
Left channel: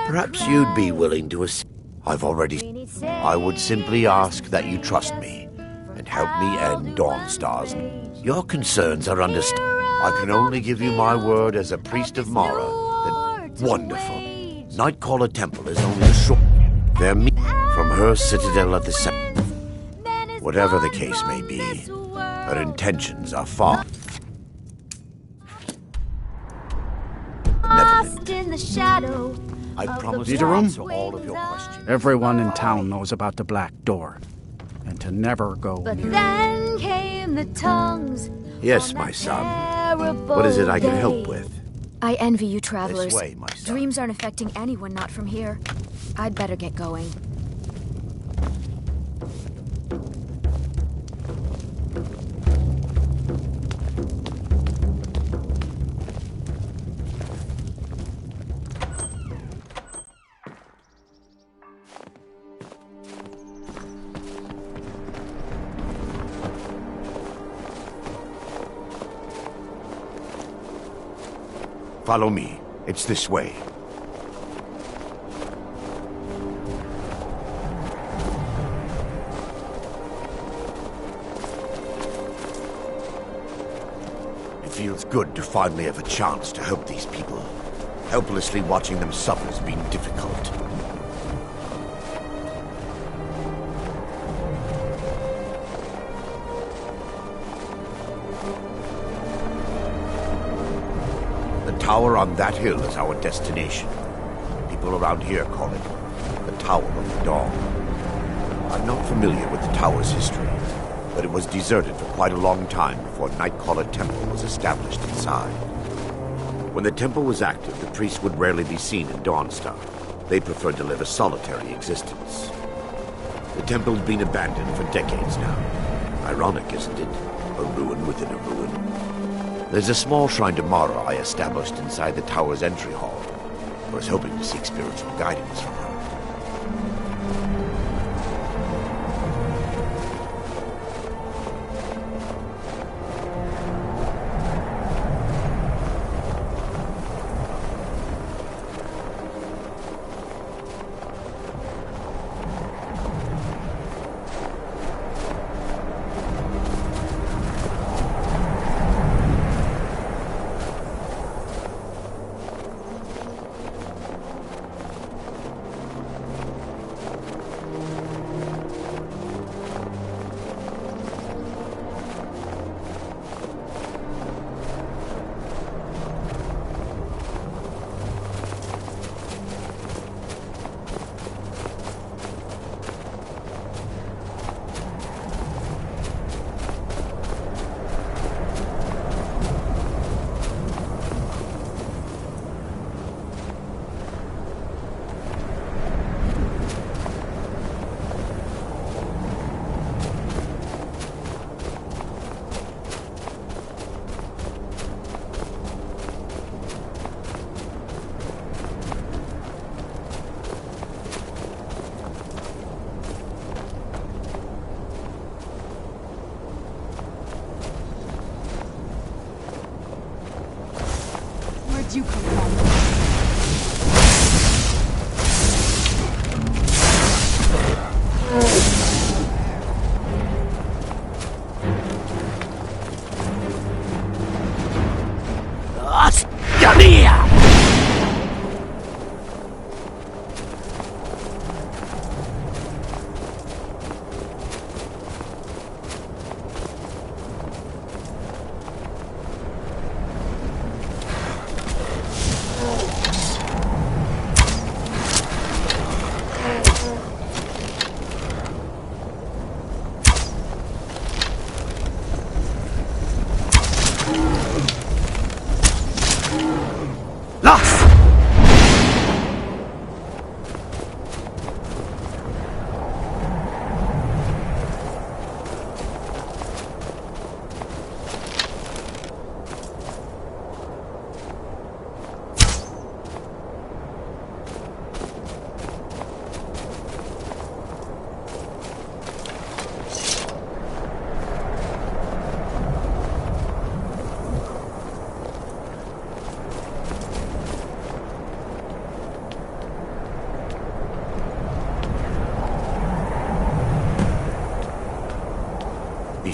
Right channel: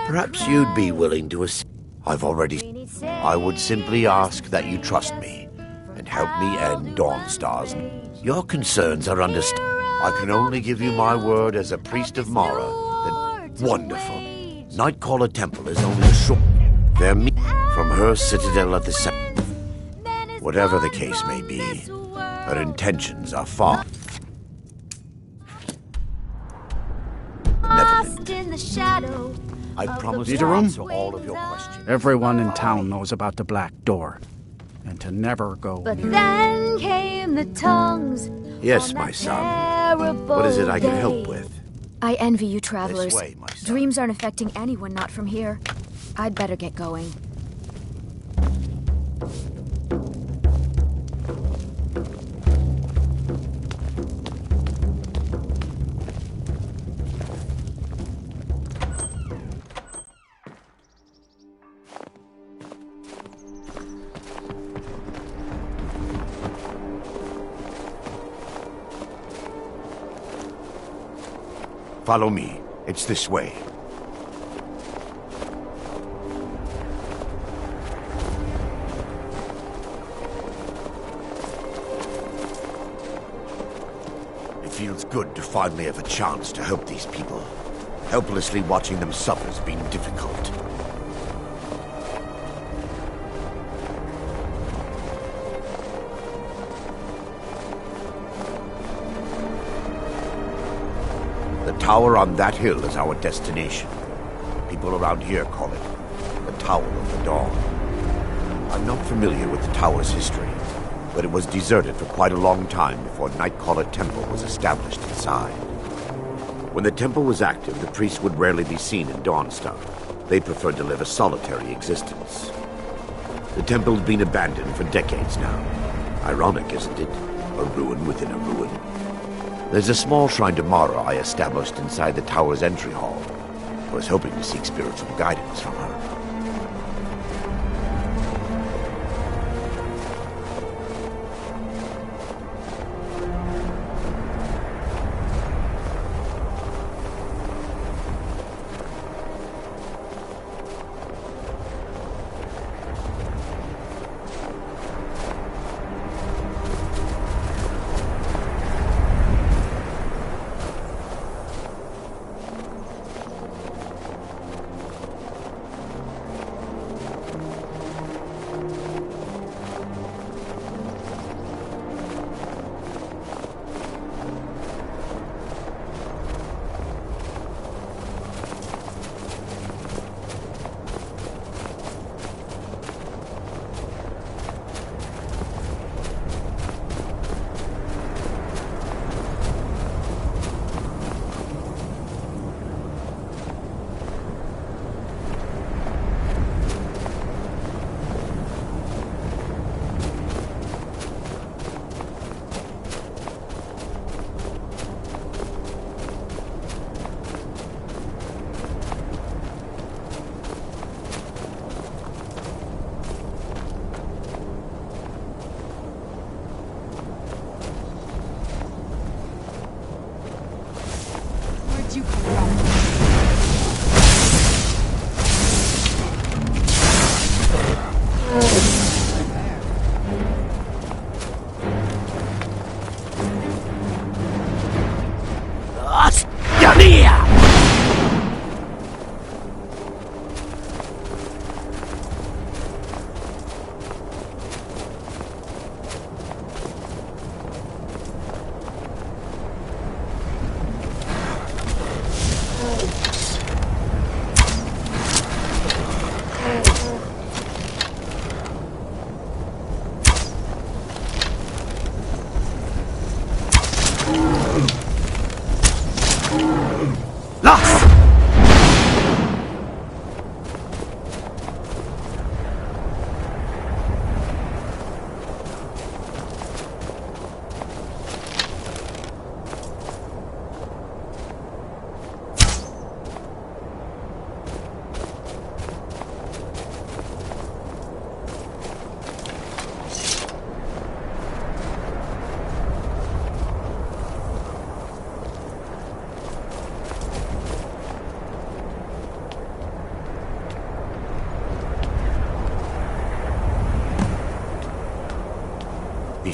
Perhaps you'd be willing to assist. I've already... I would simply ask that you trust me and help me end Dawnstar's... Your concerns are understood. I can only give you my word as a priest of Mara that... Wonderful. Nightcaller Temple is only a short... They're from her citadel at the center. Whatever the case may be, her intentions are far... Lost in the shadow. I promise Need to a room? answer all of your questions. Everyone in town knows about the Black Door, and to never go But near it. then came the tongues. Yes, my son. What is it I can help with? I envy you travelers. This way, my son. Dreams aren't affecting anyone not from here. I'd better get going. Follow me. It's this way. It feels good to finally have a chance to help these people. Helplessly watching them suffer has been difficult. The tower on that hill is our destination. People around here call it the Tower of the Dawn. I'm not familiar with the tower's history, but it was deserted for quite a long time before Nightcaller Temple was established inside. When the temple was active, the priests would rarely be seen in Dawnstar. They preferred to live a solitary existence. The temple's been abandoned for decades now. Ironic, isn't it? A ruin within a ruin. There's a small shrine to Mara I established inside the tower's entry hall. I was hoping to seek spiritual guidance from her.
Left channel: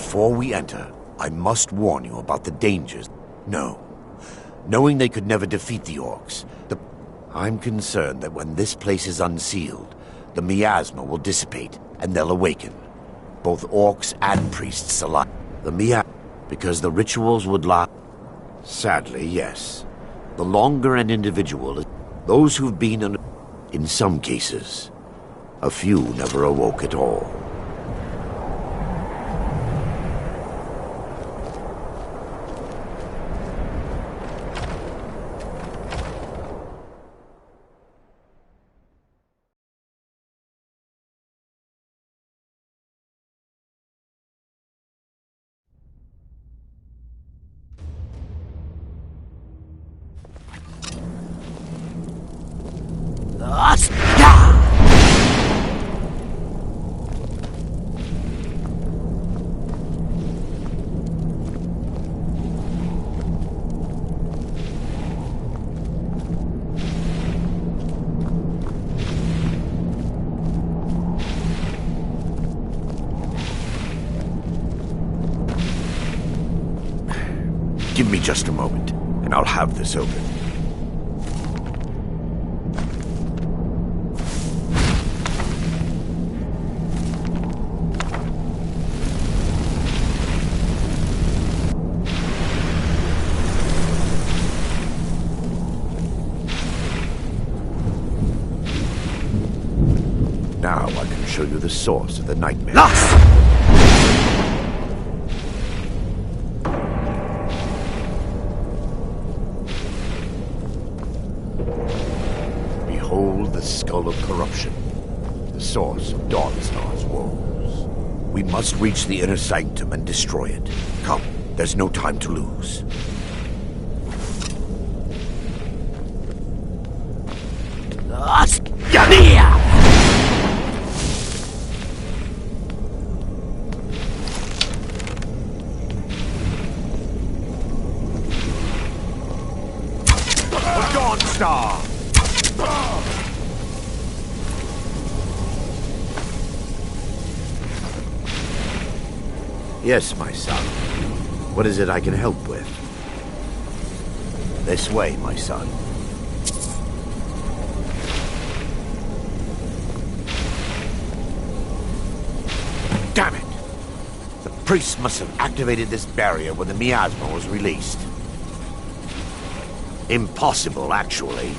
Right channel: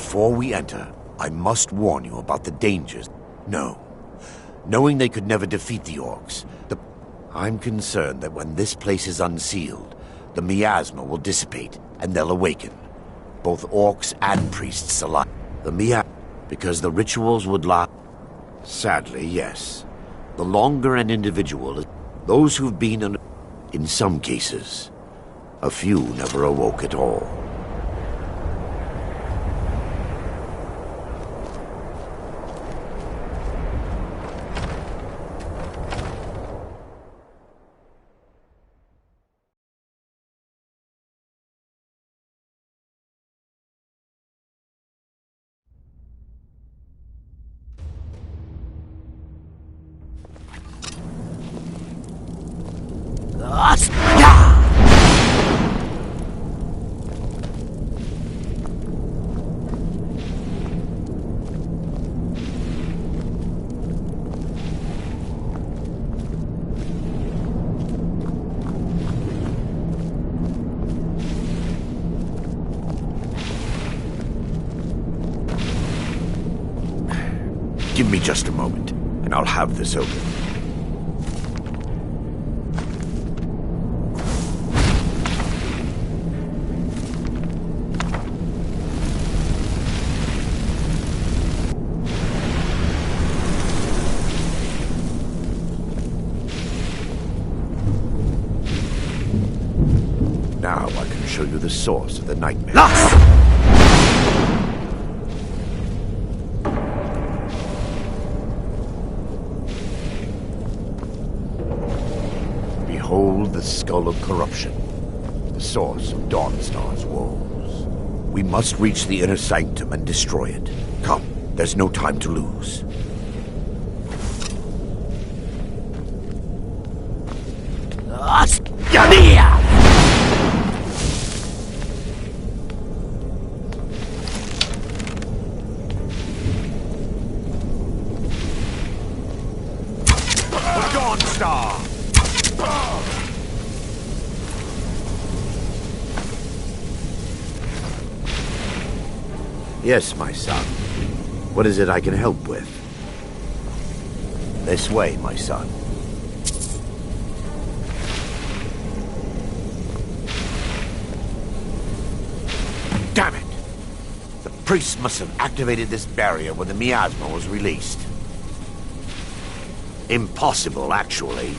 Before we enter, I must warn you about the dangers. No. Knowing they could never defeat the orcs, I'm concerned that when this place is unsealed, the miasma will dissipate, and they'll awaken. Both orcs and priests alike. Because the rituals would last. Sadly, yes. The longer an individual, those who've been in some cases, a few never awoke at all. Give me just a moment, and I'll have this open. Now I can show you the source of the nightmare. Behold the skull of corruption, the source of Dawnstar's woes. We must reach the inner sanctum and destroy it. Come, there's no time to lose. Dawnstar! Yes, my son. What is it I can help with? This way, my son. Damn it! The priest must have activated this barrier when the miasma was released. Impossible, actually.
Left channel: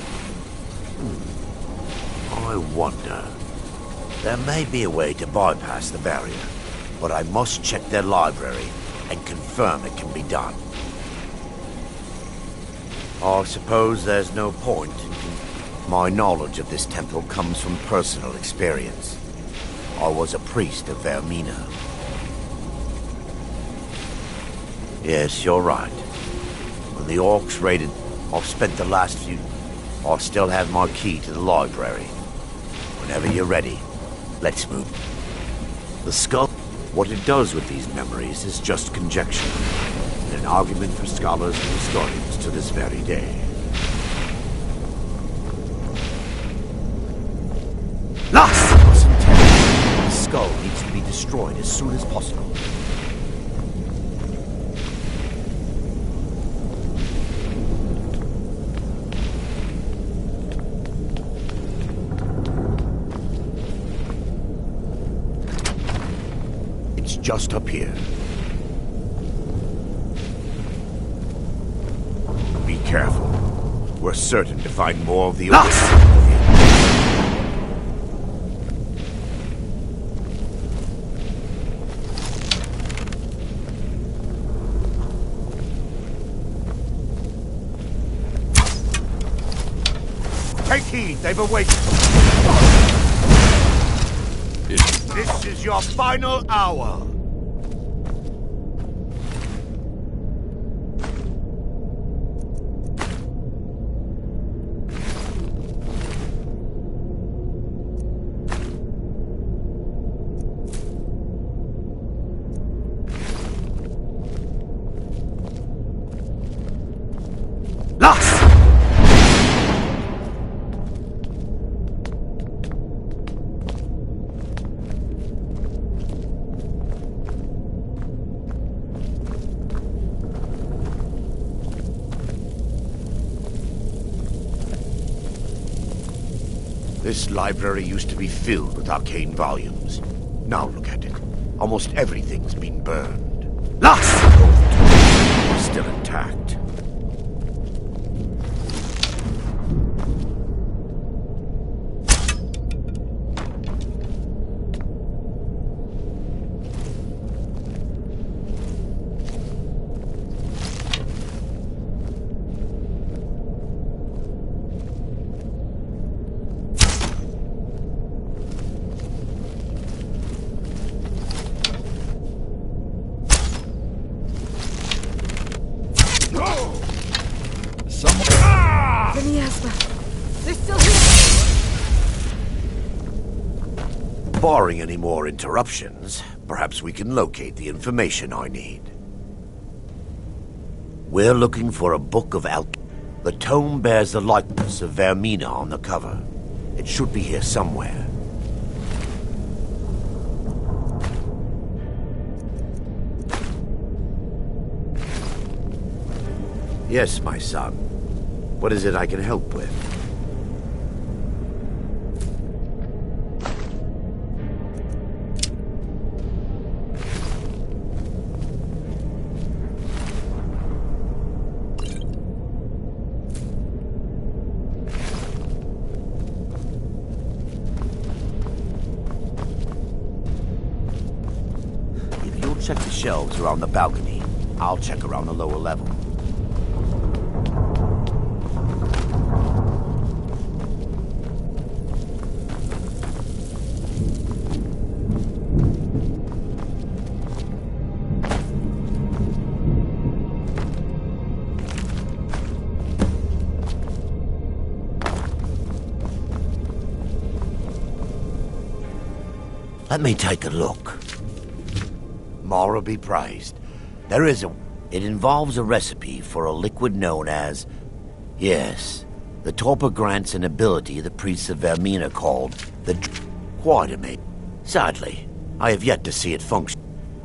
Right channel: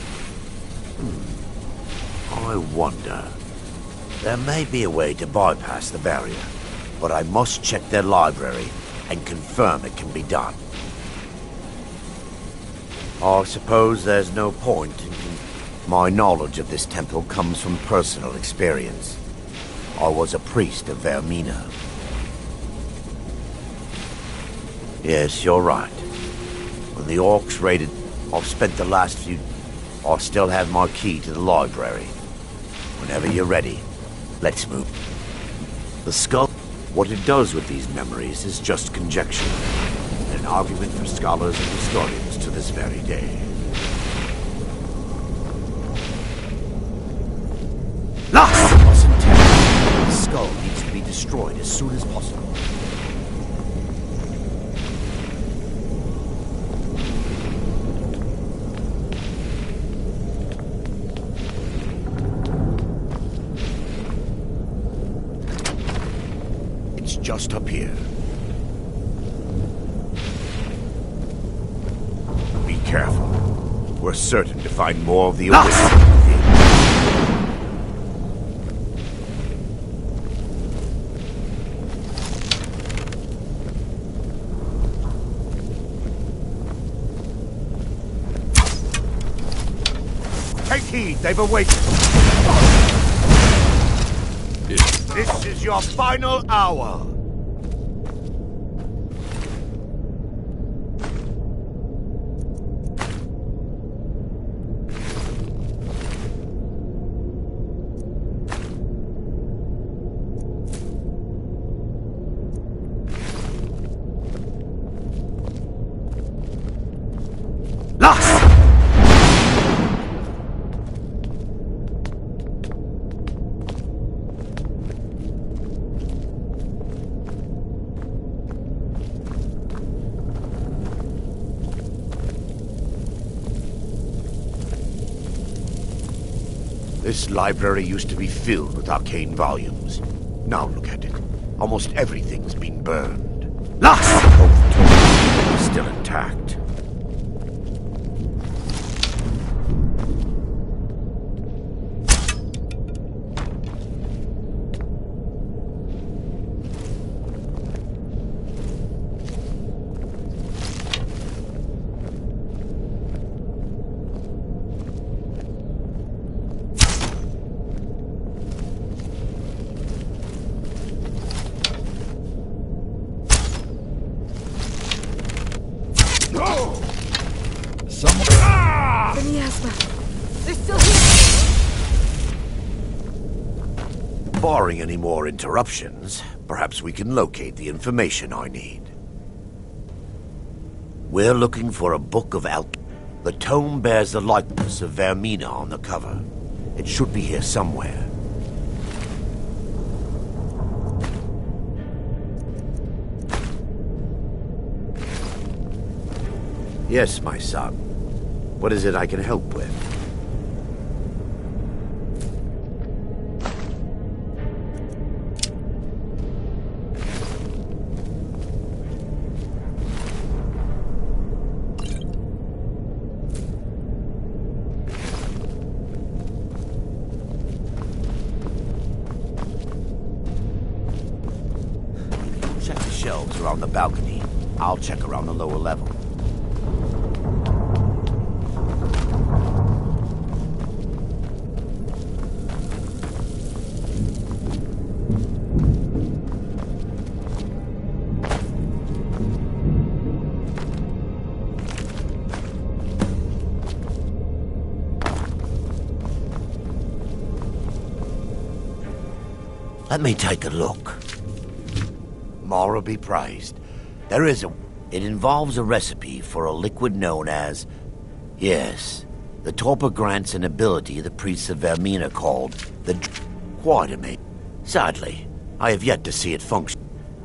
I wonder. There may be a way to bypass the barrier, but I must check their library and confirm it can be done. I suppose there's no point in... My knowledge of this temple comes from personal experience. I was a priest of Vermina. Yes, you're right. When the orcs raided... I've spent the last few... I still have my key to the library. Whenever you're ready, let's move. The skull... What it does with these memories is just conjecture. And an argument for scholars and historians to this very day. Last! Mustn't tell you. The skull needs to be destroyed as soon as possible. Just up here. Be careful. We're certain to find more of the awakening within. Take heed, they've awakened. This is your final hour. This library used to be filled with arcane volumes. Now look at it. Almost everything's been burned. Lost! Both tomes are still intact. They're still here! Barring any more interruptions, perhaps we can locate the information I need. We're looking for a book of alchemy. The tome bears the likeness of Vermina on the cover. It should be here somewhere. Yes, my son. What is it I can help with? If you'll check the shelves around the balcony, I'll check around the lower level. Let me take a look. Mara be praised. There is a... It involves a recipe for a liquid known as... Yes, the torpor grants an ability the priests of Vermina called the... Quite amazing. Sadly, I have yet to see it function.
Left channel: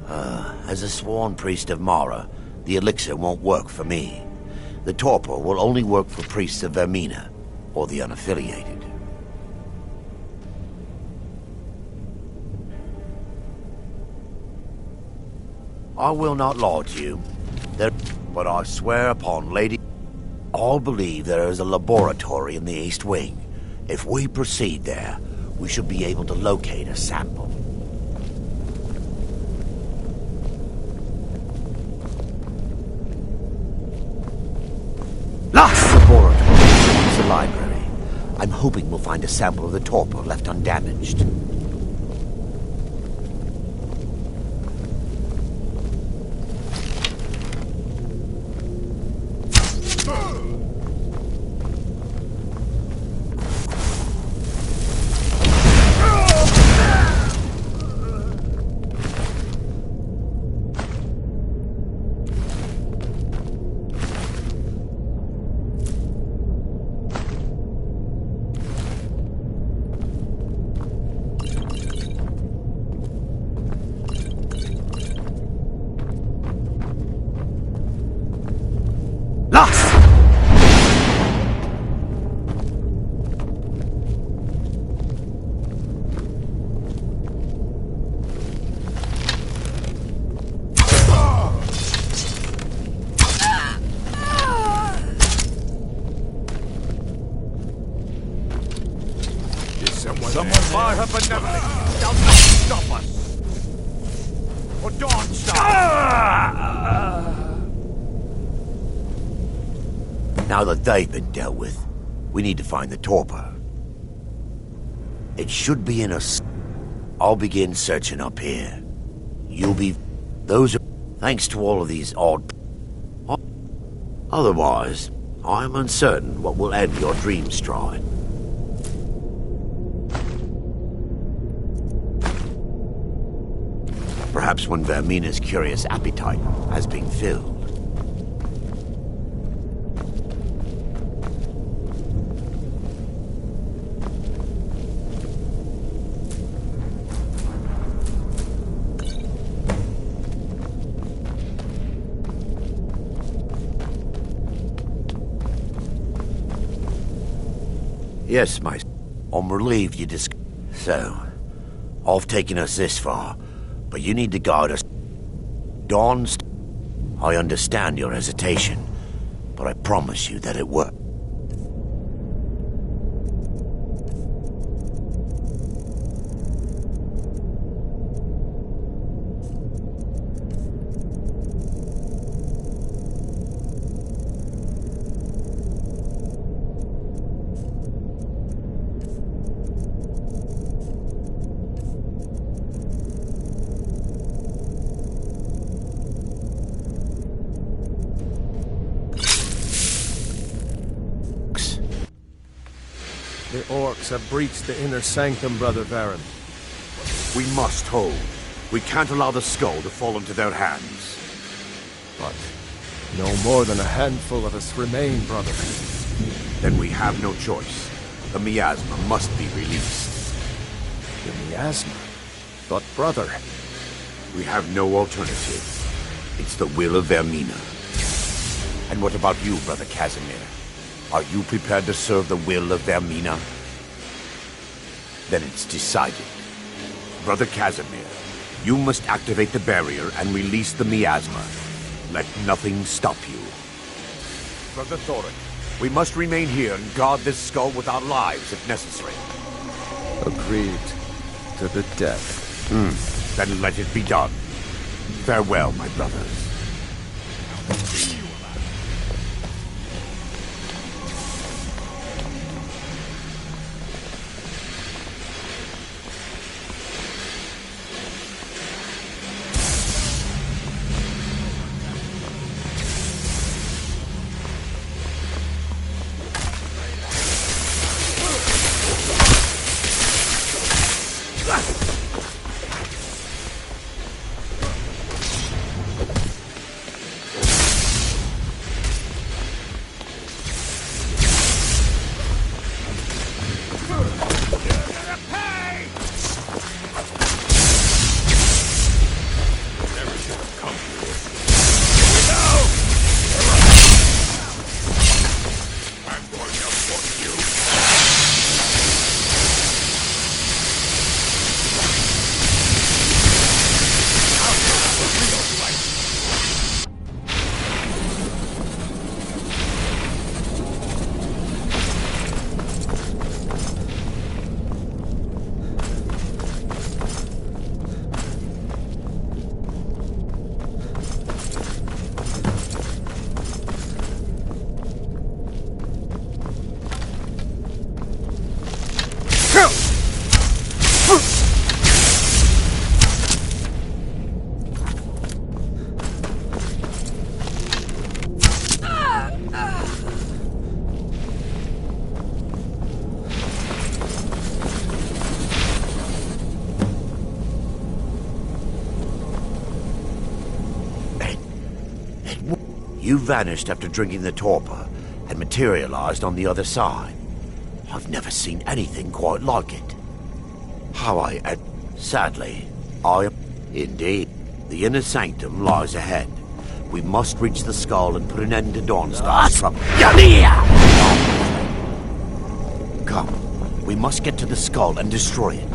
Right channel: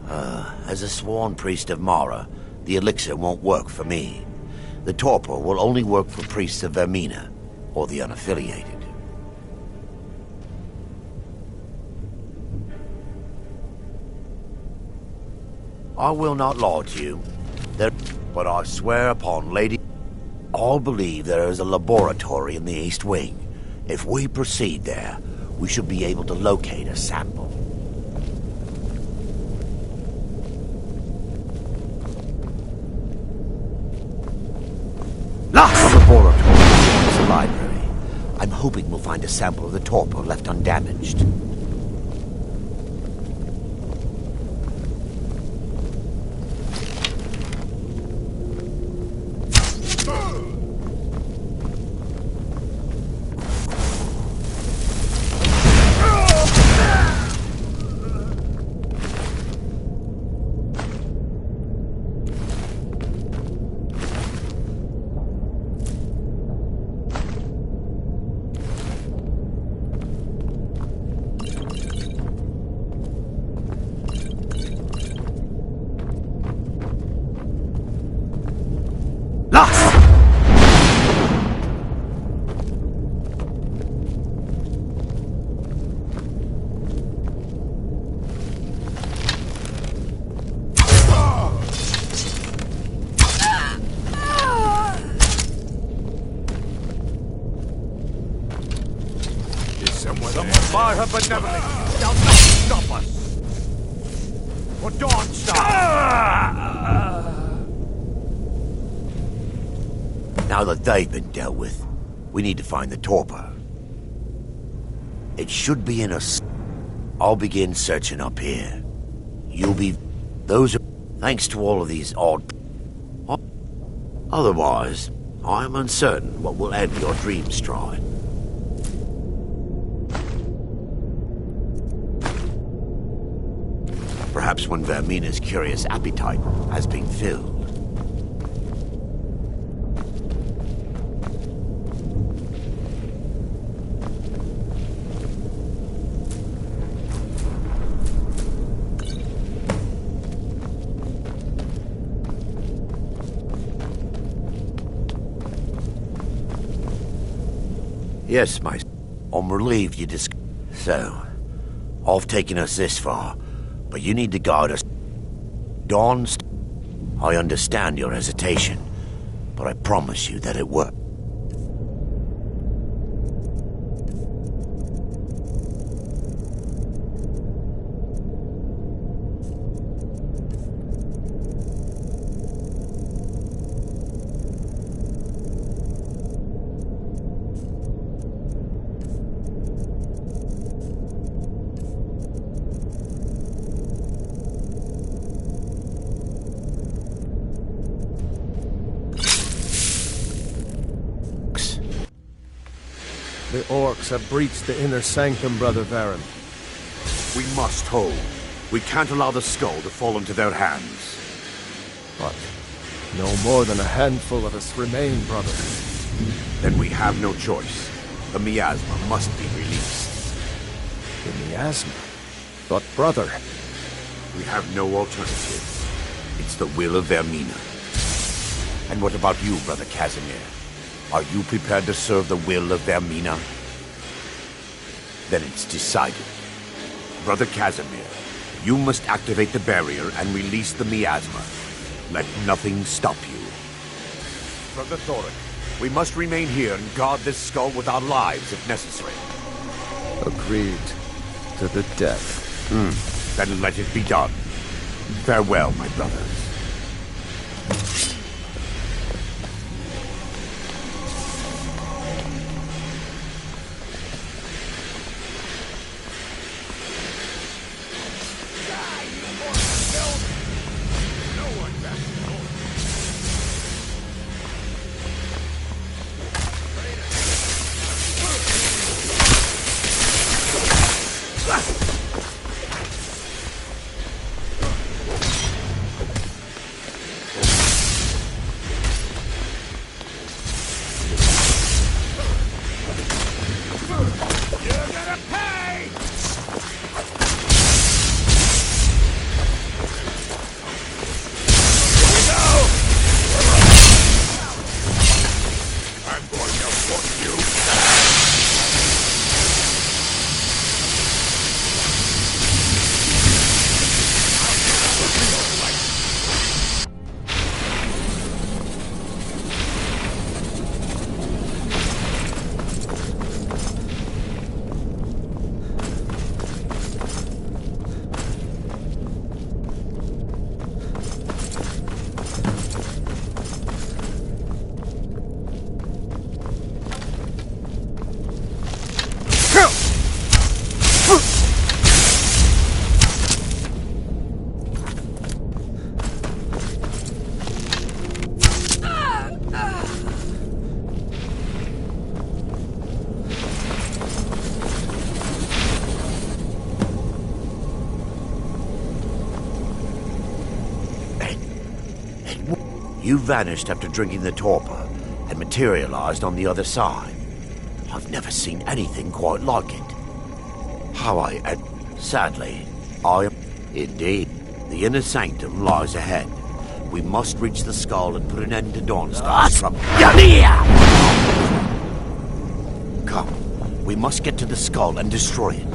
As a sworn priest of Mara, the elixir won't work for me. The torpor will only work for priests of Vermina, or the unaffiliated. I will not lie to you, but I swear upon Lady... All believe there is a laboratory in the East Wing. If we proceed there, we should be able to locate a sample. Lost! The laboratory adjoins the library. I'm hoping we'll find a sample of the torpor left undamaged. Someone by her benevolence shall not stop us. For Dawnstar. Now that they've been dealt with, we need to find the torpor. It should be in a... I'll begin searching up here. You'll be... Those are... Thanks to all of these odd... Otherwise, I'm uncertain what will end your dream stride. Perhaps when Vermina's curious appetite has been filled. Yes, my... I'm relieved you So, I've taken us this far, but you need to guide us. I understand your hesitation, but I promise you that it worked. The orcs have breached the inner sanctum, Brother Varen. We must hold. We can't allow the skull to fall into their hands. But no more than a handful of us remain, brother. Then we have no choice. The miasma must be released. The miasma? But, brother... We have no alternative. It's the will of Vermina. And what about you, Brother Casimir? Are you prepared to serve the will of Vermina? Then it's decided. Brother Casimir, you must activate the barrier and release the miasma. Let nothing stop you. Brother Thoric, we must remain here and guard this skull with our lives if necessary. Agreed. To the death. Then let it be done. Farewell, my brothers. You vanished after drinking the torpor and materialized on the other side. I've never seen anything quite like it. Sadly, I am... Indeed. The inner sanctum lies ahead. We must reach the skull and put an end to Dawnstar's trouble. Come. We must get to the skull and destroy it.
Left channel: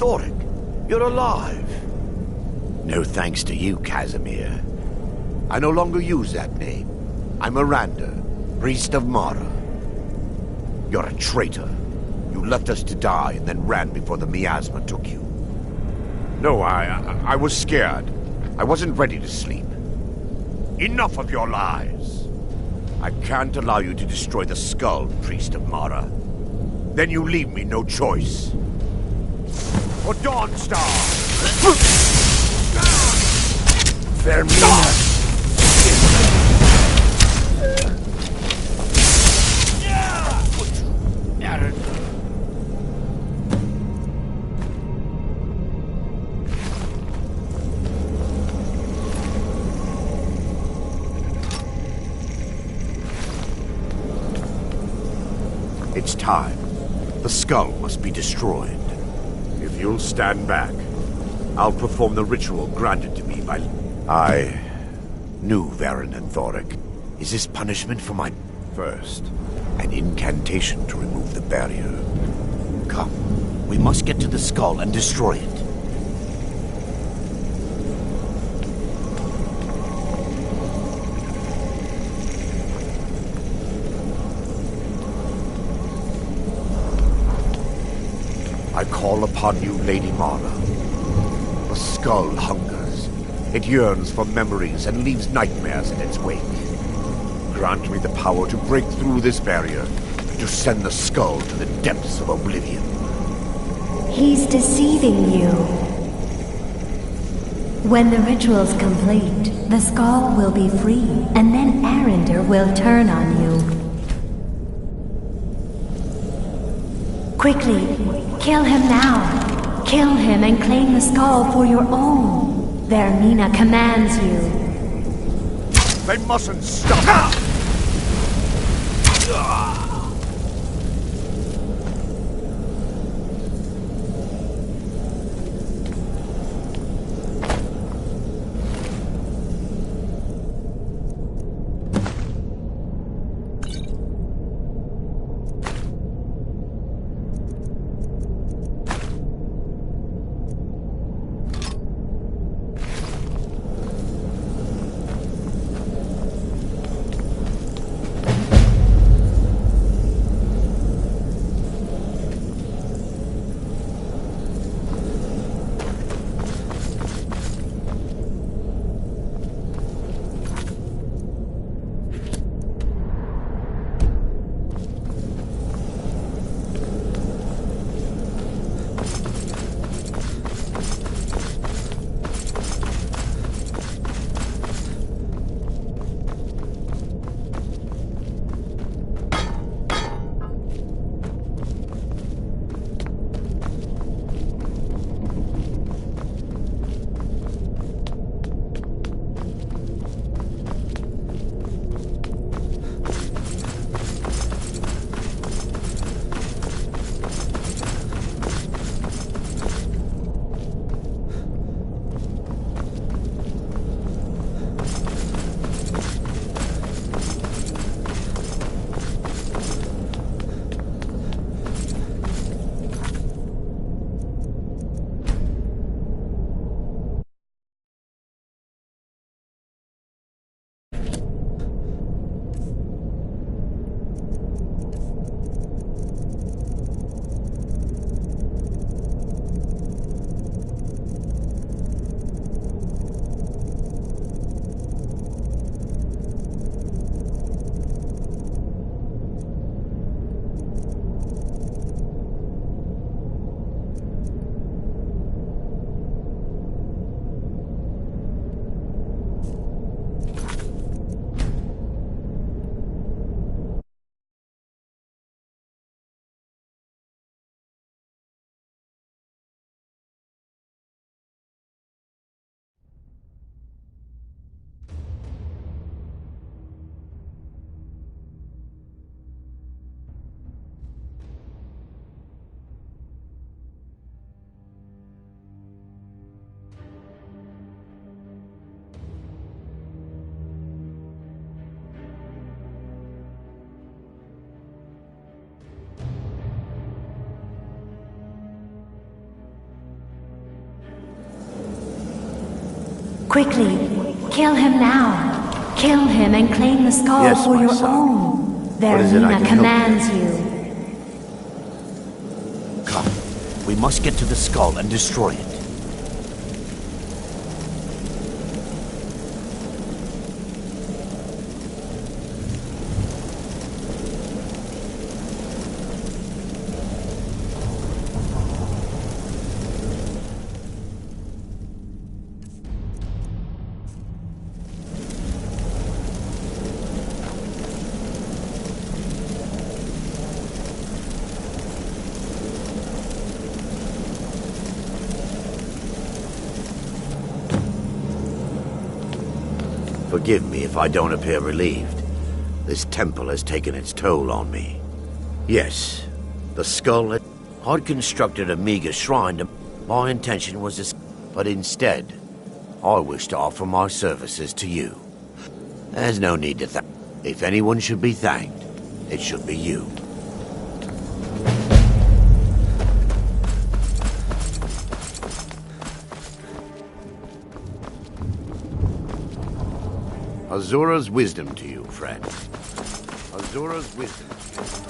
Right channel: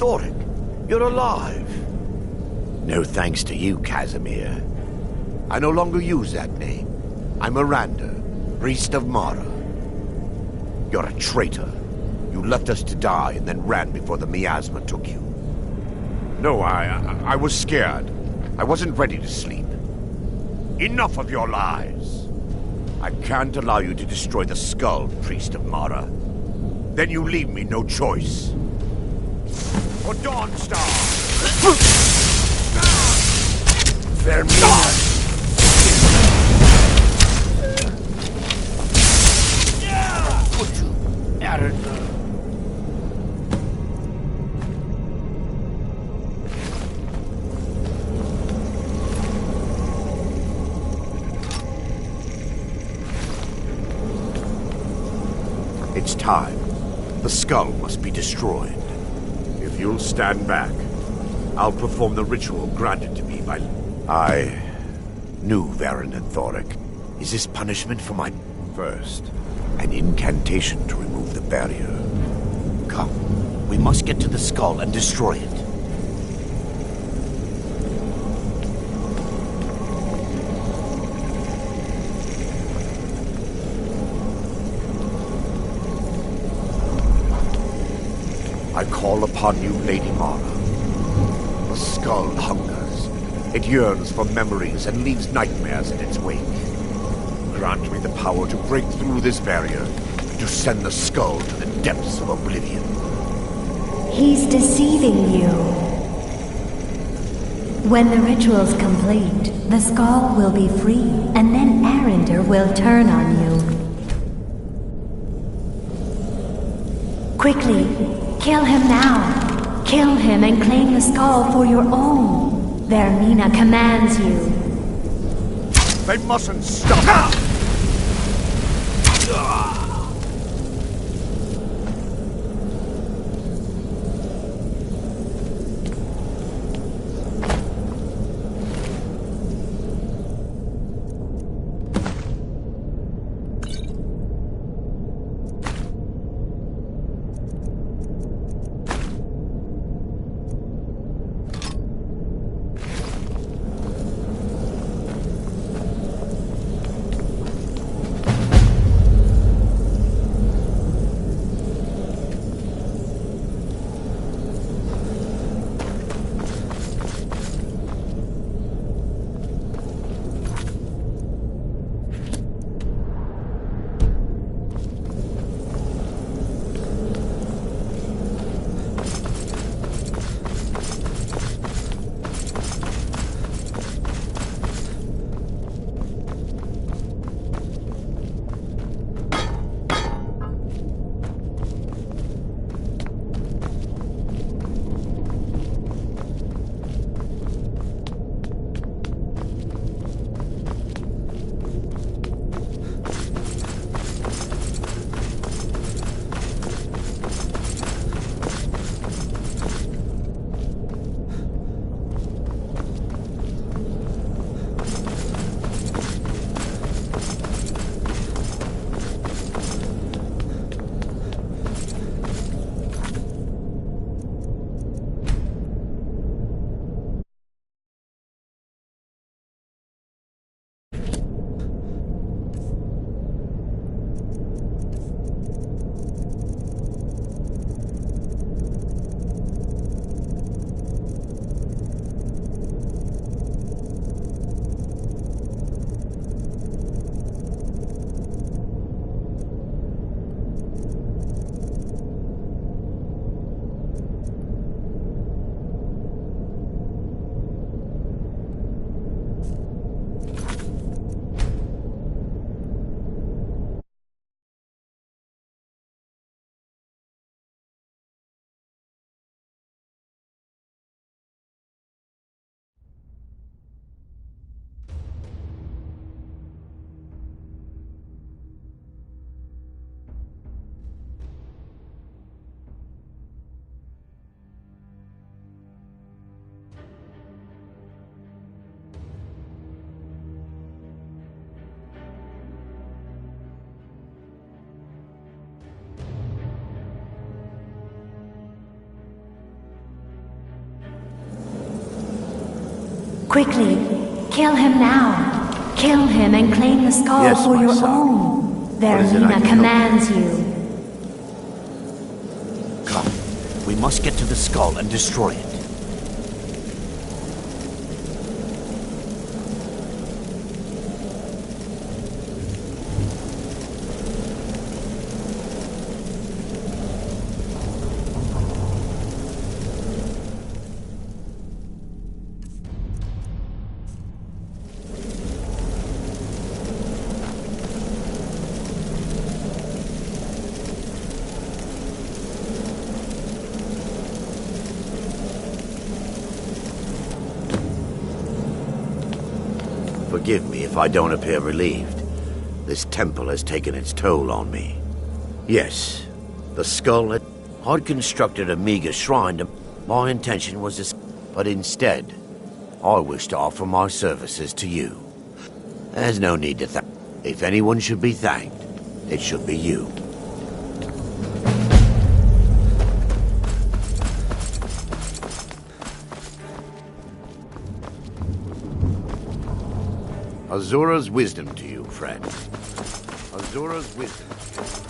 Thoric, you're alive. No thanks to you, Casimir. I no longer use that name. I'm Miranda, priest of Mara. You're a traitor. You left us to die and then ran before the miasma took you. No, I was scared. I wasn't ready to sleep. Enough of your lies. I can't allow you to destroy the skull, priest of Mara. Then you leave me no choice. For Dawnstar! Vermina! It's time. The skull must be destroyed. If you'll stand back, I'll perform the ritual granted to me by... I knew Varen and Thoric. Is this punishment for my... First, an incantation to remove the barrier. Come, we must get to the skull and destroy it. I call upon you, Lady Mara. The skull hungers. It yearns for memories and leaves nightmares in its wake. Grant me the power to break through this barrier and to send the skull to the depths of oblivion. He's deceiving you. When the ritual's complete, the skull will be free, and then Arender will turn on you. Quickly! Kill him now! Kill him and claim the skull for your own! Vermina commands you. They mustn't stop! Quickly, kill him now. Kill him and claim the skull Yes, for my your son. own. What is it I Vermina can commands you. Come, we must get to the skull and destroy it. Forgive me if I don't appear relieved. This temple has taken its toll on me. Yes, the skull I'd constructed a meager shrine to... My intention was to... But instead, I wish to offer my services to you. There's no need to thank... If anyone should be thanked, it should be you. Azura's wisdom to you, friend. Azura's wisdom to you.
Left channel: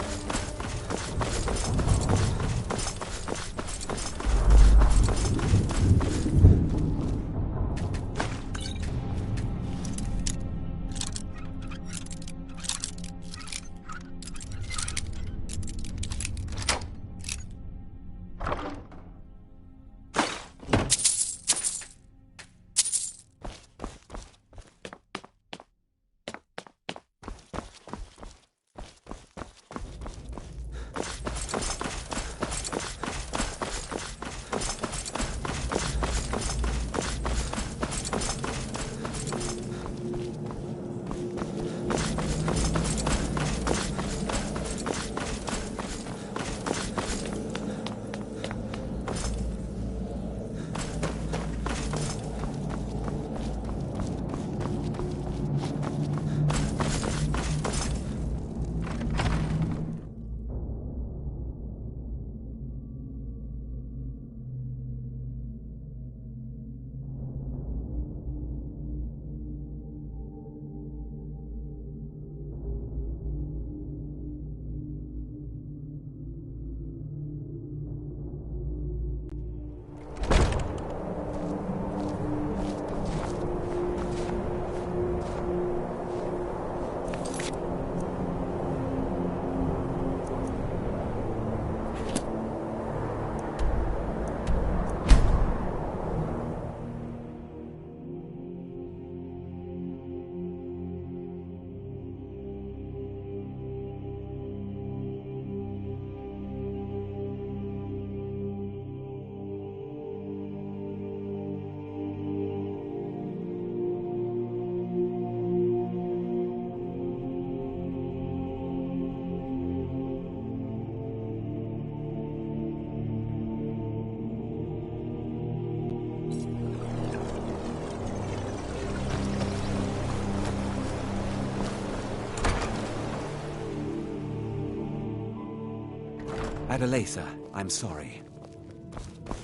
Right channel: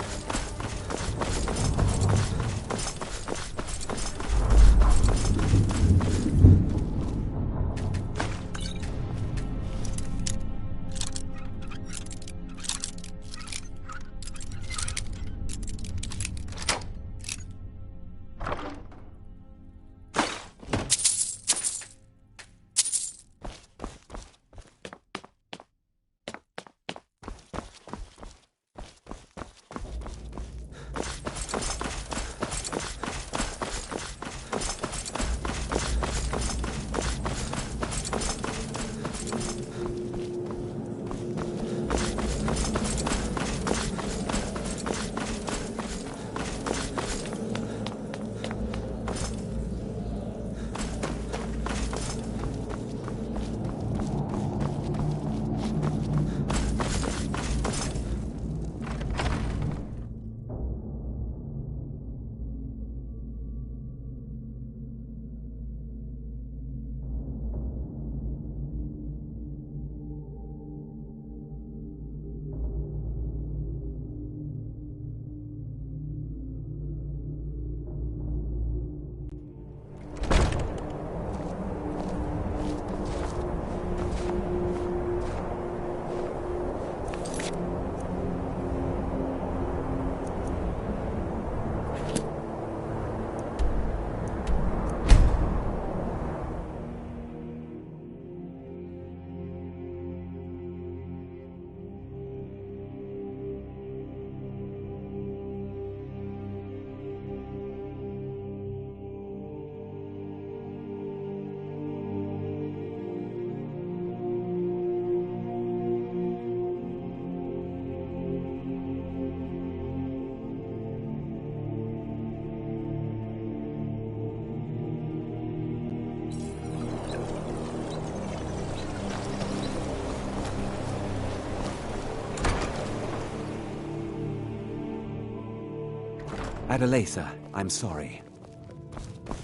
Adelaisa, I'm sorry.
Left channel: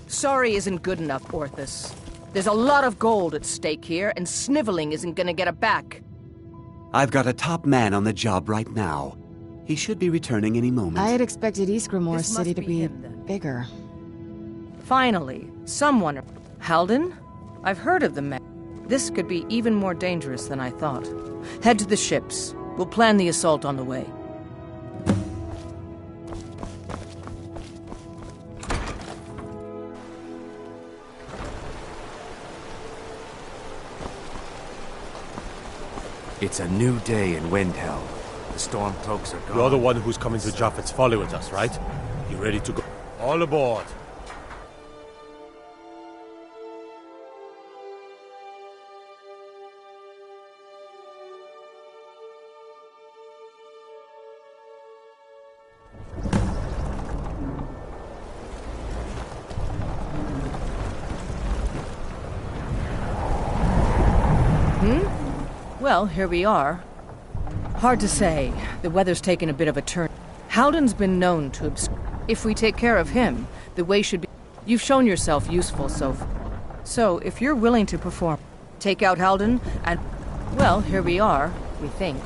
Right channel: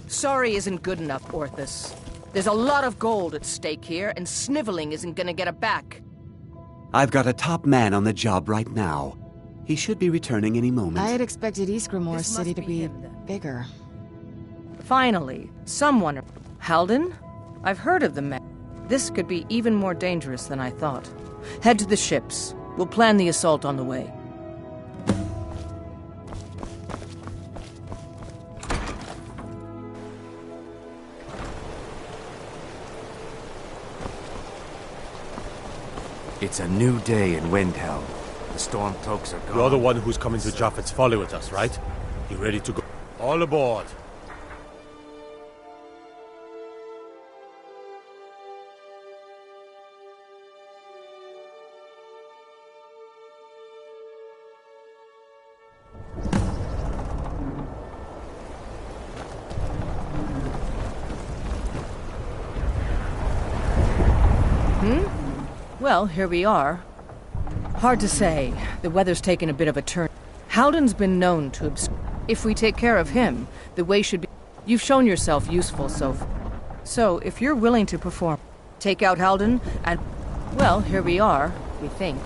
Sorry isn't good enough, Orthus. There's a lot of gold at stake here, and sniveling isn't gonna get it back. I've got a top man on the job right now. He should be returning any moment. I had expected Ysgramor City to be bigger. Finally, someone... Halden? I've heard of the man. This could be even more dangerous than I thought. Head to the ships. We'll plan the assault on the way. It's a new day in Windhelm. The Stormcloaks are gone. You're the one who's coming to Japheth's Folly with us, right? You ready to go? All aboard! Well, here we are. Hard to say. The weather's taken a bit of a turn. Halden's been known to If we take care of him, the way should be... You've shown yourself useful so far. So, if you're willing to perform, take out Halden, and, well, here we are, we think.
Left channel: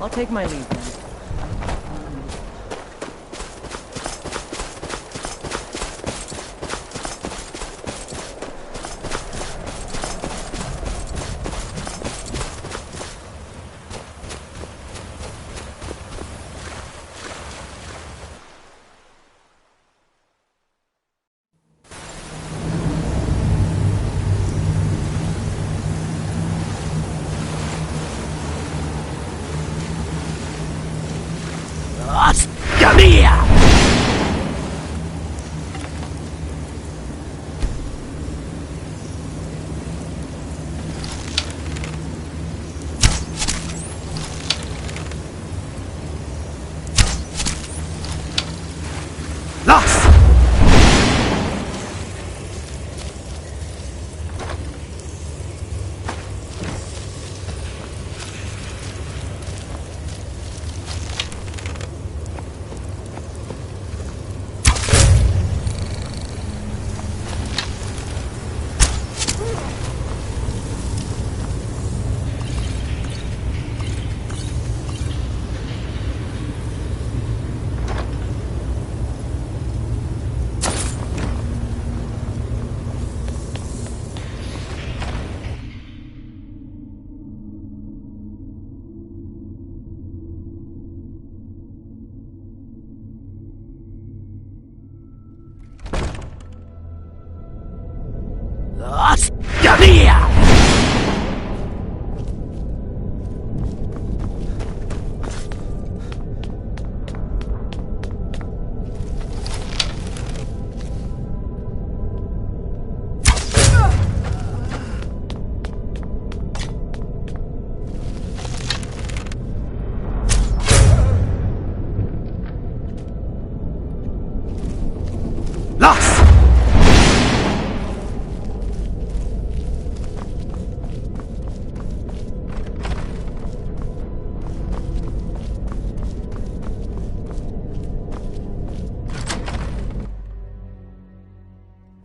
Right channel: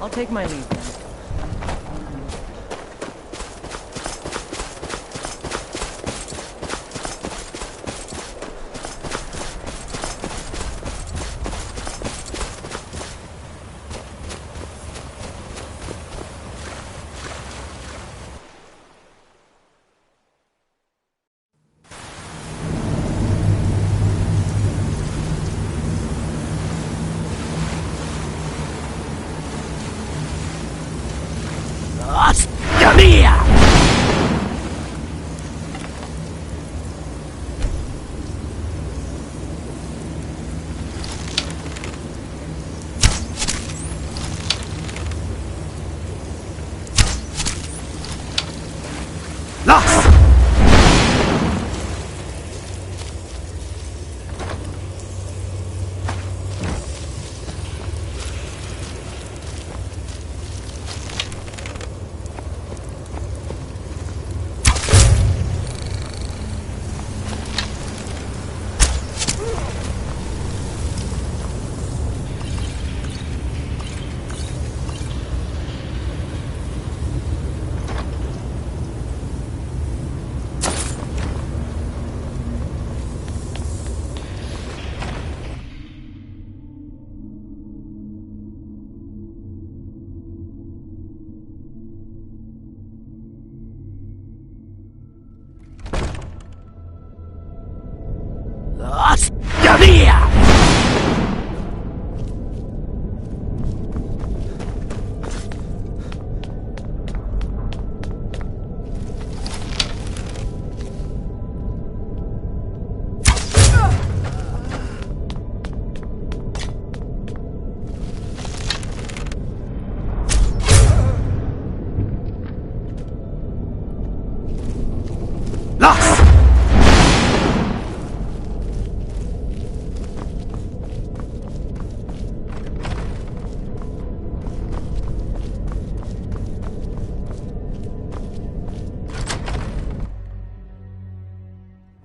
I'll take my leave then.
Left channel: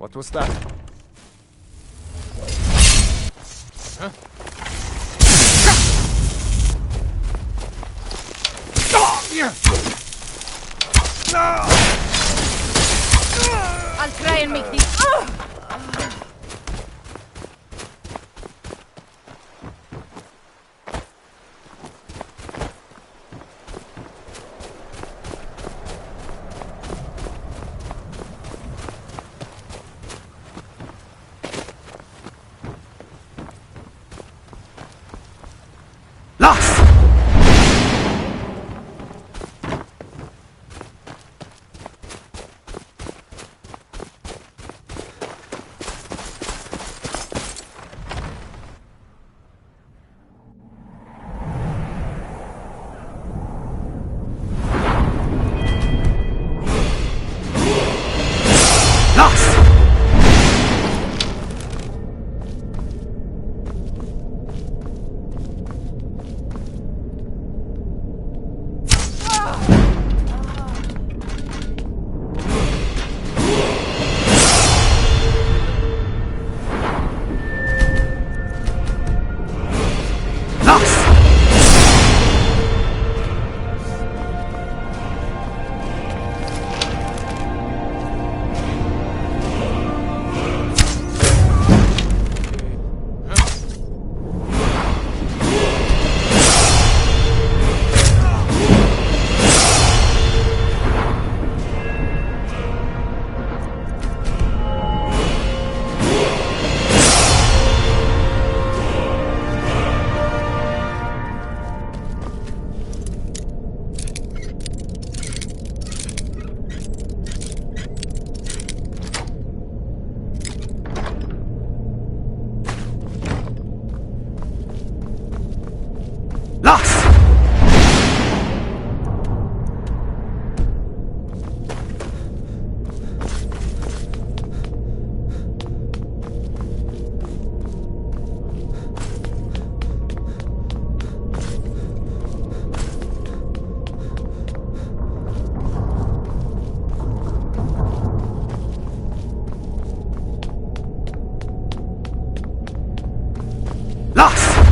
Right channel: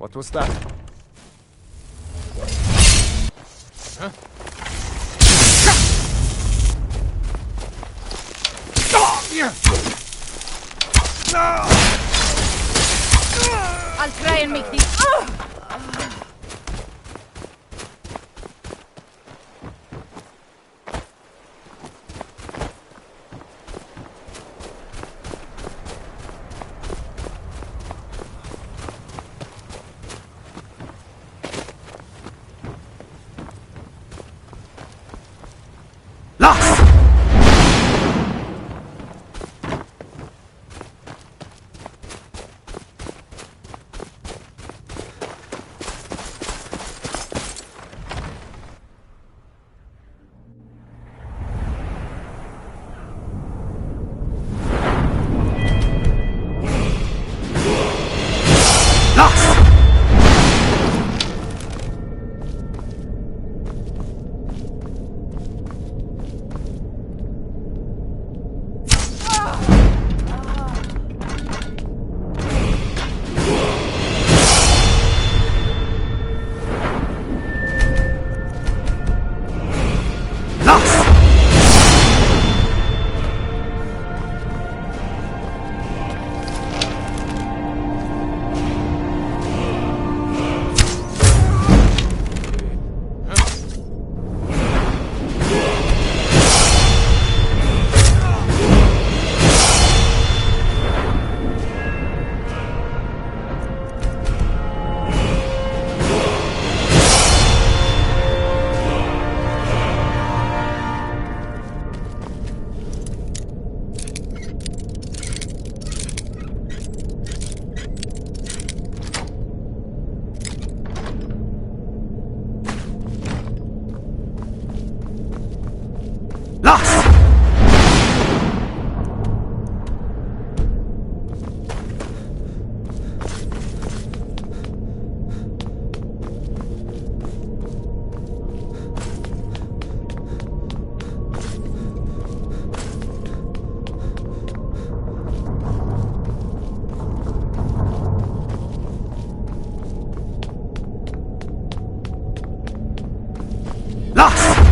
What was that? Huh? I'll try and make these. Los!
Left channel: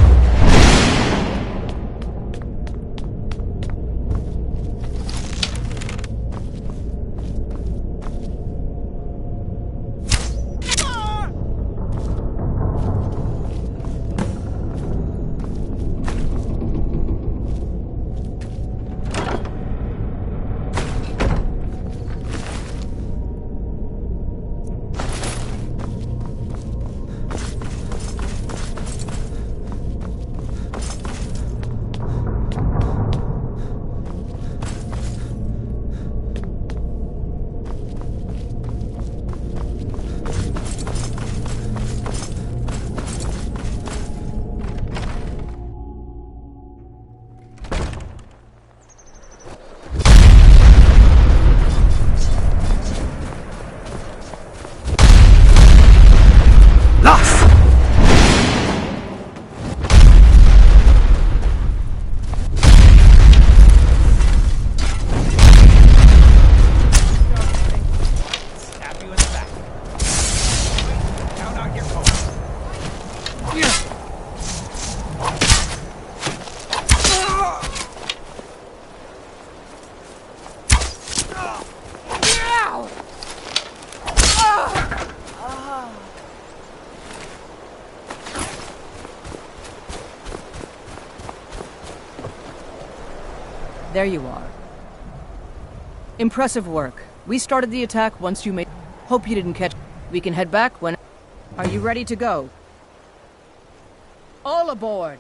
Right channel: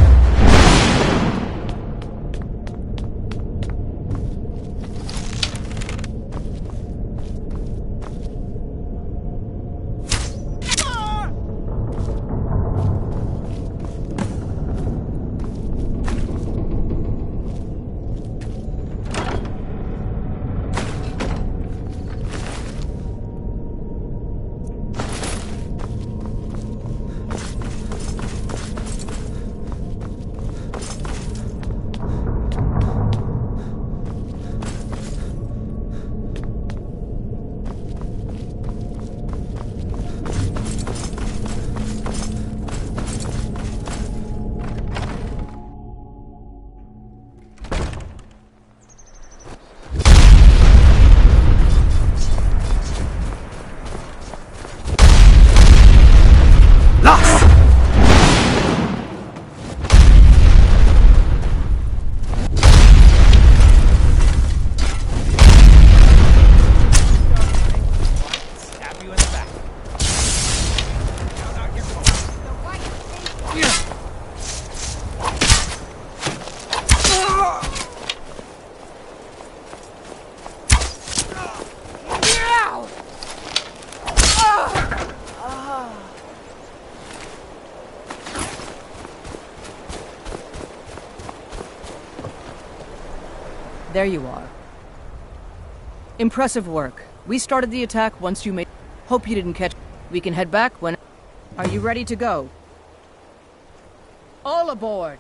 There you are. Impressive work. We started the attack once you made... Hope you didn't catch... We can head back when... Are you ready to go? All aboard!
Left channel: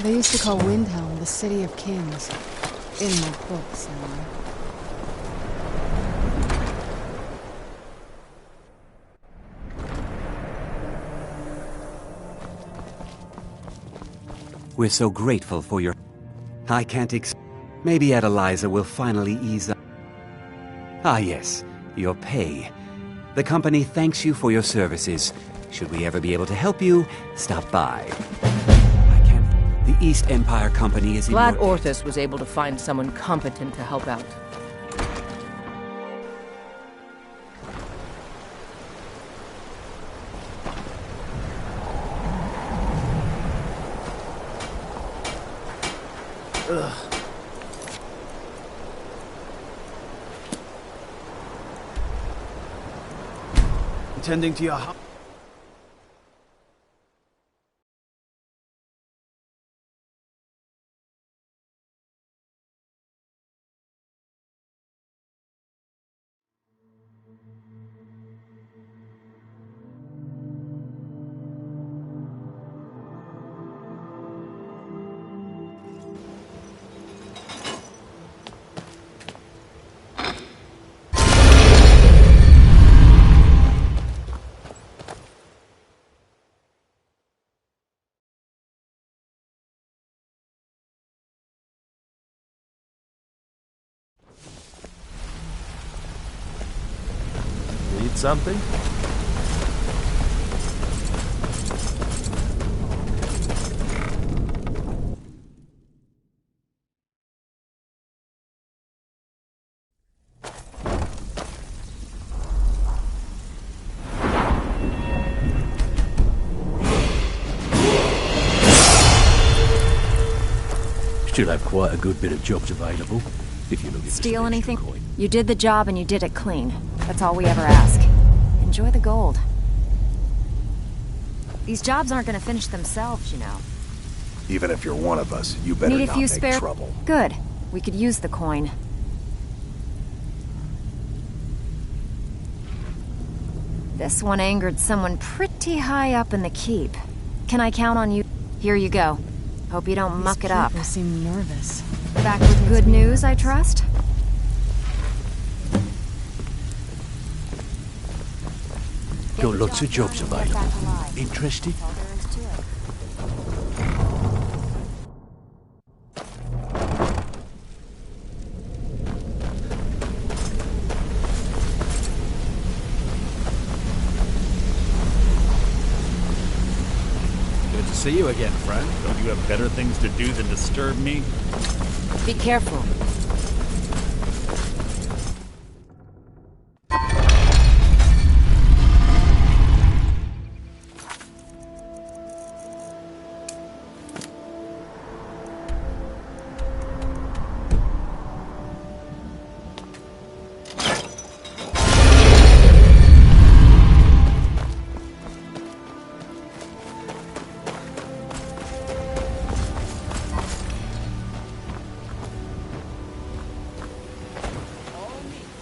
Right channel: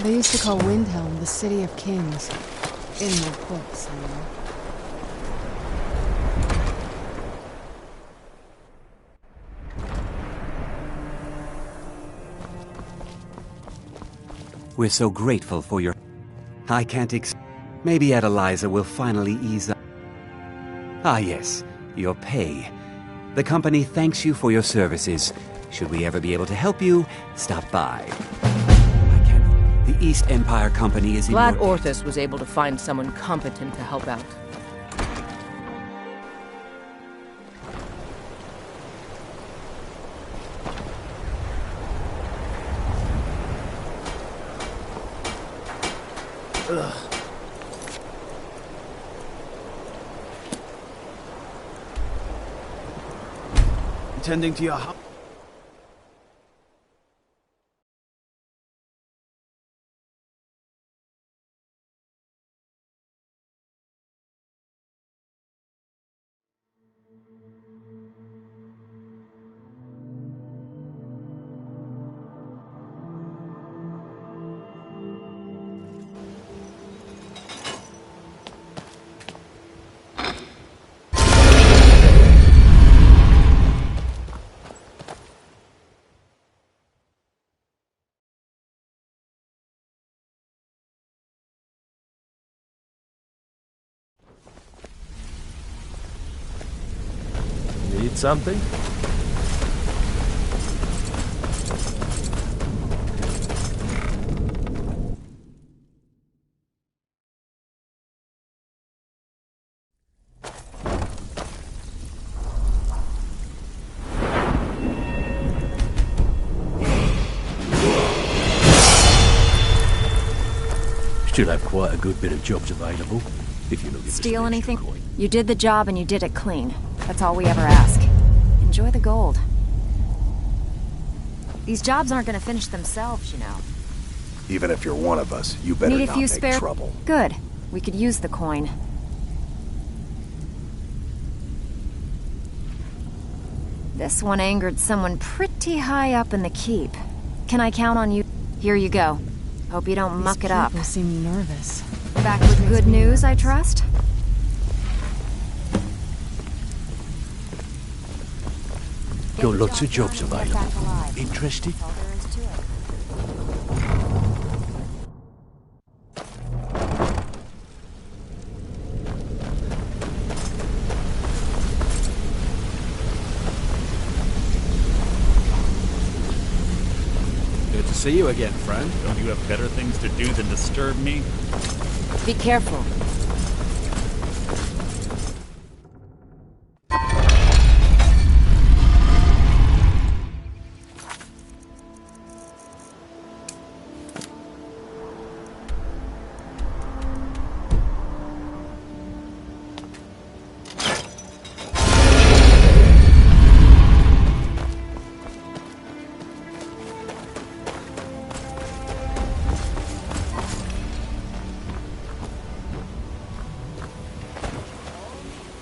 They used to call Windhelm the City of Kings. In my books, anyway. We're so grateful for your... I can't Maybe Adeliza will finally ease up. Ah yes, your pay. The company thanks you for your services. Should we ever be able to help you, stop by. The East Empire Company is in Glad your... Orthus was able to find someone competent to help out. Ugh. Intending to your house. Need something? Should have quite a good bit of jobs available, if you're looking for Steal anything? You did the job and you did it clean. That's all we ever ask. Enjoy the gold. These jobs aren't gonna finish themselves, you know. Even if you're one of us, you better Need a not few make spare... trouble. Good. We could use the coin. This one angered someone pretty high up in the keep. Can I count on you? Here you go. Hope you don't muck it up. These people seem nervous. Back with good news, I trust? Got lots of jobs available. Interested? Good to see you again, friend. Don't you have better things to do than disturb me? Be careful.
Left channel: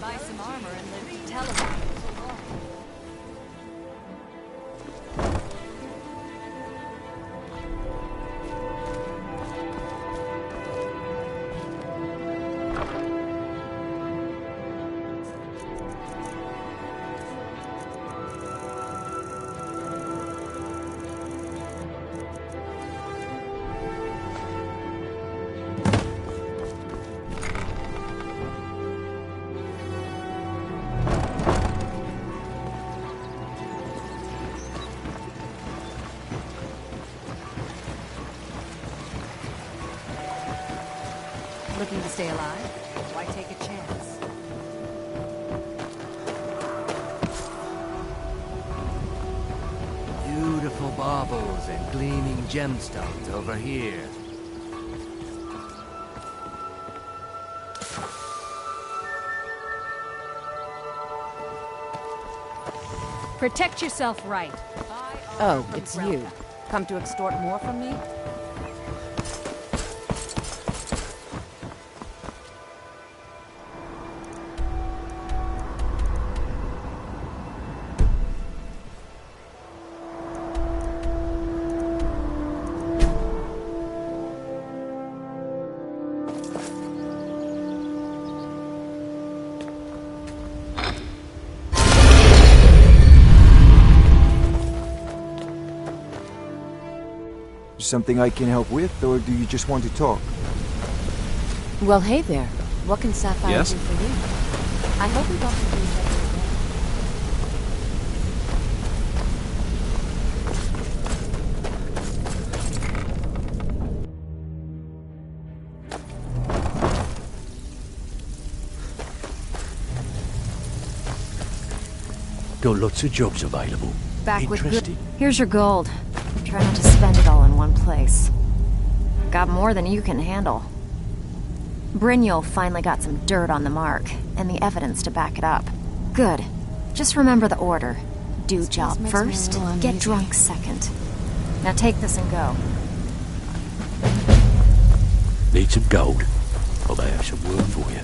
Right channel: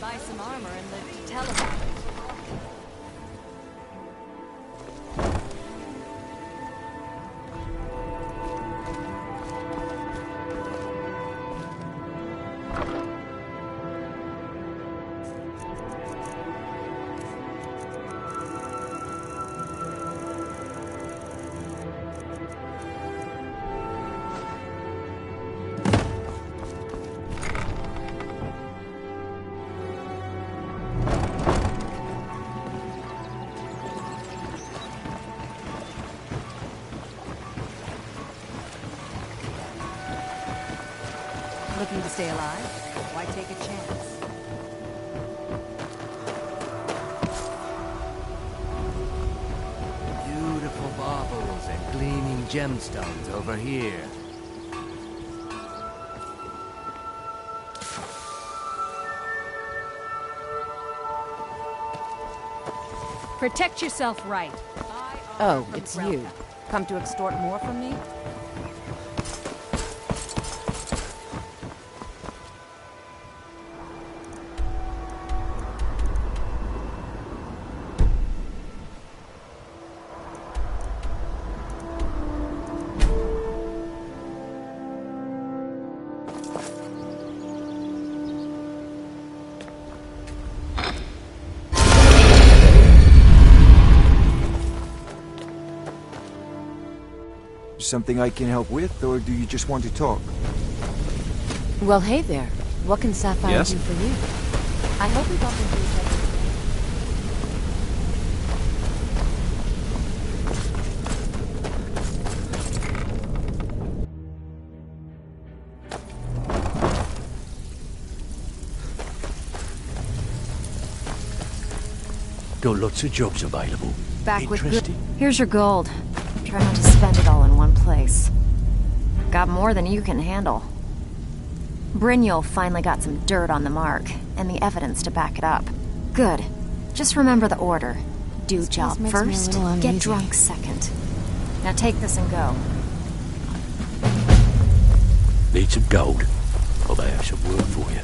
Buy some armor and live to tell about it. Looking to stay alive? Why take a chance? Beautiful baubles and gleaming gemstones over here. Protect yourself right. Oh, it's you. Come to extort more from me? Something I can help with, or do you just want to talk? Well, hey there. What can Sapphire Yes? do for you? I hope we bump into each other again. Got lots of jobs available. Back with Interested? good. Here's your gold. Try not to spend it all in one place. Got more than you can handle. Brynjol finally got some dirt on the mark, and the evidence to back it up. Good. Just remember the order. Do job makes me a first, little get uneasy. drunk second. Now take this and go. Need some gold? I may have some work for you.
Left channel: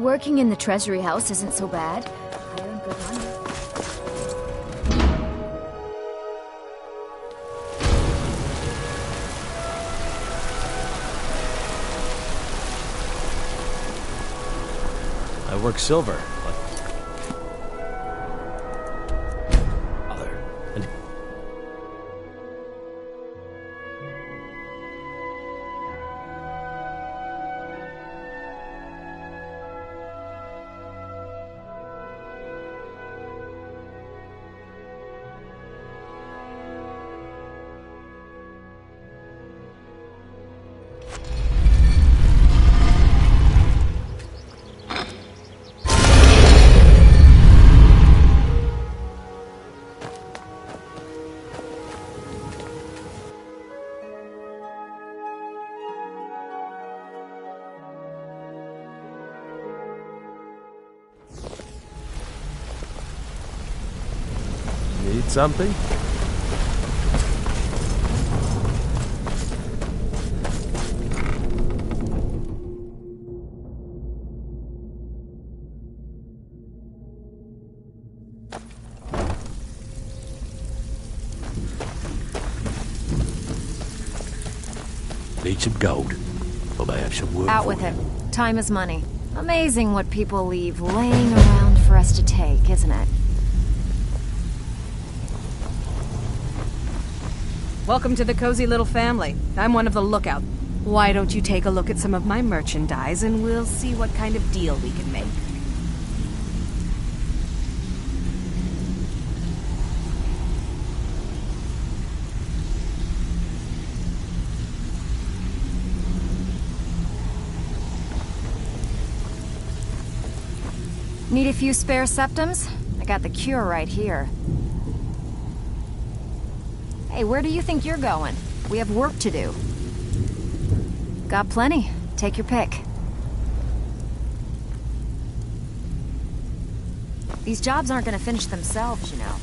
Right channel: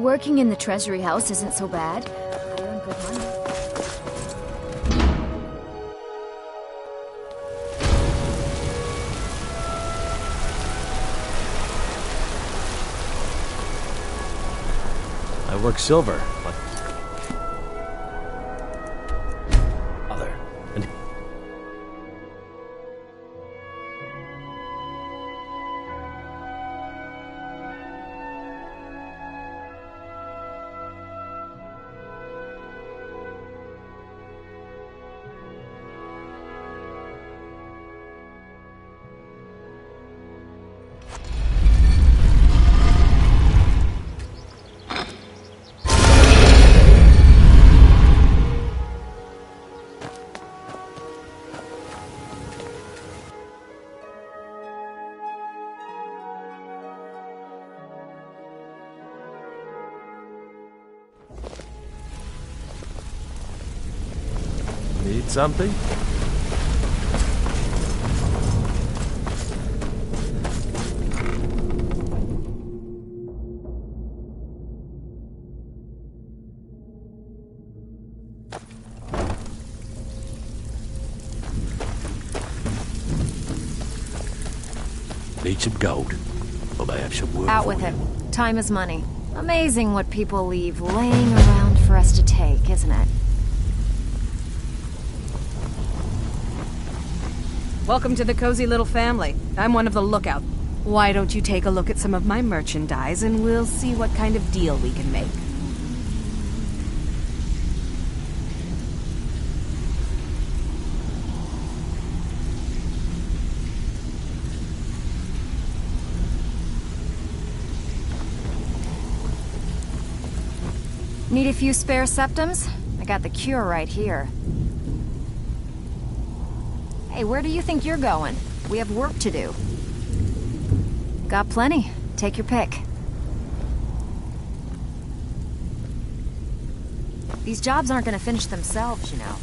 Working in the Treasury House isn't so bad. I earn good money. I work silver. And Need something? need some gold. Or may have some work. Out for with you. it. Time is money. Amazing what people leave laying around for us to take, isn't it? Welcome to the cozy little family. I'm one of the lookouts. Why don't you take a look at some of my merchandise and we'll see what kind of deal we can make. Need a few spare septums? I got the cure right here. Hey, where do you think you're going? We have work to do. Got plenty. Take your pick. These jobs aren't gonna finish themselves, you know.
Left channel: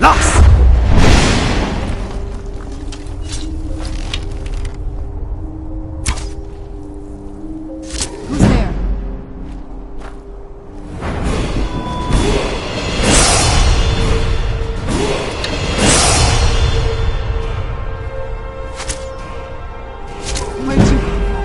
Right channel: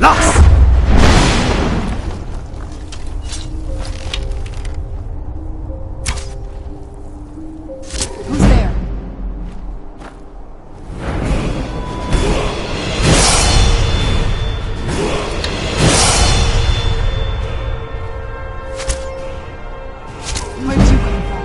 Lost! Who's there? Where'd you come from?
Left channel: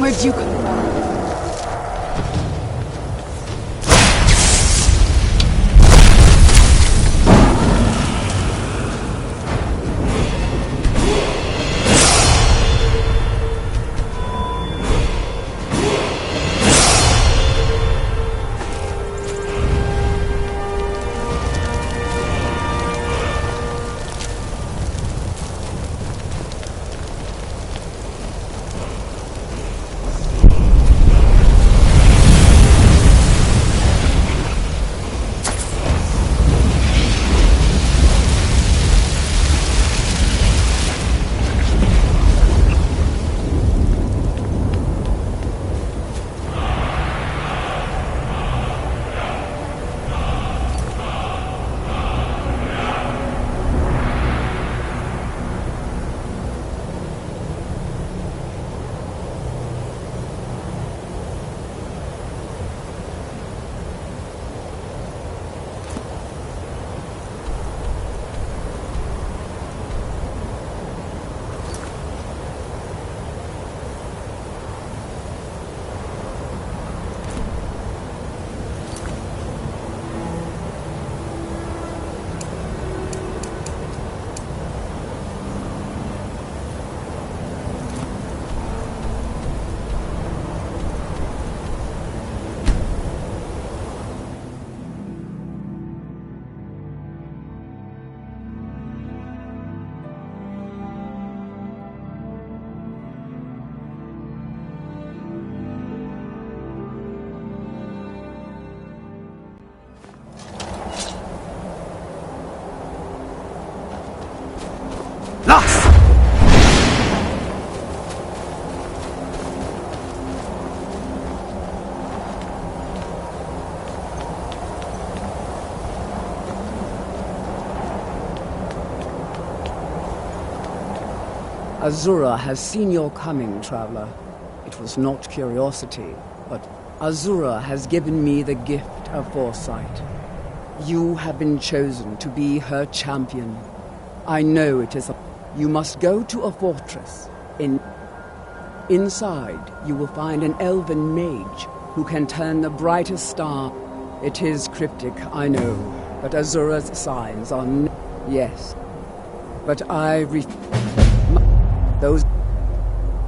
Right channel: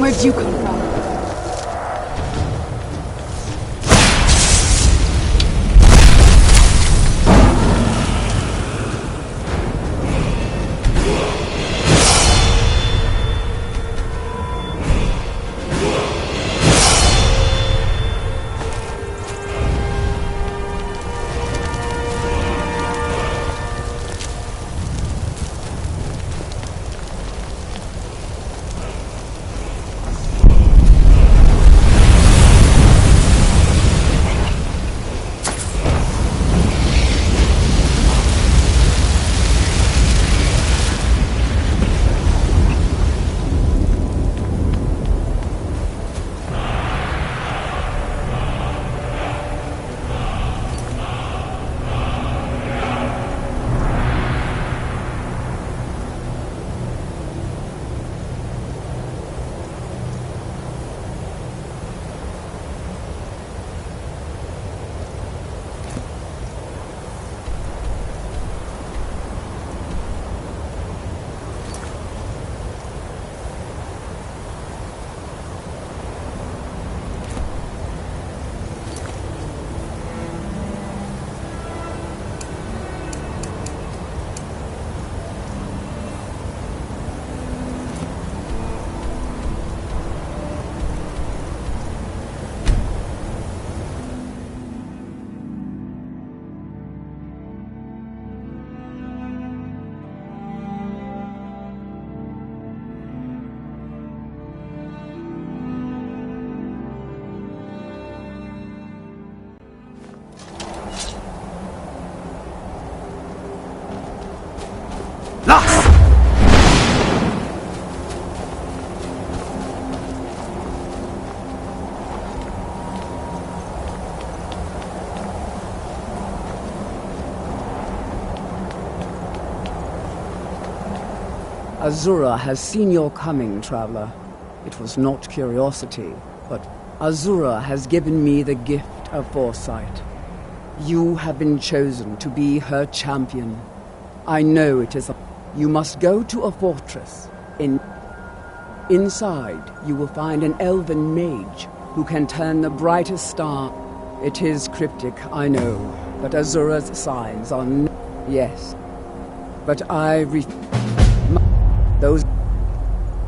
Where'd you come from? Los! Azura has seen your coming, traveler. It was not curiosity, but Azura has given me the gift of foresight. You have been chosen to be her champion. I know it is You must go to a fortress. Inside, you will find an elven mage who can turn the brightest star. It is cryptic, I know, but Azura's signs are yes. But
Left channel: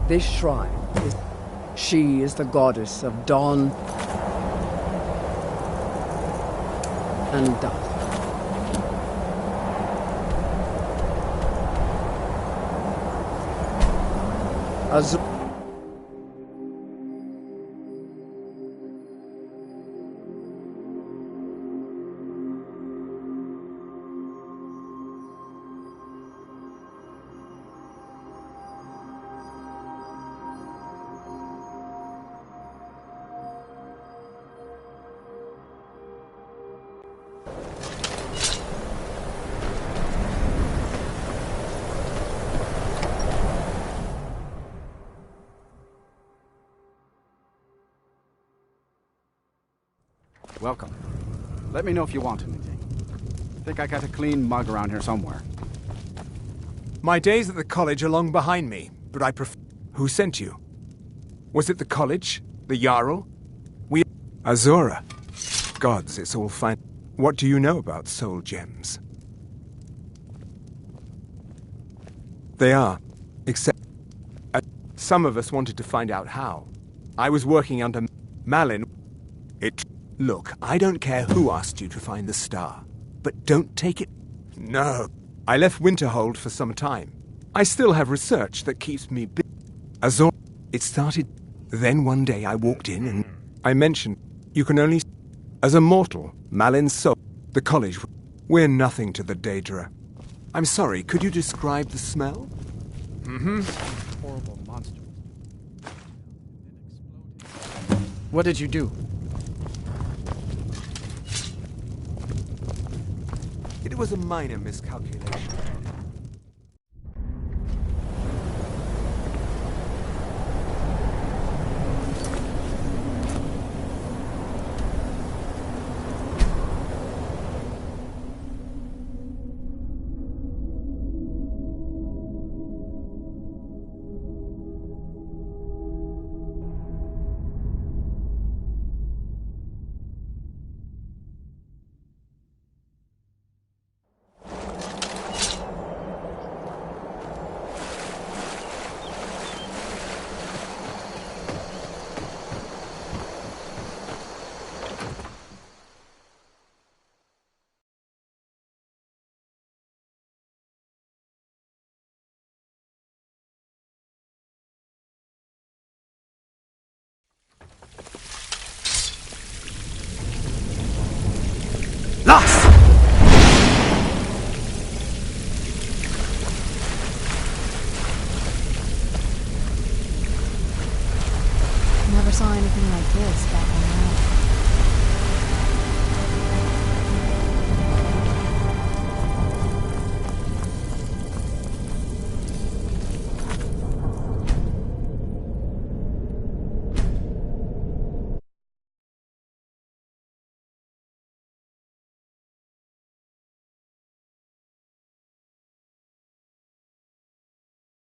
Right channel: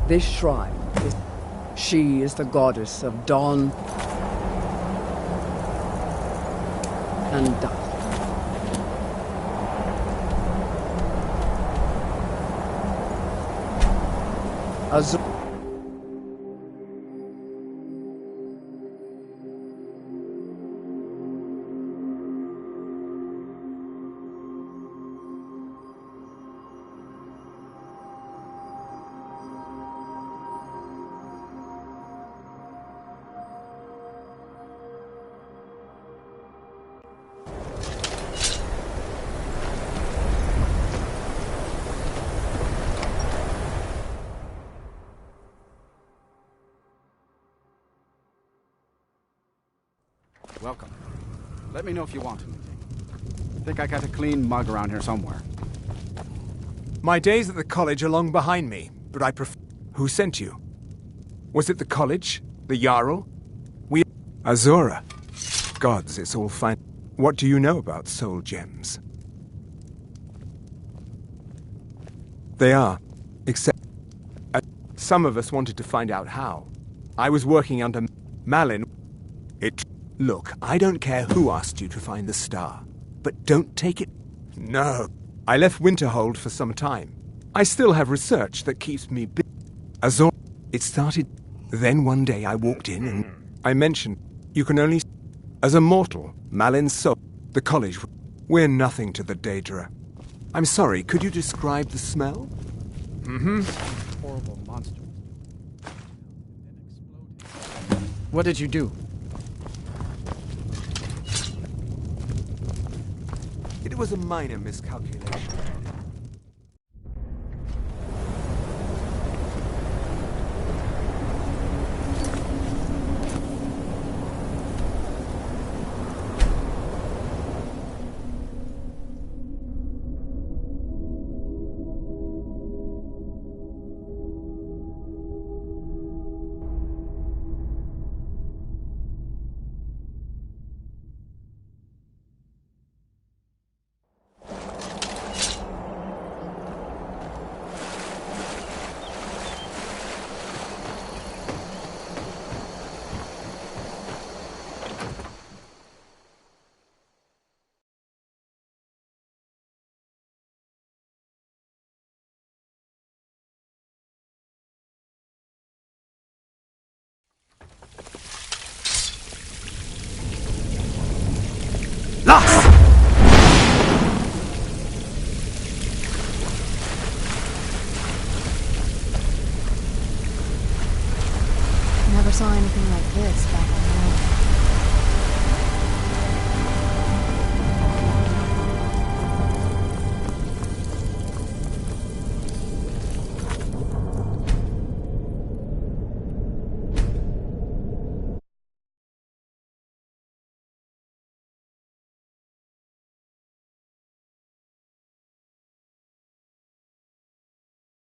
This shrine is... She is the goddess of dawn and dusk. Welcome. Let me know if you want anything. I think I got a clean mug around here somewhere. My days at the college are long behind me, but I prefer... Who sent you? Was it the college? The Jarl? Azura. Gods, it's all fine. What do you know about soul gems? They are. Except... some of us wanted to find out how. I was working under Malin. Look, I don't care who asked you to find the star, but don't take it... No. I left Winterhold for some time. I still have research that keeps me busy. Azor... It started... Then one day I walked in and... I mentioned... You can only... As a mortal, Malin's soul... The college... We're nothing to the Daedra. I'm sorry, could you describe the smell? Horrible monster. What did you do? It was a minor miscalculation. Lost! Never saw anything like this back on Earth.